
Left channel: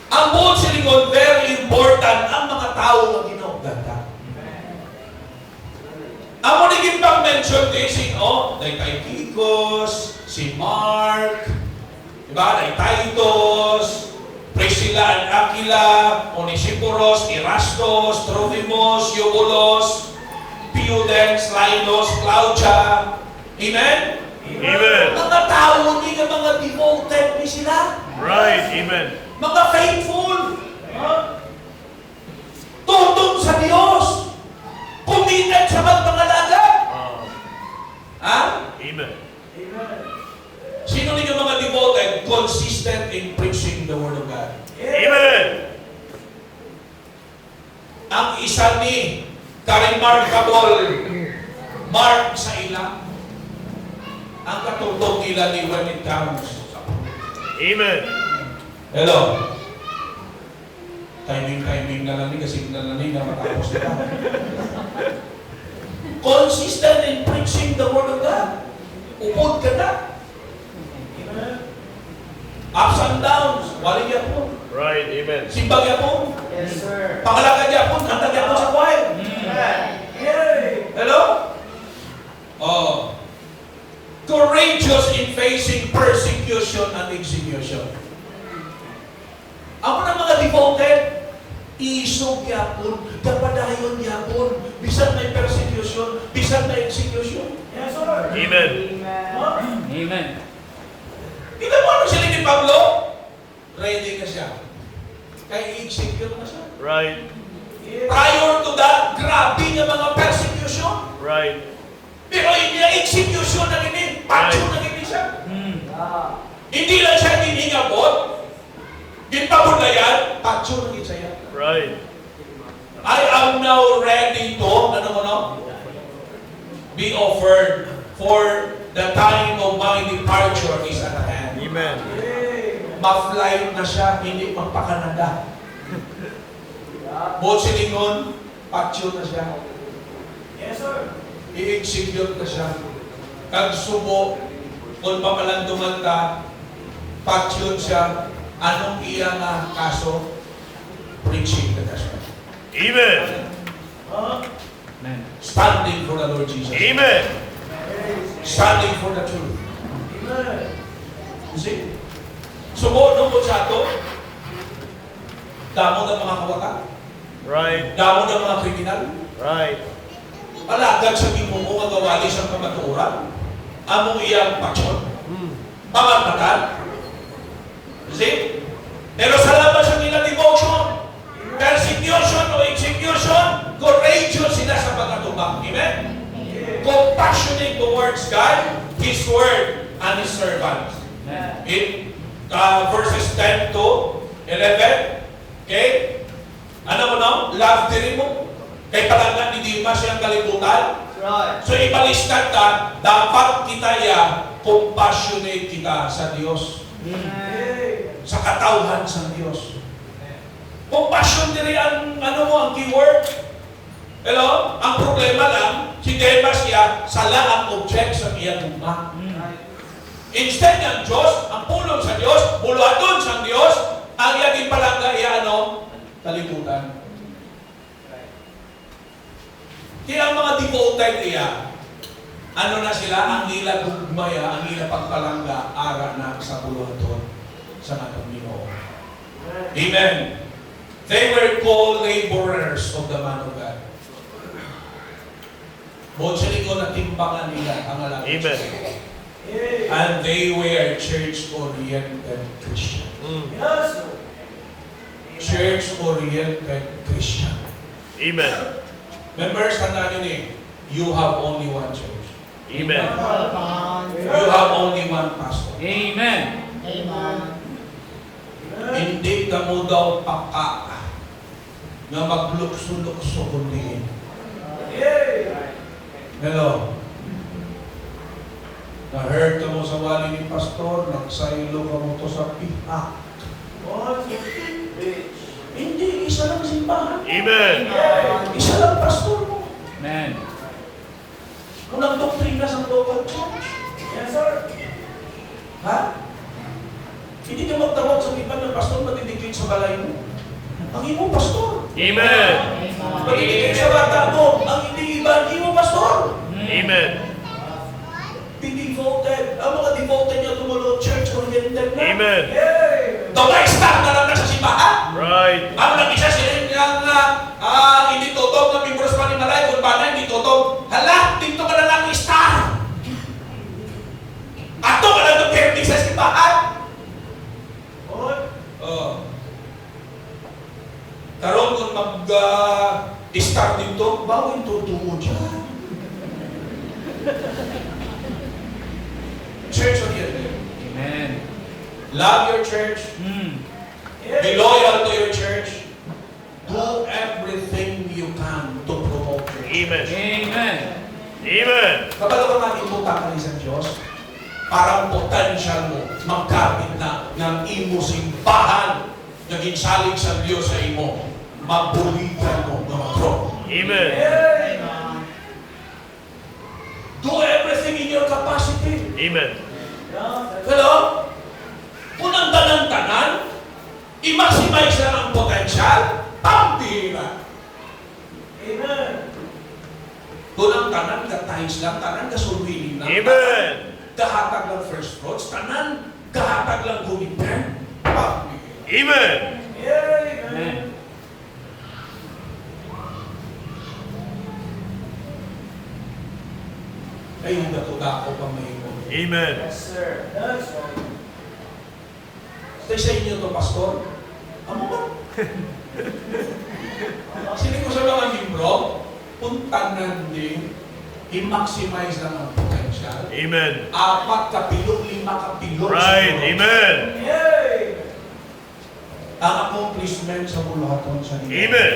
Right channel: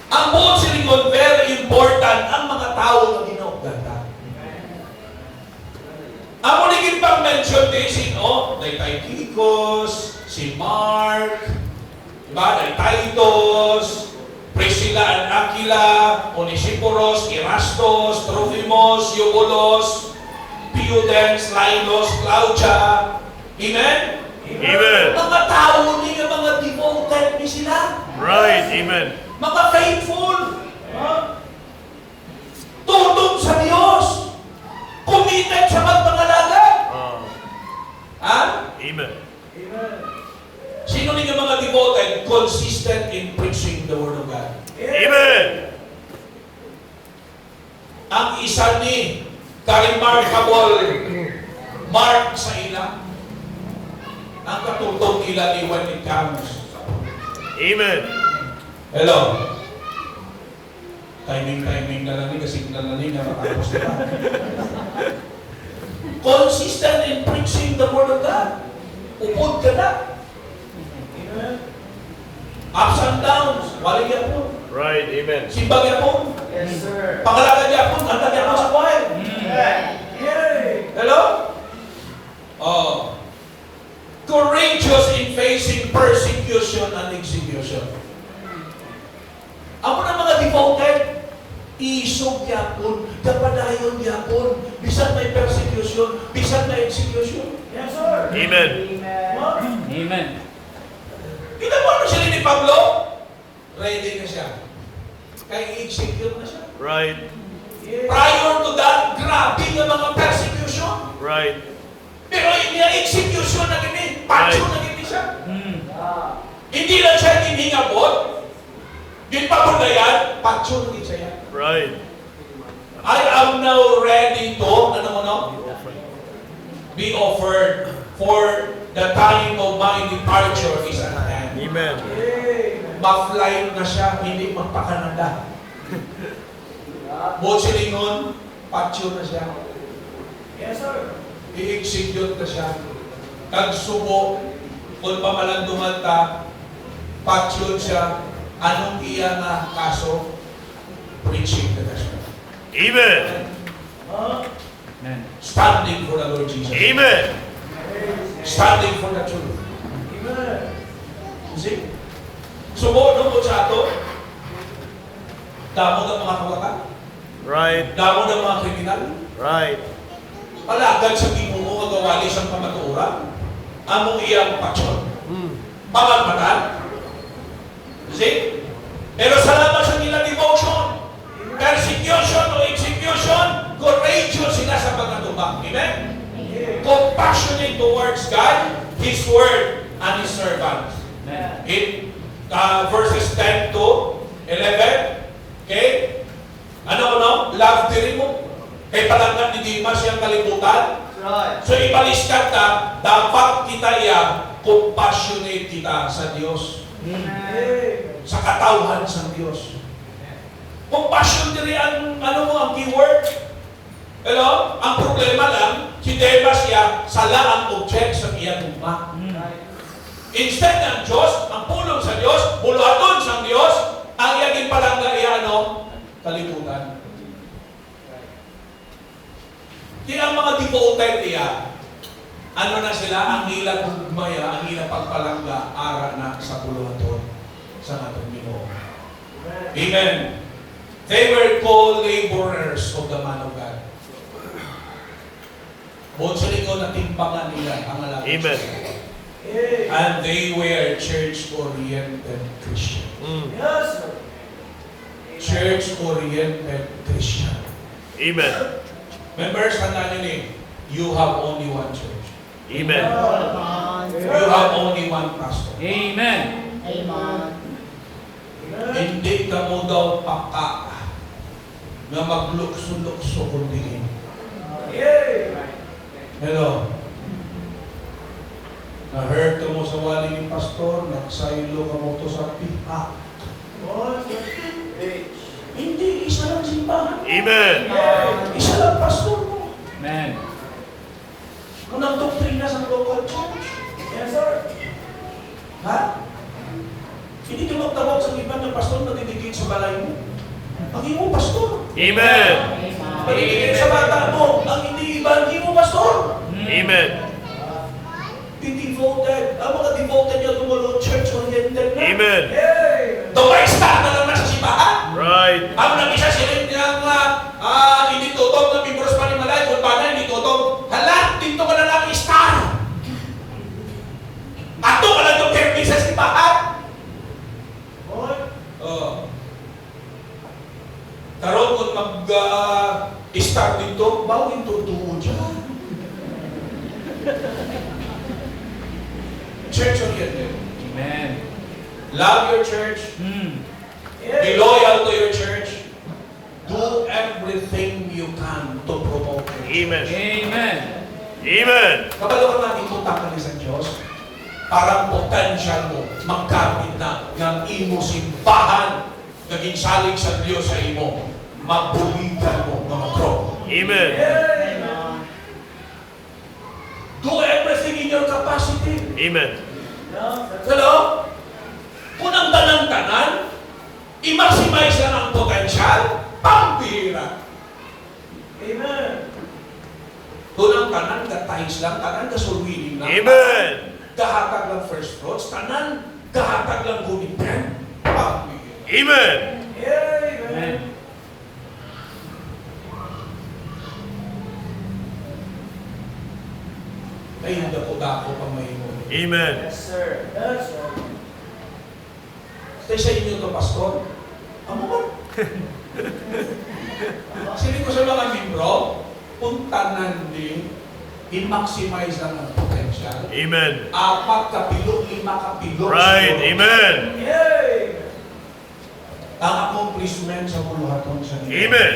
Ang buong silingon, very important ang mga tao na ginaganda. Ang muligin pang mention din sino? Kay Kikos, si Mark, diba? Kay Titus, Priscilla and Aquila, Onesiporos, Erastos, Trophimus, Eubulos, Pudens, Linus, Claudia. Amen? Amen. Mga tao, hindi ka mga devoted ni sila. Right. Amen. Mga faithful. Tutong sa Diyos. Committed sa magpangalaga. Ha? Amen. Sino ninyo mga devoted? Consistent in preaching the Word of God. Amen. Ang isa ni ka-remarkable mark sa ila. Ang katutong nila ni when it comes. Amen. Hello. Timing na lang ni kasi na lang ni na matapos na. Consistent in preaching the Word of God. Upod ka na. Ups and downs. Wali niya po. Right. Amen. Simbag niya po. Yes, sir. Pangalaga niya po. Hantag niya po sa choir. Hello? Oh. Courageous in facing persecution and execution. Ako na mga devoted, isog yapon, kapadayon yapon, bisan may persecution, bisan may execution. Yes, sir. Amen. Amen. Kita mo ano siya ni Pablo? Ready na siya. Kaya i-execute na siya. Right. Prior to that, grabe nga mga persecution. Right. Pero hindi execution na gini, patyo na gini siya. Hindi lang siya hiningabot, di pa mo na yan, patyo na gini siya. Right. I am now ready to, be offered, for the time of my departure is at hand. Amen. Ma-flight na siya, hindi magpa-Canada. Buong silingon, patyo na siya. Yes, sir. I-execute na siya. Tagsubo, kung pa malang dumanta, patyo siya. Anong iya nga kaso? Preaching na siya. Amen. Amen. Standing for the Lord Jesus. Amen. Standing for the truth. You see? Subo nung kutsato, damo ng mga kawata, Right. damo ng mga kriminal, Right. palagad sa mo nga gawali siyang pamaturan, among iyang paksyon, pamagmatan. You see? Pero salamat sa nila devotion, persecution o execution, courageous sila sa pagkatubang. Amen? Compassionate towards God, His Word, and His servants. Amen. In verses 10 to 11, okay? Ano mo no? Love diri mo. Kay palanggan ni Dimas siyang kalibutan. Right. So ibaliskat ka, dapat kita compassionate kita sa Diyos. Hey. Sa katawhan sa Diyos. Compassion diri ang ano mo, ang keyword. Hello? Ang problema lang, si Demas siya, sala ang object sa iyang ugma. Instead ng Diyos, ang pulong sa Diyos, buluhaton sa Diyos, ang iyang palangga iya ano? Kalibutan. Di ang mga devoted iya, ano na sila, ang nila gugmaya, ang nila pagpalangga, ara na sa buluhaton sa natong Ginoo. Amen. They were called laborers of the man of God. Buong sa likod na timbangan nila ang alagad. Amen. Hey. And they were church-oriented Christian. Yes, sir. Church-oriented Christian. Amen. Members, tandaan nyo you have only one church. Amen. You have only one pastor. Amen. Hindi ka mo daw paka na maglukso-lukso kundi. Hey. Hello? Na-hurt ka mo sa wali ni pastor, nagsaylo ka mo to sa pihak. One, two, three. Hindi, isa lang simbahan. Amen. Isa lang pastor mo. Amen. Unang doktrina sa local church. Yes, sir. Ha? Hindi ka magtawag sa iba ng pastor na didikit sa balay mo. Ang iyong pastor. Amen. Pagiging sa bata mo, ang hindi iba, ang iyong pastor. Amen. Be devoted. Ang mga devoted niya tumulong church-oriented na. Amen. Hey. Dumay-start na lang na sa simbahan. Right. Ang nag-isa sila yung hindi totoo na membros pa ni Malay, kung paano hindi totoo. Hala, dito ka na lang i-star. Ato ka lang ng perdi sa simbahan. One. Oh. Karoon kung mag-start dito, bawin tutuo dyan. Church oriented. Amen. Love your church. Be loyal to your church. Do everything you can to promote your church. Amen. Amen. Amen. Kabalo ka nga ipunta ka ni sa Diyos, parang potential mo, magkapit na ng imo simbahan, naging salig sa Diyos sa imo, mabulitan mo, mga bro. Amen. Hey. Do everything in your capacity. Amen. Hello? Kung ang tanan-tanan, i-maximize lang ang potential, pambira. Amen. Kung ang tanan, gatahis lang, tanan, gasulwiling lang. Amen. Gahatag lang first fruits, tanan, gahatag lang commitment, pambira. Amen. Amen. Ay, yung dako-dako pa may mo. Amen. Yes, sir. That's right. Stay sa inyo to, pastor. Amo ba? Sige ko sa mga membro, puntanan din, i-maximize lang ang potential. Amen. 4 kapilo, 5 kapilo. Right. Amen. Hey. Ang accomplishment sa buluhaton sa inyo. Amen.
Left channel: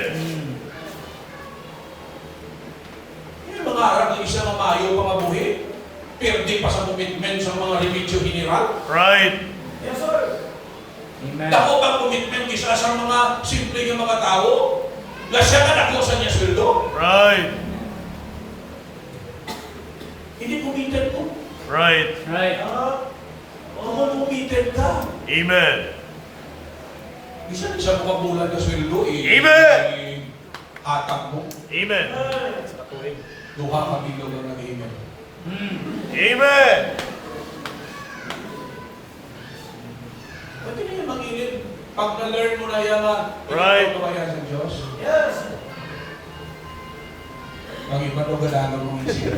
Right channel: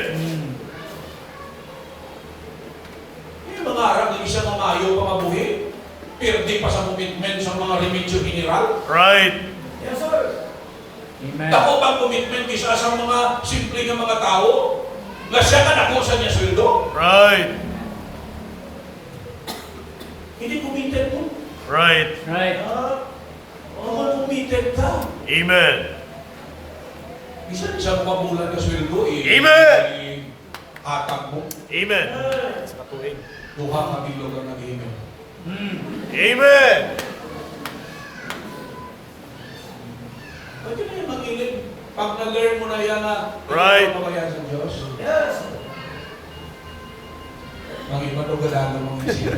Yung mga Arab, hindi siya mamayo pa mabuhi. Perdi pa sa commitment sa mga remedyo general. Right. Yes, sir. Amen. Takot ang commitment kisa sa mga simple ng mga tao. Na siya ka nakusa niya sweldo. Right. Hindi committed mo. Right. Right. Kung committed ka. Amen. Bisa di siya mabulan ka sweldo eh. Amen. Hatak mo. Amen. Duha ka bilo lang nag-amen. Amen. Pwede na yung mag-init. Pag na-learn mo na yan na Right. ito ba yan sa Diyos? Yes. Ang iba no galaga mong isip.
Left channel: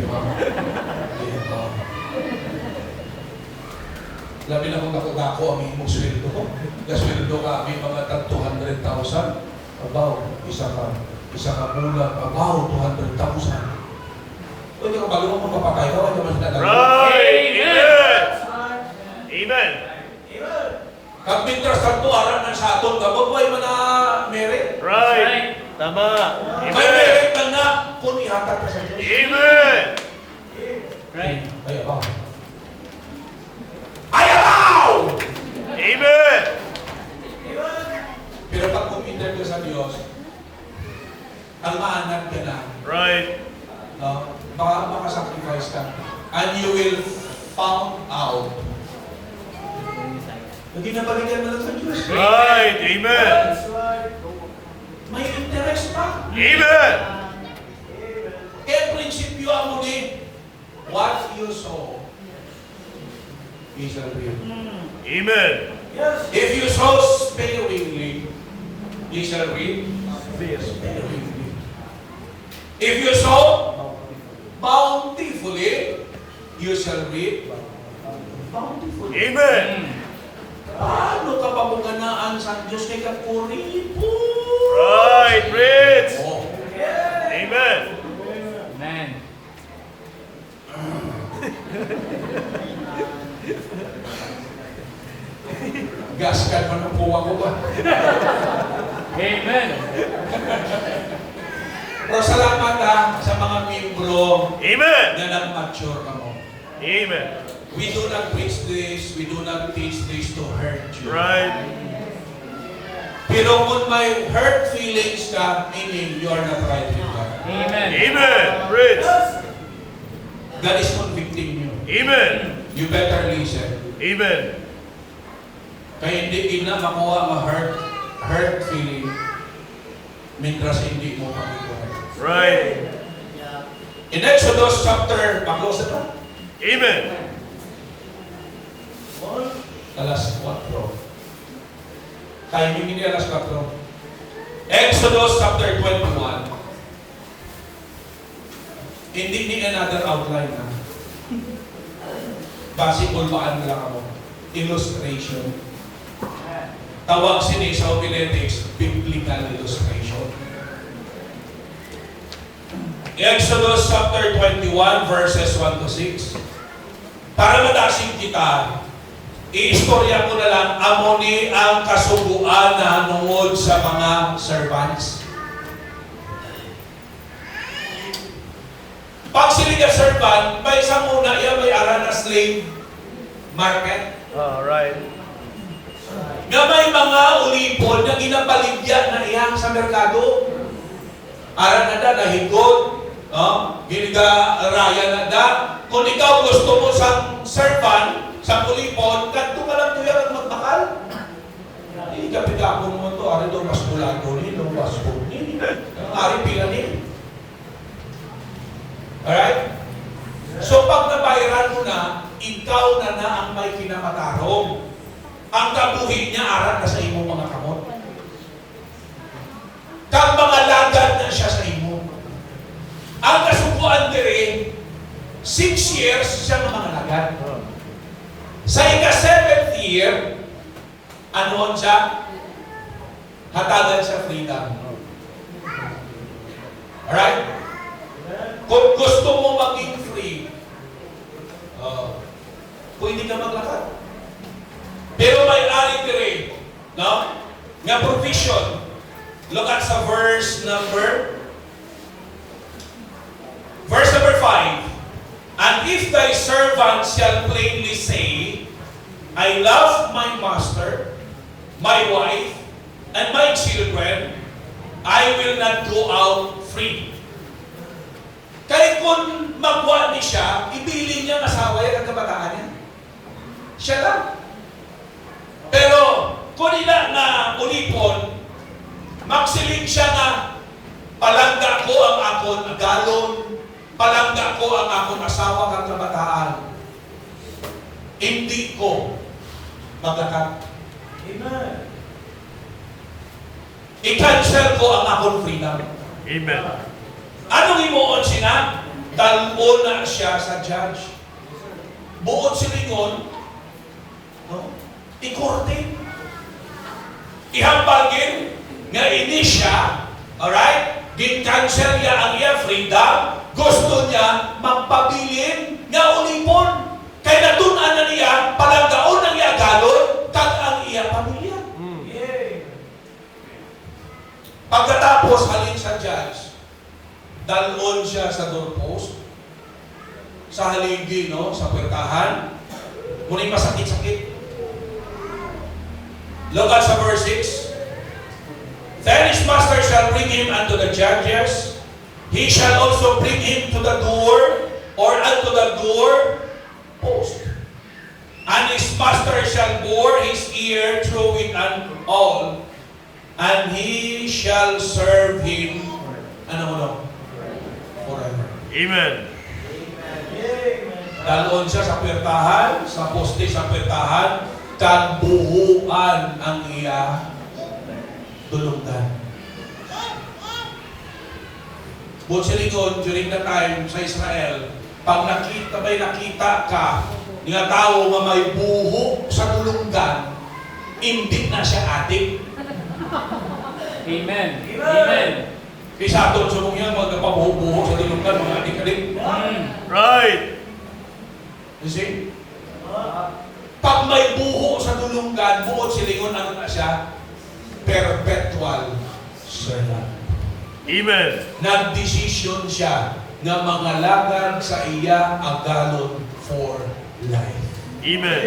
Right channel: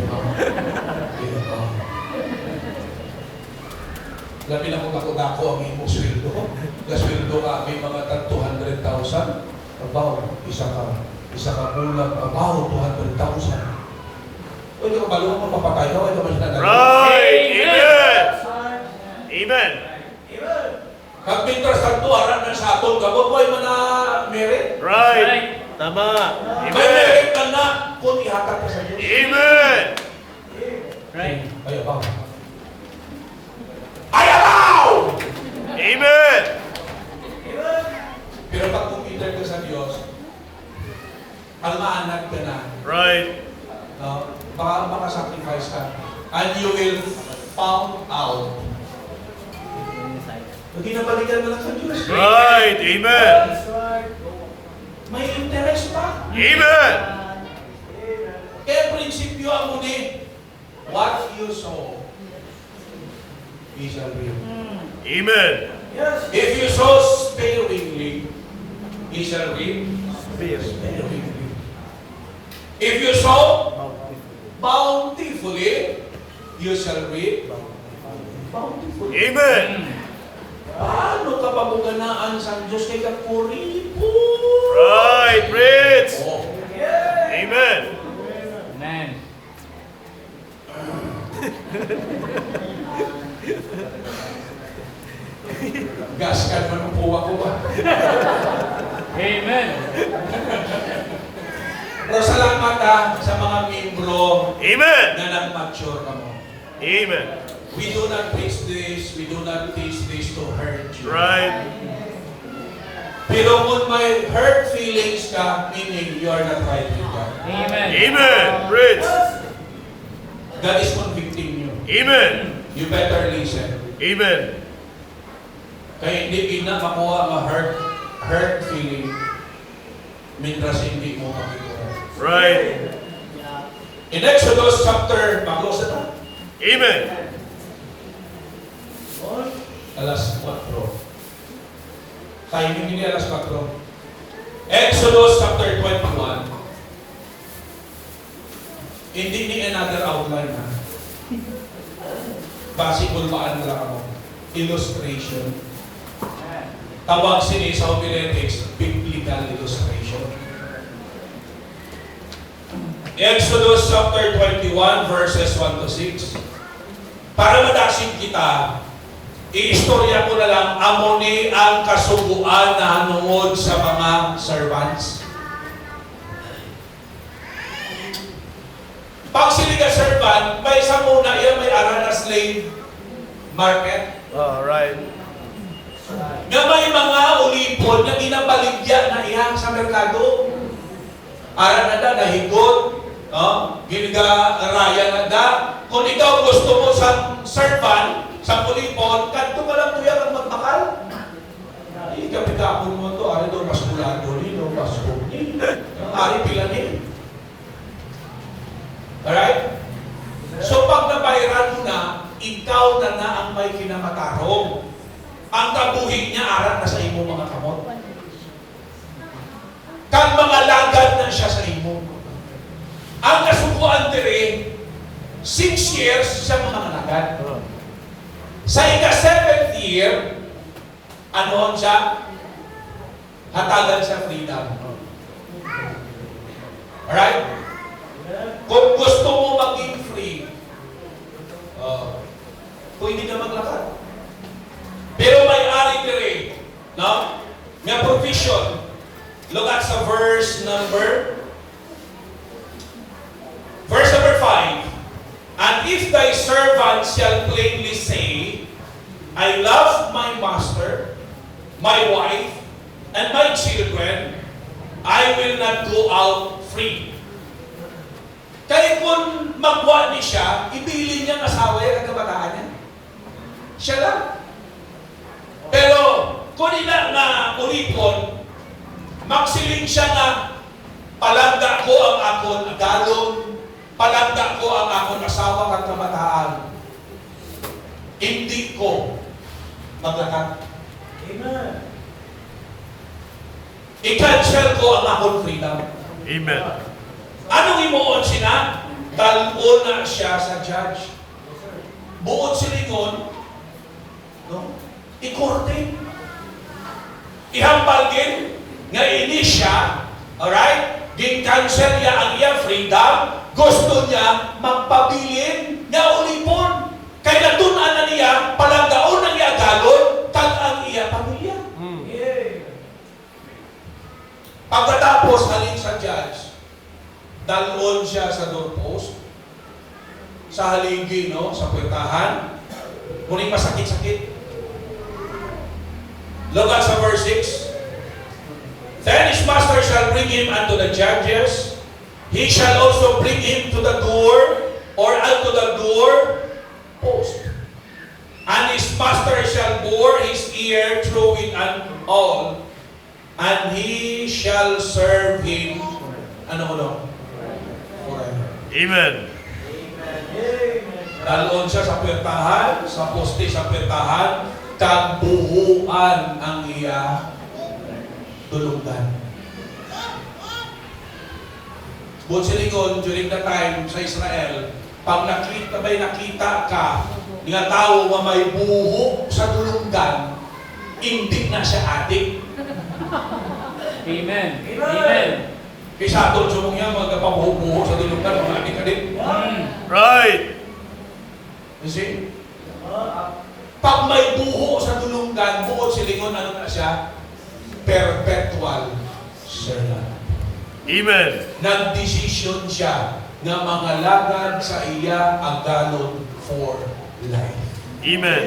Labi na kung ako ang imong sweldo. Gasweldo ka, may mga 200,000. Abaw, isa ka bulan. Abaw, 200,000. Pwede ka bago mo papatay ka, wala ka mas Right. Amen. Amen. Amen. Kag may trust ang tuwaran ng sa atong gabot, why man na merit? Right. Tama. May Amen. merit lang na kung ihatag ka sa Diyos. Amen. Right. Ay, abaw. Ay, abaw! Amen. Pero pag kumindal ka sa Diyos, ang maanad ka na, Right. no? Baka makasacrifice ka. And you will found out. Hindi nabalikan mo lang sa Diyos. Right. Amen. That's right. May interest pa. Amen. Kaya prinsipyo ang muli, what you sow, you shall reap. Amen. Yes. If you sow sparingly, you shall reap sparingly. If you sow bountifully, you shall reap bountifully. Amen. Paano ka pabuganaan sa Diyos kay kapuri po? Right. Preach. Oh. Amen. Amen. Gaskan mo ng puwa ko ba? Amen. Pero salamat sa mga membro Amen. na nag-mature ka mo. Amen. We do not preach this, we do not teach this to hurt you. Right. Pero kung may hurt feelings ka, meaning you are not right with God. Amen. Amen. Preach. God is convicting you. Amen. You better listen. Amen. Kaya hindi na makuha hurt feeling mintras hindi mo makikita. Right. In Exodus chapter, panglos na Amen. alas 4. Timing ini alas 4. Exodus chapter 21. Hindi ni another outline ha. Basic ulmaan lang ako. Illustration. Tawag sini sa homiletics, biblical illustration. Exodus chapter 21 verses 1 to 6. Para madasig kita, iistorya ko na lang amoni ang kasuguan na hanungod sa mga servants. Pag sila ka servant, may isang una iya may aral na slave market. All right. Nga may mga ulipon na ginabaligya na iyang sa merkado. Aral na da, nahigot, giniga-raya na da. Kung ikaw gusto mo sa servant, sa ulipon, kanto ka lang kuya kang magbakal. Hindi ka pita ko naman to, ari do, mas bulado ni, no, mas ni. Ari pila ni. Alright? So pag nabayaran mo na, ikaw na ang may kinamatarong. Ang kabuhi niya aral na sa imo mga kamot. Kang mga lagad na siya sa imo. Ang kasukuan dire, 6 years siya ng mga lagad. Sa ika-7th year, ano siya? Hatagan siya freedom. Alright? Kung gusto mo maging free, kung hindi ka maglakad. Pero may ari dire, no? Nga provision. Look at sa verse number 5. And if thy servant shall plainly say, I love my master, my wife, and my children, I will not go out free. Kaya kung magwa ni siya, ibili niya ang asawa ang kabataan niya. Siya lang. Pero, kung ina nga ulipon, magsiling siya na palangga ko ang akon agalon, palangga ko ang akon asawa kang kabataan. Hindi ko maglakad. Amen. I-cancel ko ang akon freedom. Amen. Anong imuon siya? Dalbo na siya sa judge. Buod silingon, no? Ikorte. Ihambal nga ini siya, alright? Gin-cancel niya ang iya freedom. Gusto niya magpabilin nga ulipon. Kaya natunan na niya, palanggaon ng iya galon, kag ang iya pamilya. Pagkatapos, halin sa judge, dalon siya sa doorpost, sa haligi, no? Sa puwetahan. Muling masakit-sakit. Look at sa verse 6. Then his master shall bring him unto the judges. He shall also bring him to the door, or unto the door post. And his master shall bore his ear through it and all, and he shall serve him, ano, forever. Amen. Dalon siya sa puwertahan, sa poste sa puwertahan, kag buhuan ang iya tulungan. Butsilingon, during the time sa Israel, pag nakita ka nga tao nga may buho sa tulungan, hindi na siya adik. Amen. Amen. Kisa doon sa mga magkapabuho-buho sa tulungan, mga adik-adik. Right. You see? Pag may buho sa tulungan, buot silingon, ano na siya? Perpetual servant. Amen. Nag-decision siya nga mangalagad sa iya agalon for life. Amen.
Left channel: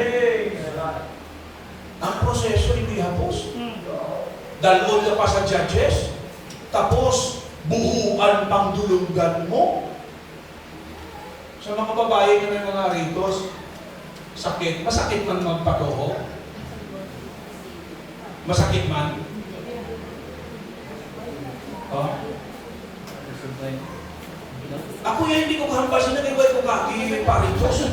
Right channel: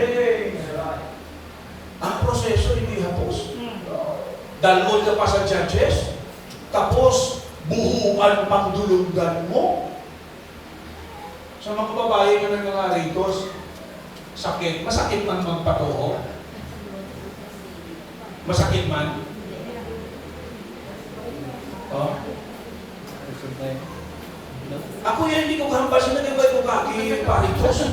Ang proseso hindi hapos. Dalon ka pa sa judges, tapos buhuan pang dulungan mo. Sa mga babae ko ng mga ritos, sakit. Masakit man magpatuho? Masakit man? Oh? Ako yan, hindi ko kahambal. Sinagay ko kaki paritos.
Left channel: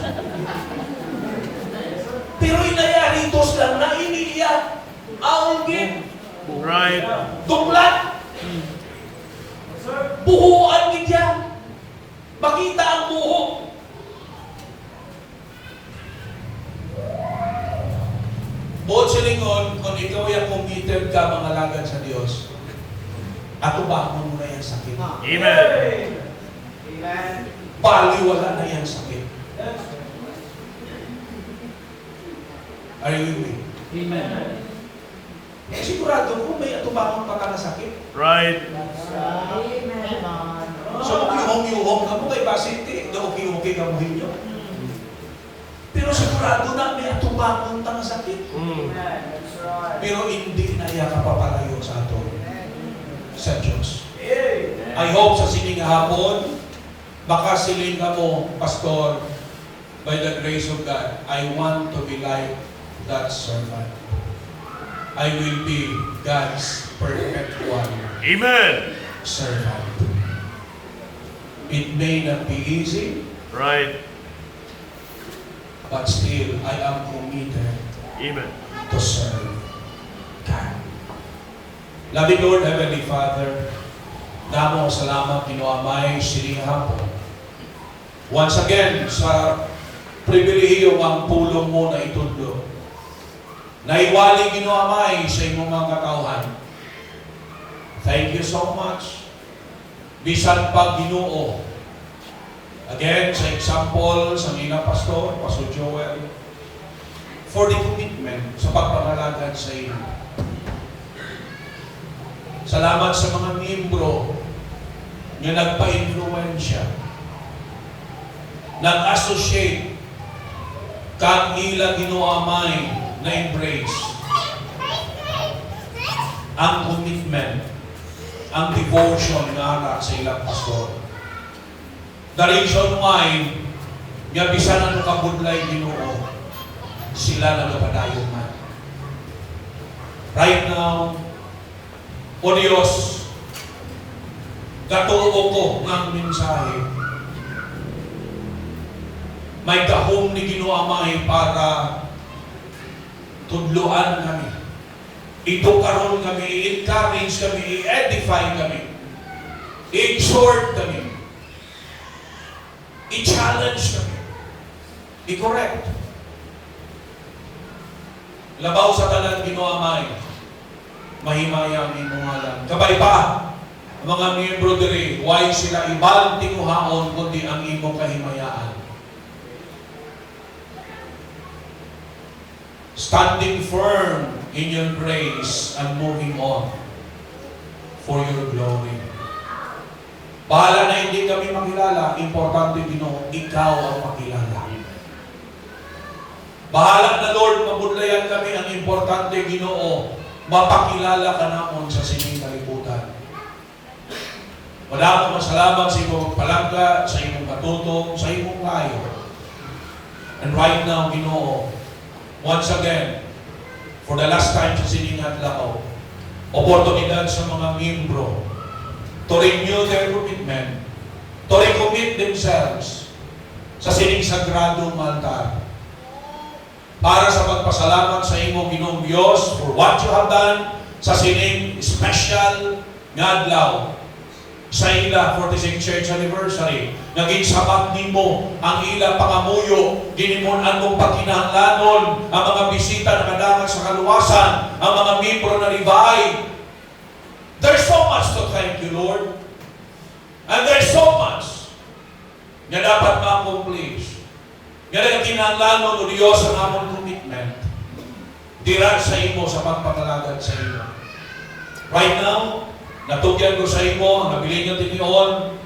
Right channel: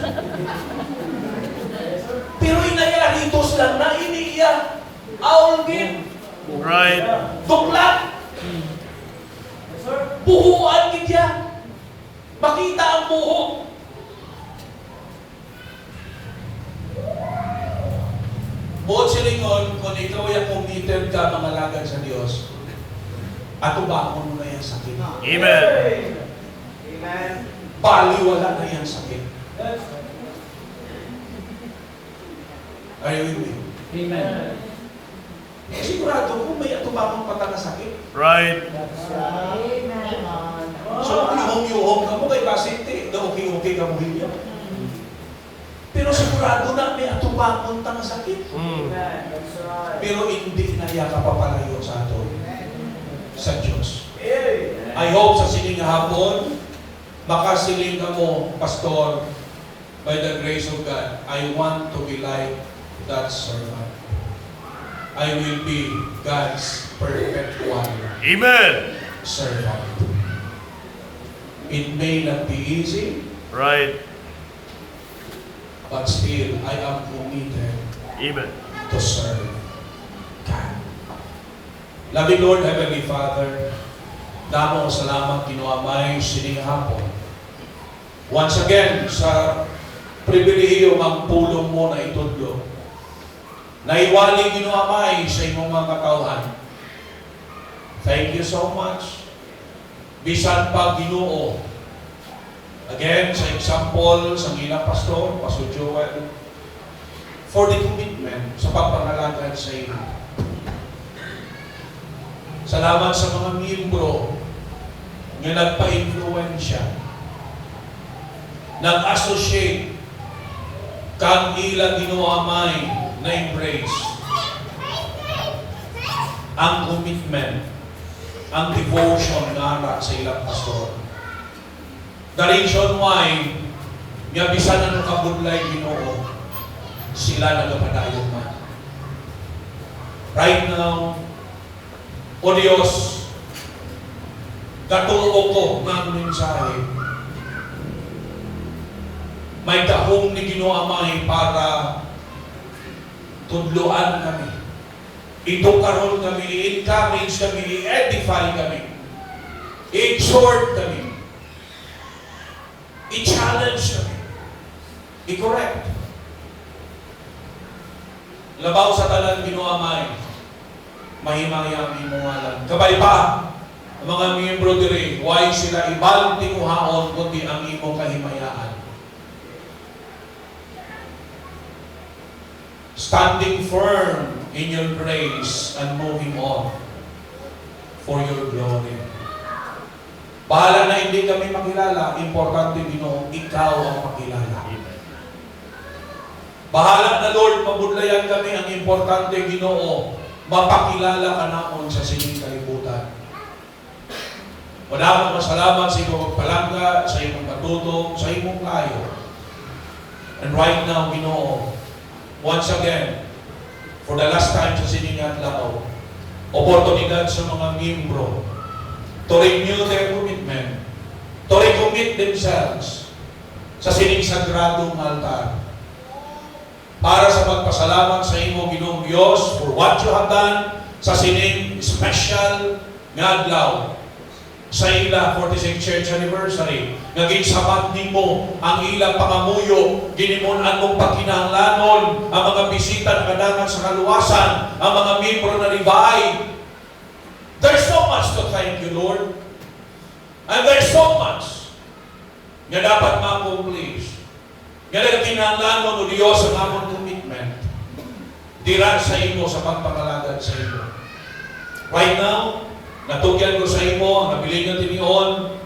Pero inayaritos lang na iniiyak. Aulgin. Right. Duklat. Buhuan gidya. Makita ang buho. Buot silingon, kung ikaw ay committed ka mangalagad sa Diyos, atubakon mo na yan sakit. Amen. Baliwala na yan sakit. Are you with me? Amen. Sigurado kung may atubakon pa ka na sakit. Right. So, yuhong-yuhong ka mo kay Basiti, na okay-okay ka mo hinyo. Pero sigurado na may atubakon ta na sakit. Pero hindi na niya kapapalayo sa ato sa Diyos. I hope sa sining hapon, makasiling ka mo, Pastor, by the grace of God, I want to be like that servant. I will be God's perfect one Amen. servant. It may not be easy, Right. but still, I am committed Amen. to serve God. Loving Lord, Heavenly Father, damo salamat Ginoamay sining hapon. Once again, sa pribilehiyo ang pulong mo na itudlo, naiwali Ginoamay sa imong mga katawhan. Thank you so much. Bisan pa Ginoo. Again, sa example, sa Nina Pastor, Pastor Joel, for the commitment sa pagpangalagad sa iyo. Salamat sa mga miyembro na nagpa-influensya, nag-associate, kang ila Ginoamay na embrace ang commitment, ang devotion na ara sa ilang pastor. The reason why nga bisan ano kabudlay Ginoo, sila nagapadayon man. Right now, o Diyos, katuo ko ng mensahe. May kahong ni Ginoamay para tudloan kami. Ito karon kami, i-encourage kami, i-edify kami, i-exhort kami, i-challenge kami, i-correct. Labaw sa tanan Ginoamay, mahimaya ang imuwalan. Kabay pa, ang mga miyembro diri, why sila ibang tinguhaon kundi ang imong kahimayaan. Standing firm in your grace and moving on for your glory. Bahala na hindi kami makilala, importante Ginoo, ikaw ang makilala. Bahala na Lord, mabudlayan kami, ang importante Ginoo, mapakilala ka namon sa sining kalibutan. Madamang masalamat sa imong palangga, sa imong katutong, sa imong layo. And right now, Ginoo, once again, for the last time sa sining adlaw, oportunidad sa mga miyembro to renew their commitment, to recommit themselves sa sining sagradong altar. Para sa pagpasalamat sa imo, Ginoong Diyos, for what you have done sa sining special nga adlaw sa ila 46th Church Anniversary. Naging sapat nimo ang ila pangamuyo, ginimunan mong pagkinahanglanon ang mga bisita na kadagat sa kaluwasan, ang mga miyembro na ribay. There's so much to thank you, Lord. And there's so much na dapat ma-accomplish. Nga kinahanglanon o Diyos ang among commitment. Dira sa imo sa pagpangalagad sa imo. Right now, natugyan ko sa imo ang nabiling ng tinion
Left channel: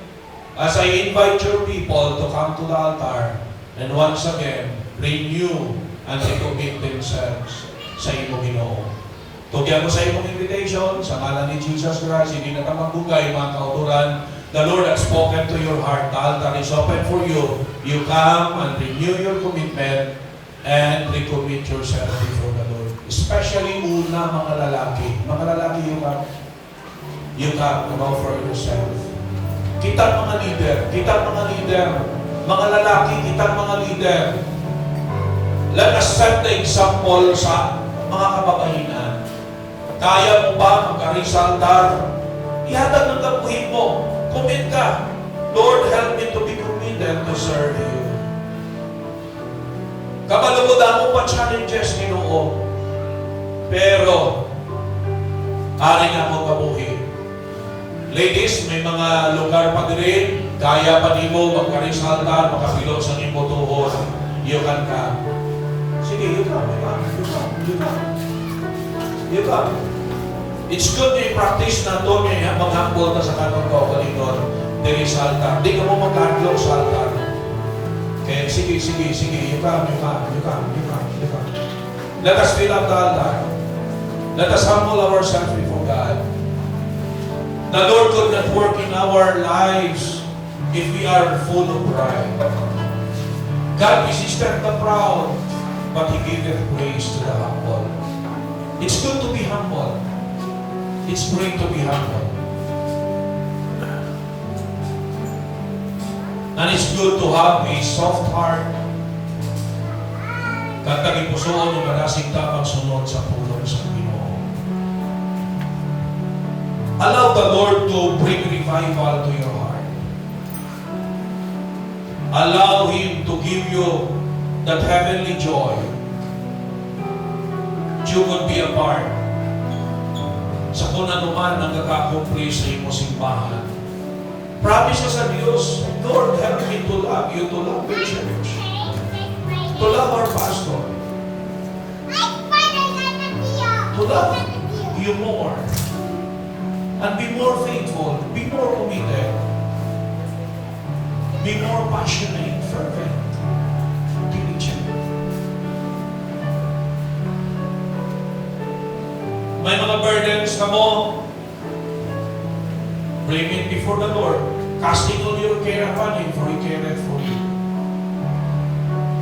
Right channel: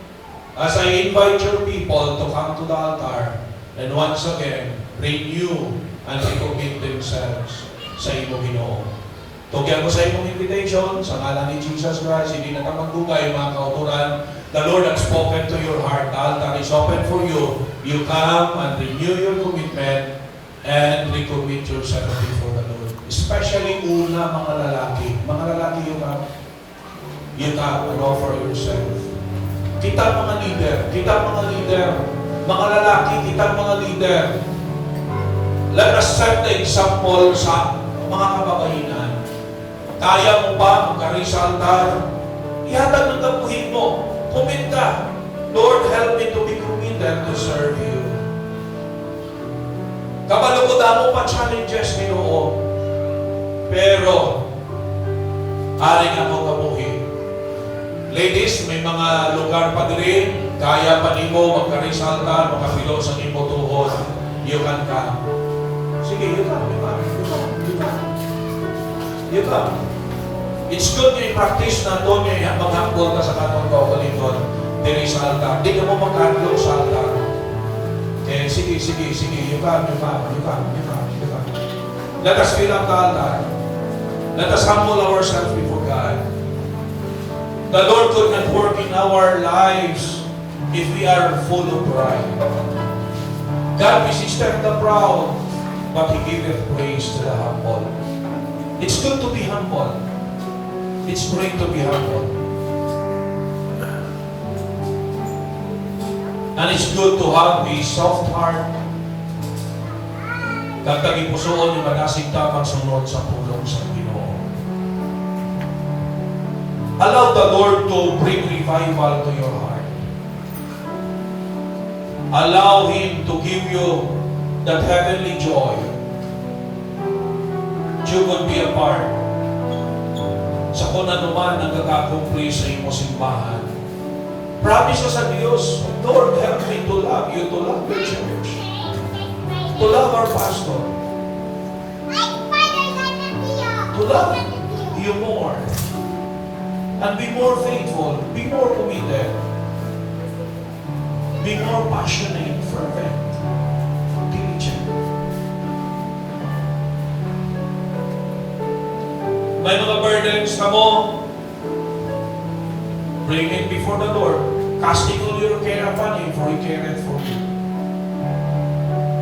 as I invite your people to come to the altar and once again, renew and recommit themselves sa imo, Ginoo. Tugyan ko sa imong invitation sa ngalan ni Jesus Christ, hindi na magugay mga kauturan. The Lord has spoken to your heart. The altar is open for you. You come and renew your commitment and recommit yourself before the Lord. Especially una mga lalaki. Mga lalaki, you come and offer yourself. Kita mga leader. Mga lalaki, kita mga leader. Let us set the example sa mga kababaihan. Kaya mo ba magkari sa altar? Ihatag ng kabuhin mo. Commit ka. Lord, help me to be committed to serve you. Kamalugod mo pa challenges, Ginoo. Pero, aring ako kabuhin. Ladies, may mga lugar pa din. Kaya pa nimo magkari sa altar, makapilo sa nimo tuhod. You can come. Sige, you come. It's good to practice na ito, may maghakbol ka sa kanong kaugalingon. Dili sa altar. Di ka mo mag-aglo sa altar. Kaya sige. You come. Let us fill up the altar. Let us humble ourselves before God. The Lord could not work in our lives if we are full of pride. God resisted the proud, but He giveth praise to the humble. It's good to be humble. It's great to be humble. And it's good to have a soft heart. Kag ipusoon yung magasing tapang sunod sa pulong sa Ginoo. Allow the Lord to bring revival to your heart. Allow Him to give you that heavenly joy. You could be a part sa kung anuman ang kakakumplis sa iyong simbahan. Promise sa Diyos, Lord, help me to love you, to love the church, to love our pastor, to love you more, and be more faithful, be more committed, be more passionate, fervent, diligent. May mga burdens na mo, bring it before the Lord. Casting all your care upon Him, for He careth for you.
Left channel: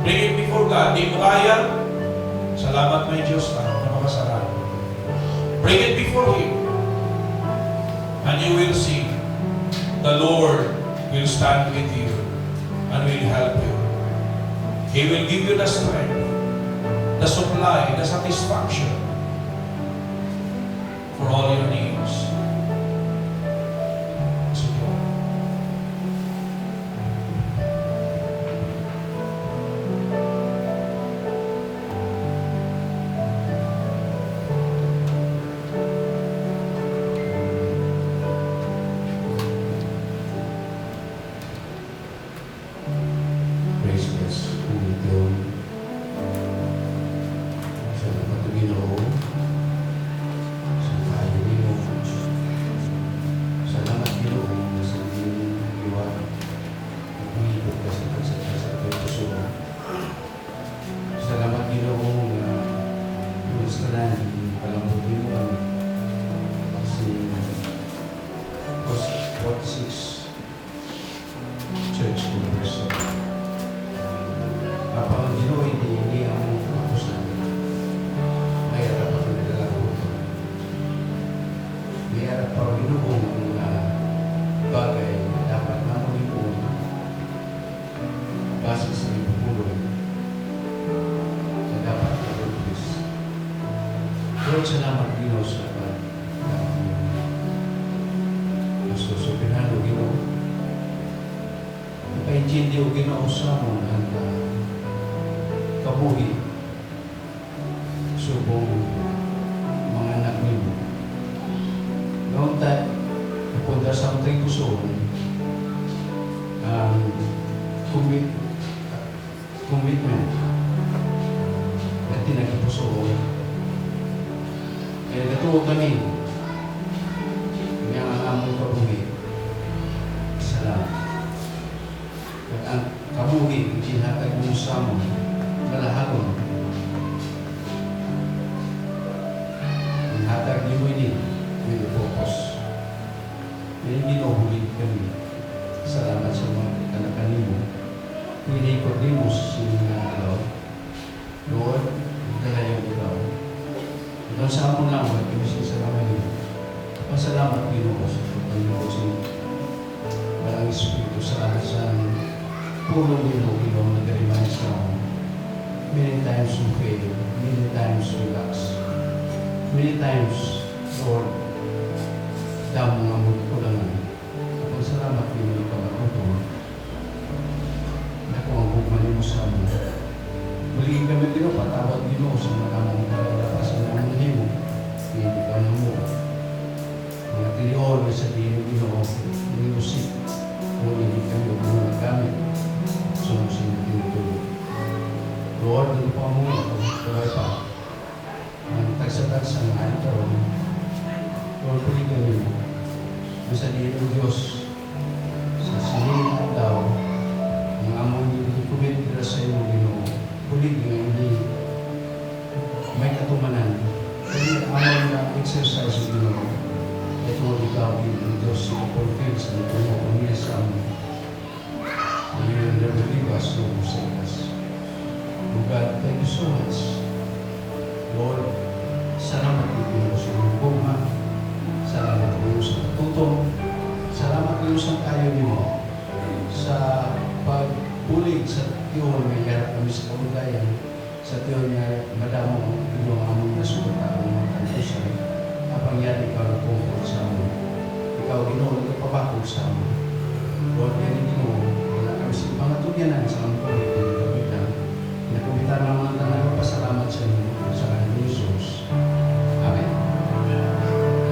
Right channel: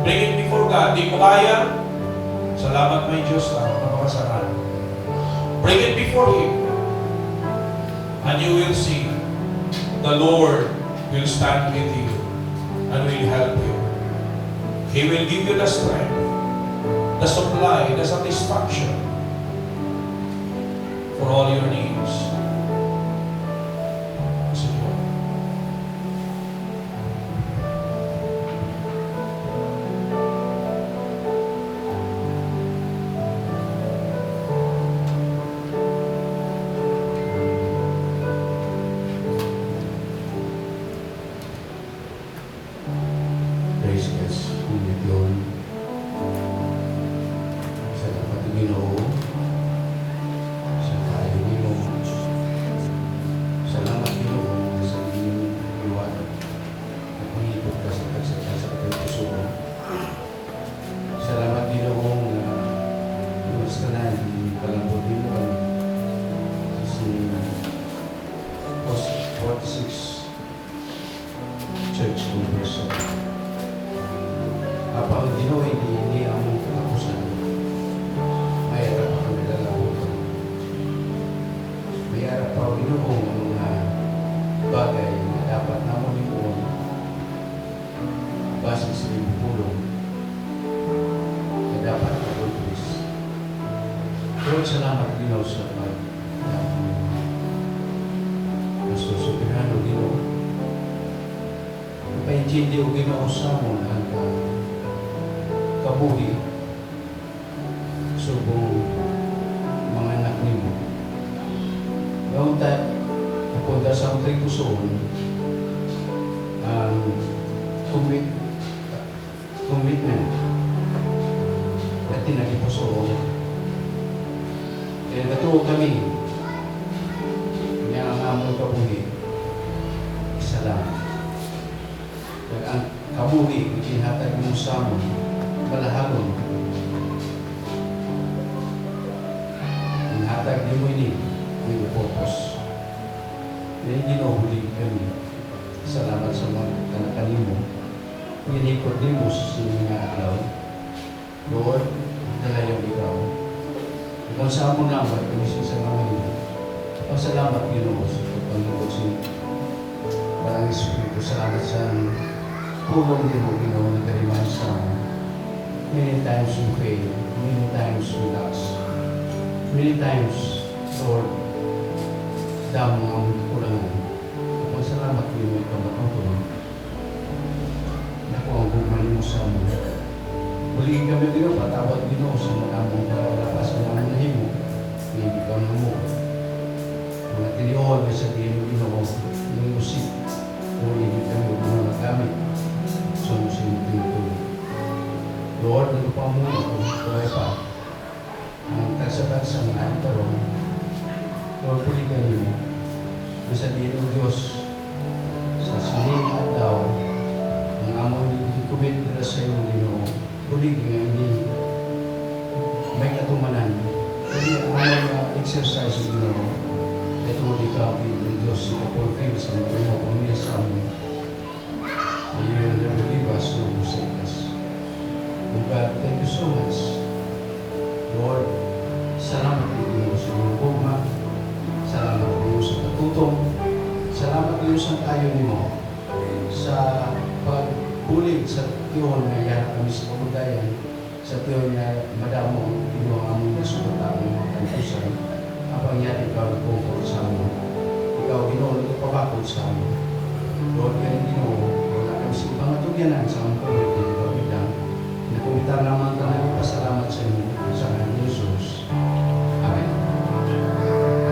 Bring it before God. Di mo kaya, salamat may Diyos ka, napakasaran. Bring it before Him. And you will see, the Lord will stand with you and will help you. He will give you the strength, the supply, the satisfaction for all your needs. Universo. Kapag Ginoo hindi ang katapusan, may harap ang nilalabo ito. May harap ang binuhong ang mga bagay na dapat naman yung base sa ibupulong na dapat na-produce. Lord, salamat Ginoo sa Supinano Ginoo. Paintindi o Ginoo sa mo ang kabuhi subong mga anak nimo. Noong tayo napunta sa ang pusoon ang commitment na tinagipusoon. Kaya natuwa kami nga ang among kabuhi. Salamat. Kaya ang kabuhi, itinatag mo sa mo, malahagon. Inhatag niyo ini, may purpose. Dahil ginuhuli kami. Salamat sa mga kanakanin mo. Nilikod din mo sa mga araw. Lord, dalayan ikaw. Kung saan mo naman, inisip sa mga nyo. Pasalamat Ginoo sa pagpanginoon si Parang Espiritu. Salamat sa tulong niyo Ginoo na kaliman sa mo. Many times we fail, many times we lost. Many times, Lord, damo ang kulangan. Pasalamat Ginoo ikaw matutulong. Naku ang bugman mo sa mo. Magiging kami Ginoo, patawad Ginoo sa manamong lapasan namin na himo. Hindi ka na mo. Mga tiniyon na sa diyo Ginoo, nilusip. Kung hindi kami huwag nagamit. Sumusin tinutulog. Lord, ano pa mo ako, kaya pa. Ang tagsabagsa ng ayan karong. Lord, puli kami. Sa diyo Diyos, sa sining at daw, ang among kumit na sa iyo Ginoo. Puli kami may katumanan. Kaya among na exercise Ginoo. Ito ikaw, Ginoo Diyos, ipulfil sa natumo, pumila sa amin. Ayun na lumiwas ng musikas. Oh God, thank you so much. Lord, salamat Ginoo sa iyong bugma. Salamat Ginoo sa katutong. Salamat Ginoo sa tayo nimo. Sa pagpulig sa tiyon na yarap kami sa kabudayan. Sa tiyon na madamo ang Ginoo ang aming nasulat ang mga kantusan. Habang yan ikaw nagpungkot sa amin. Ikaw Ginoo, nagpapakot sa amin. Lord,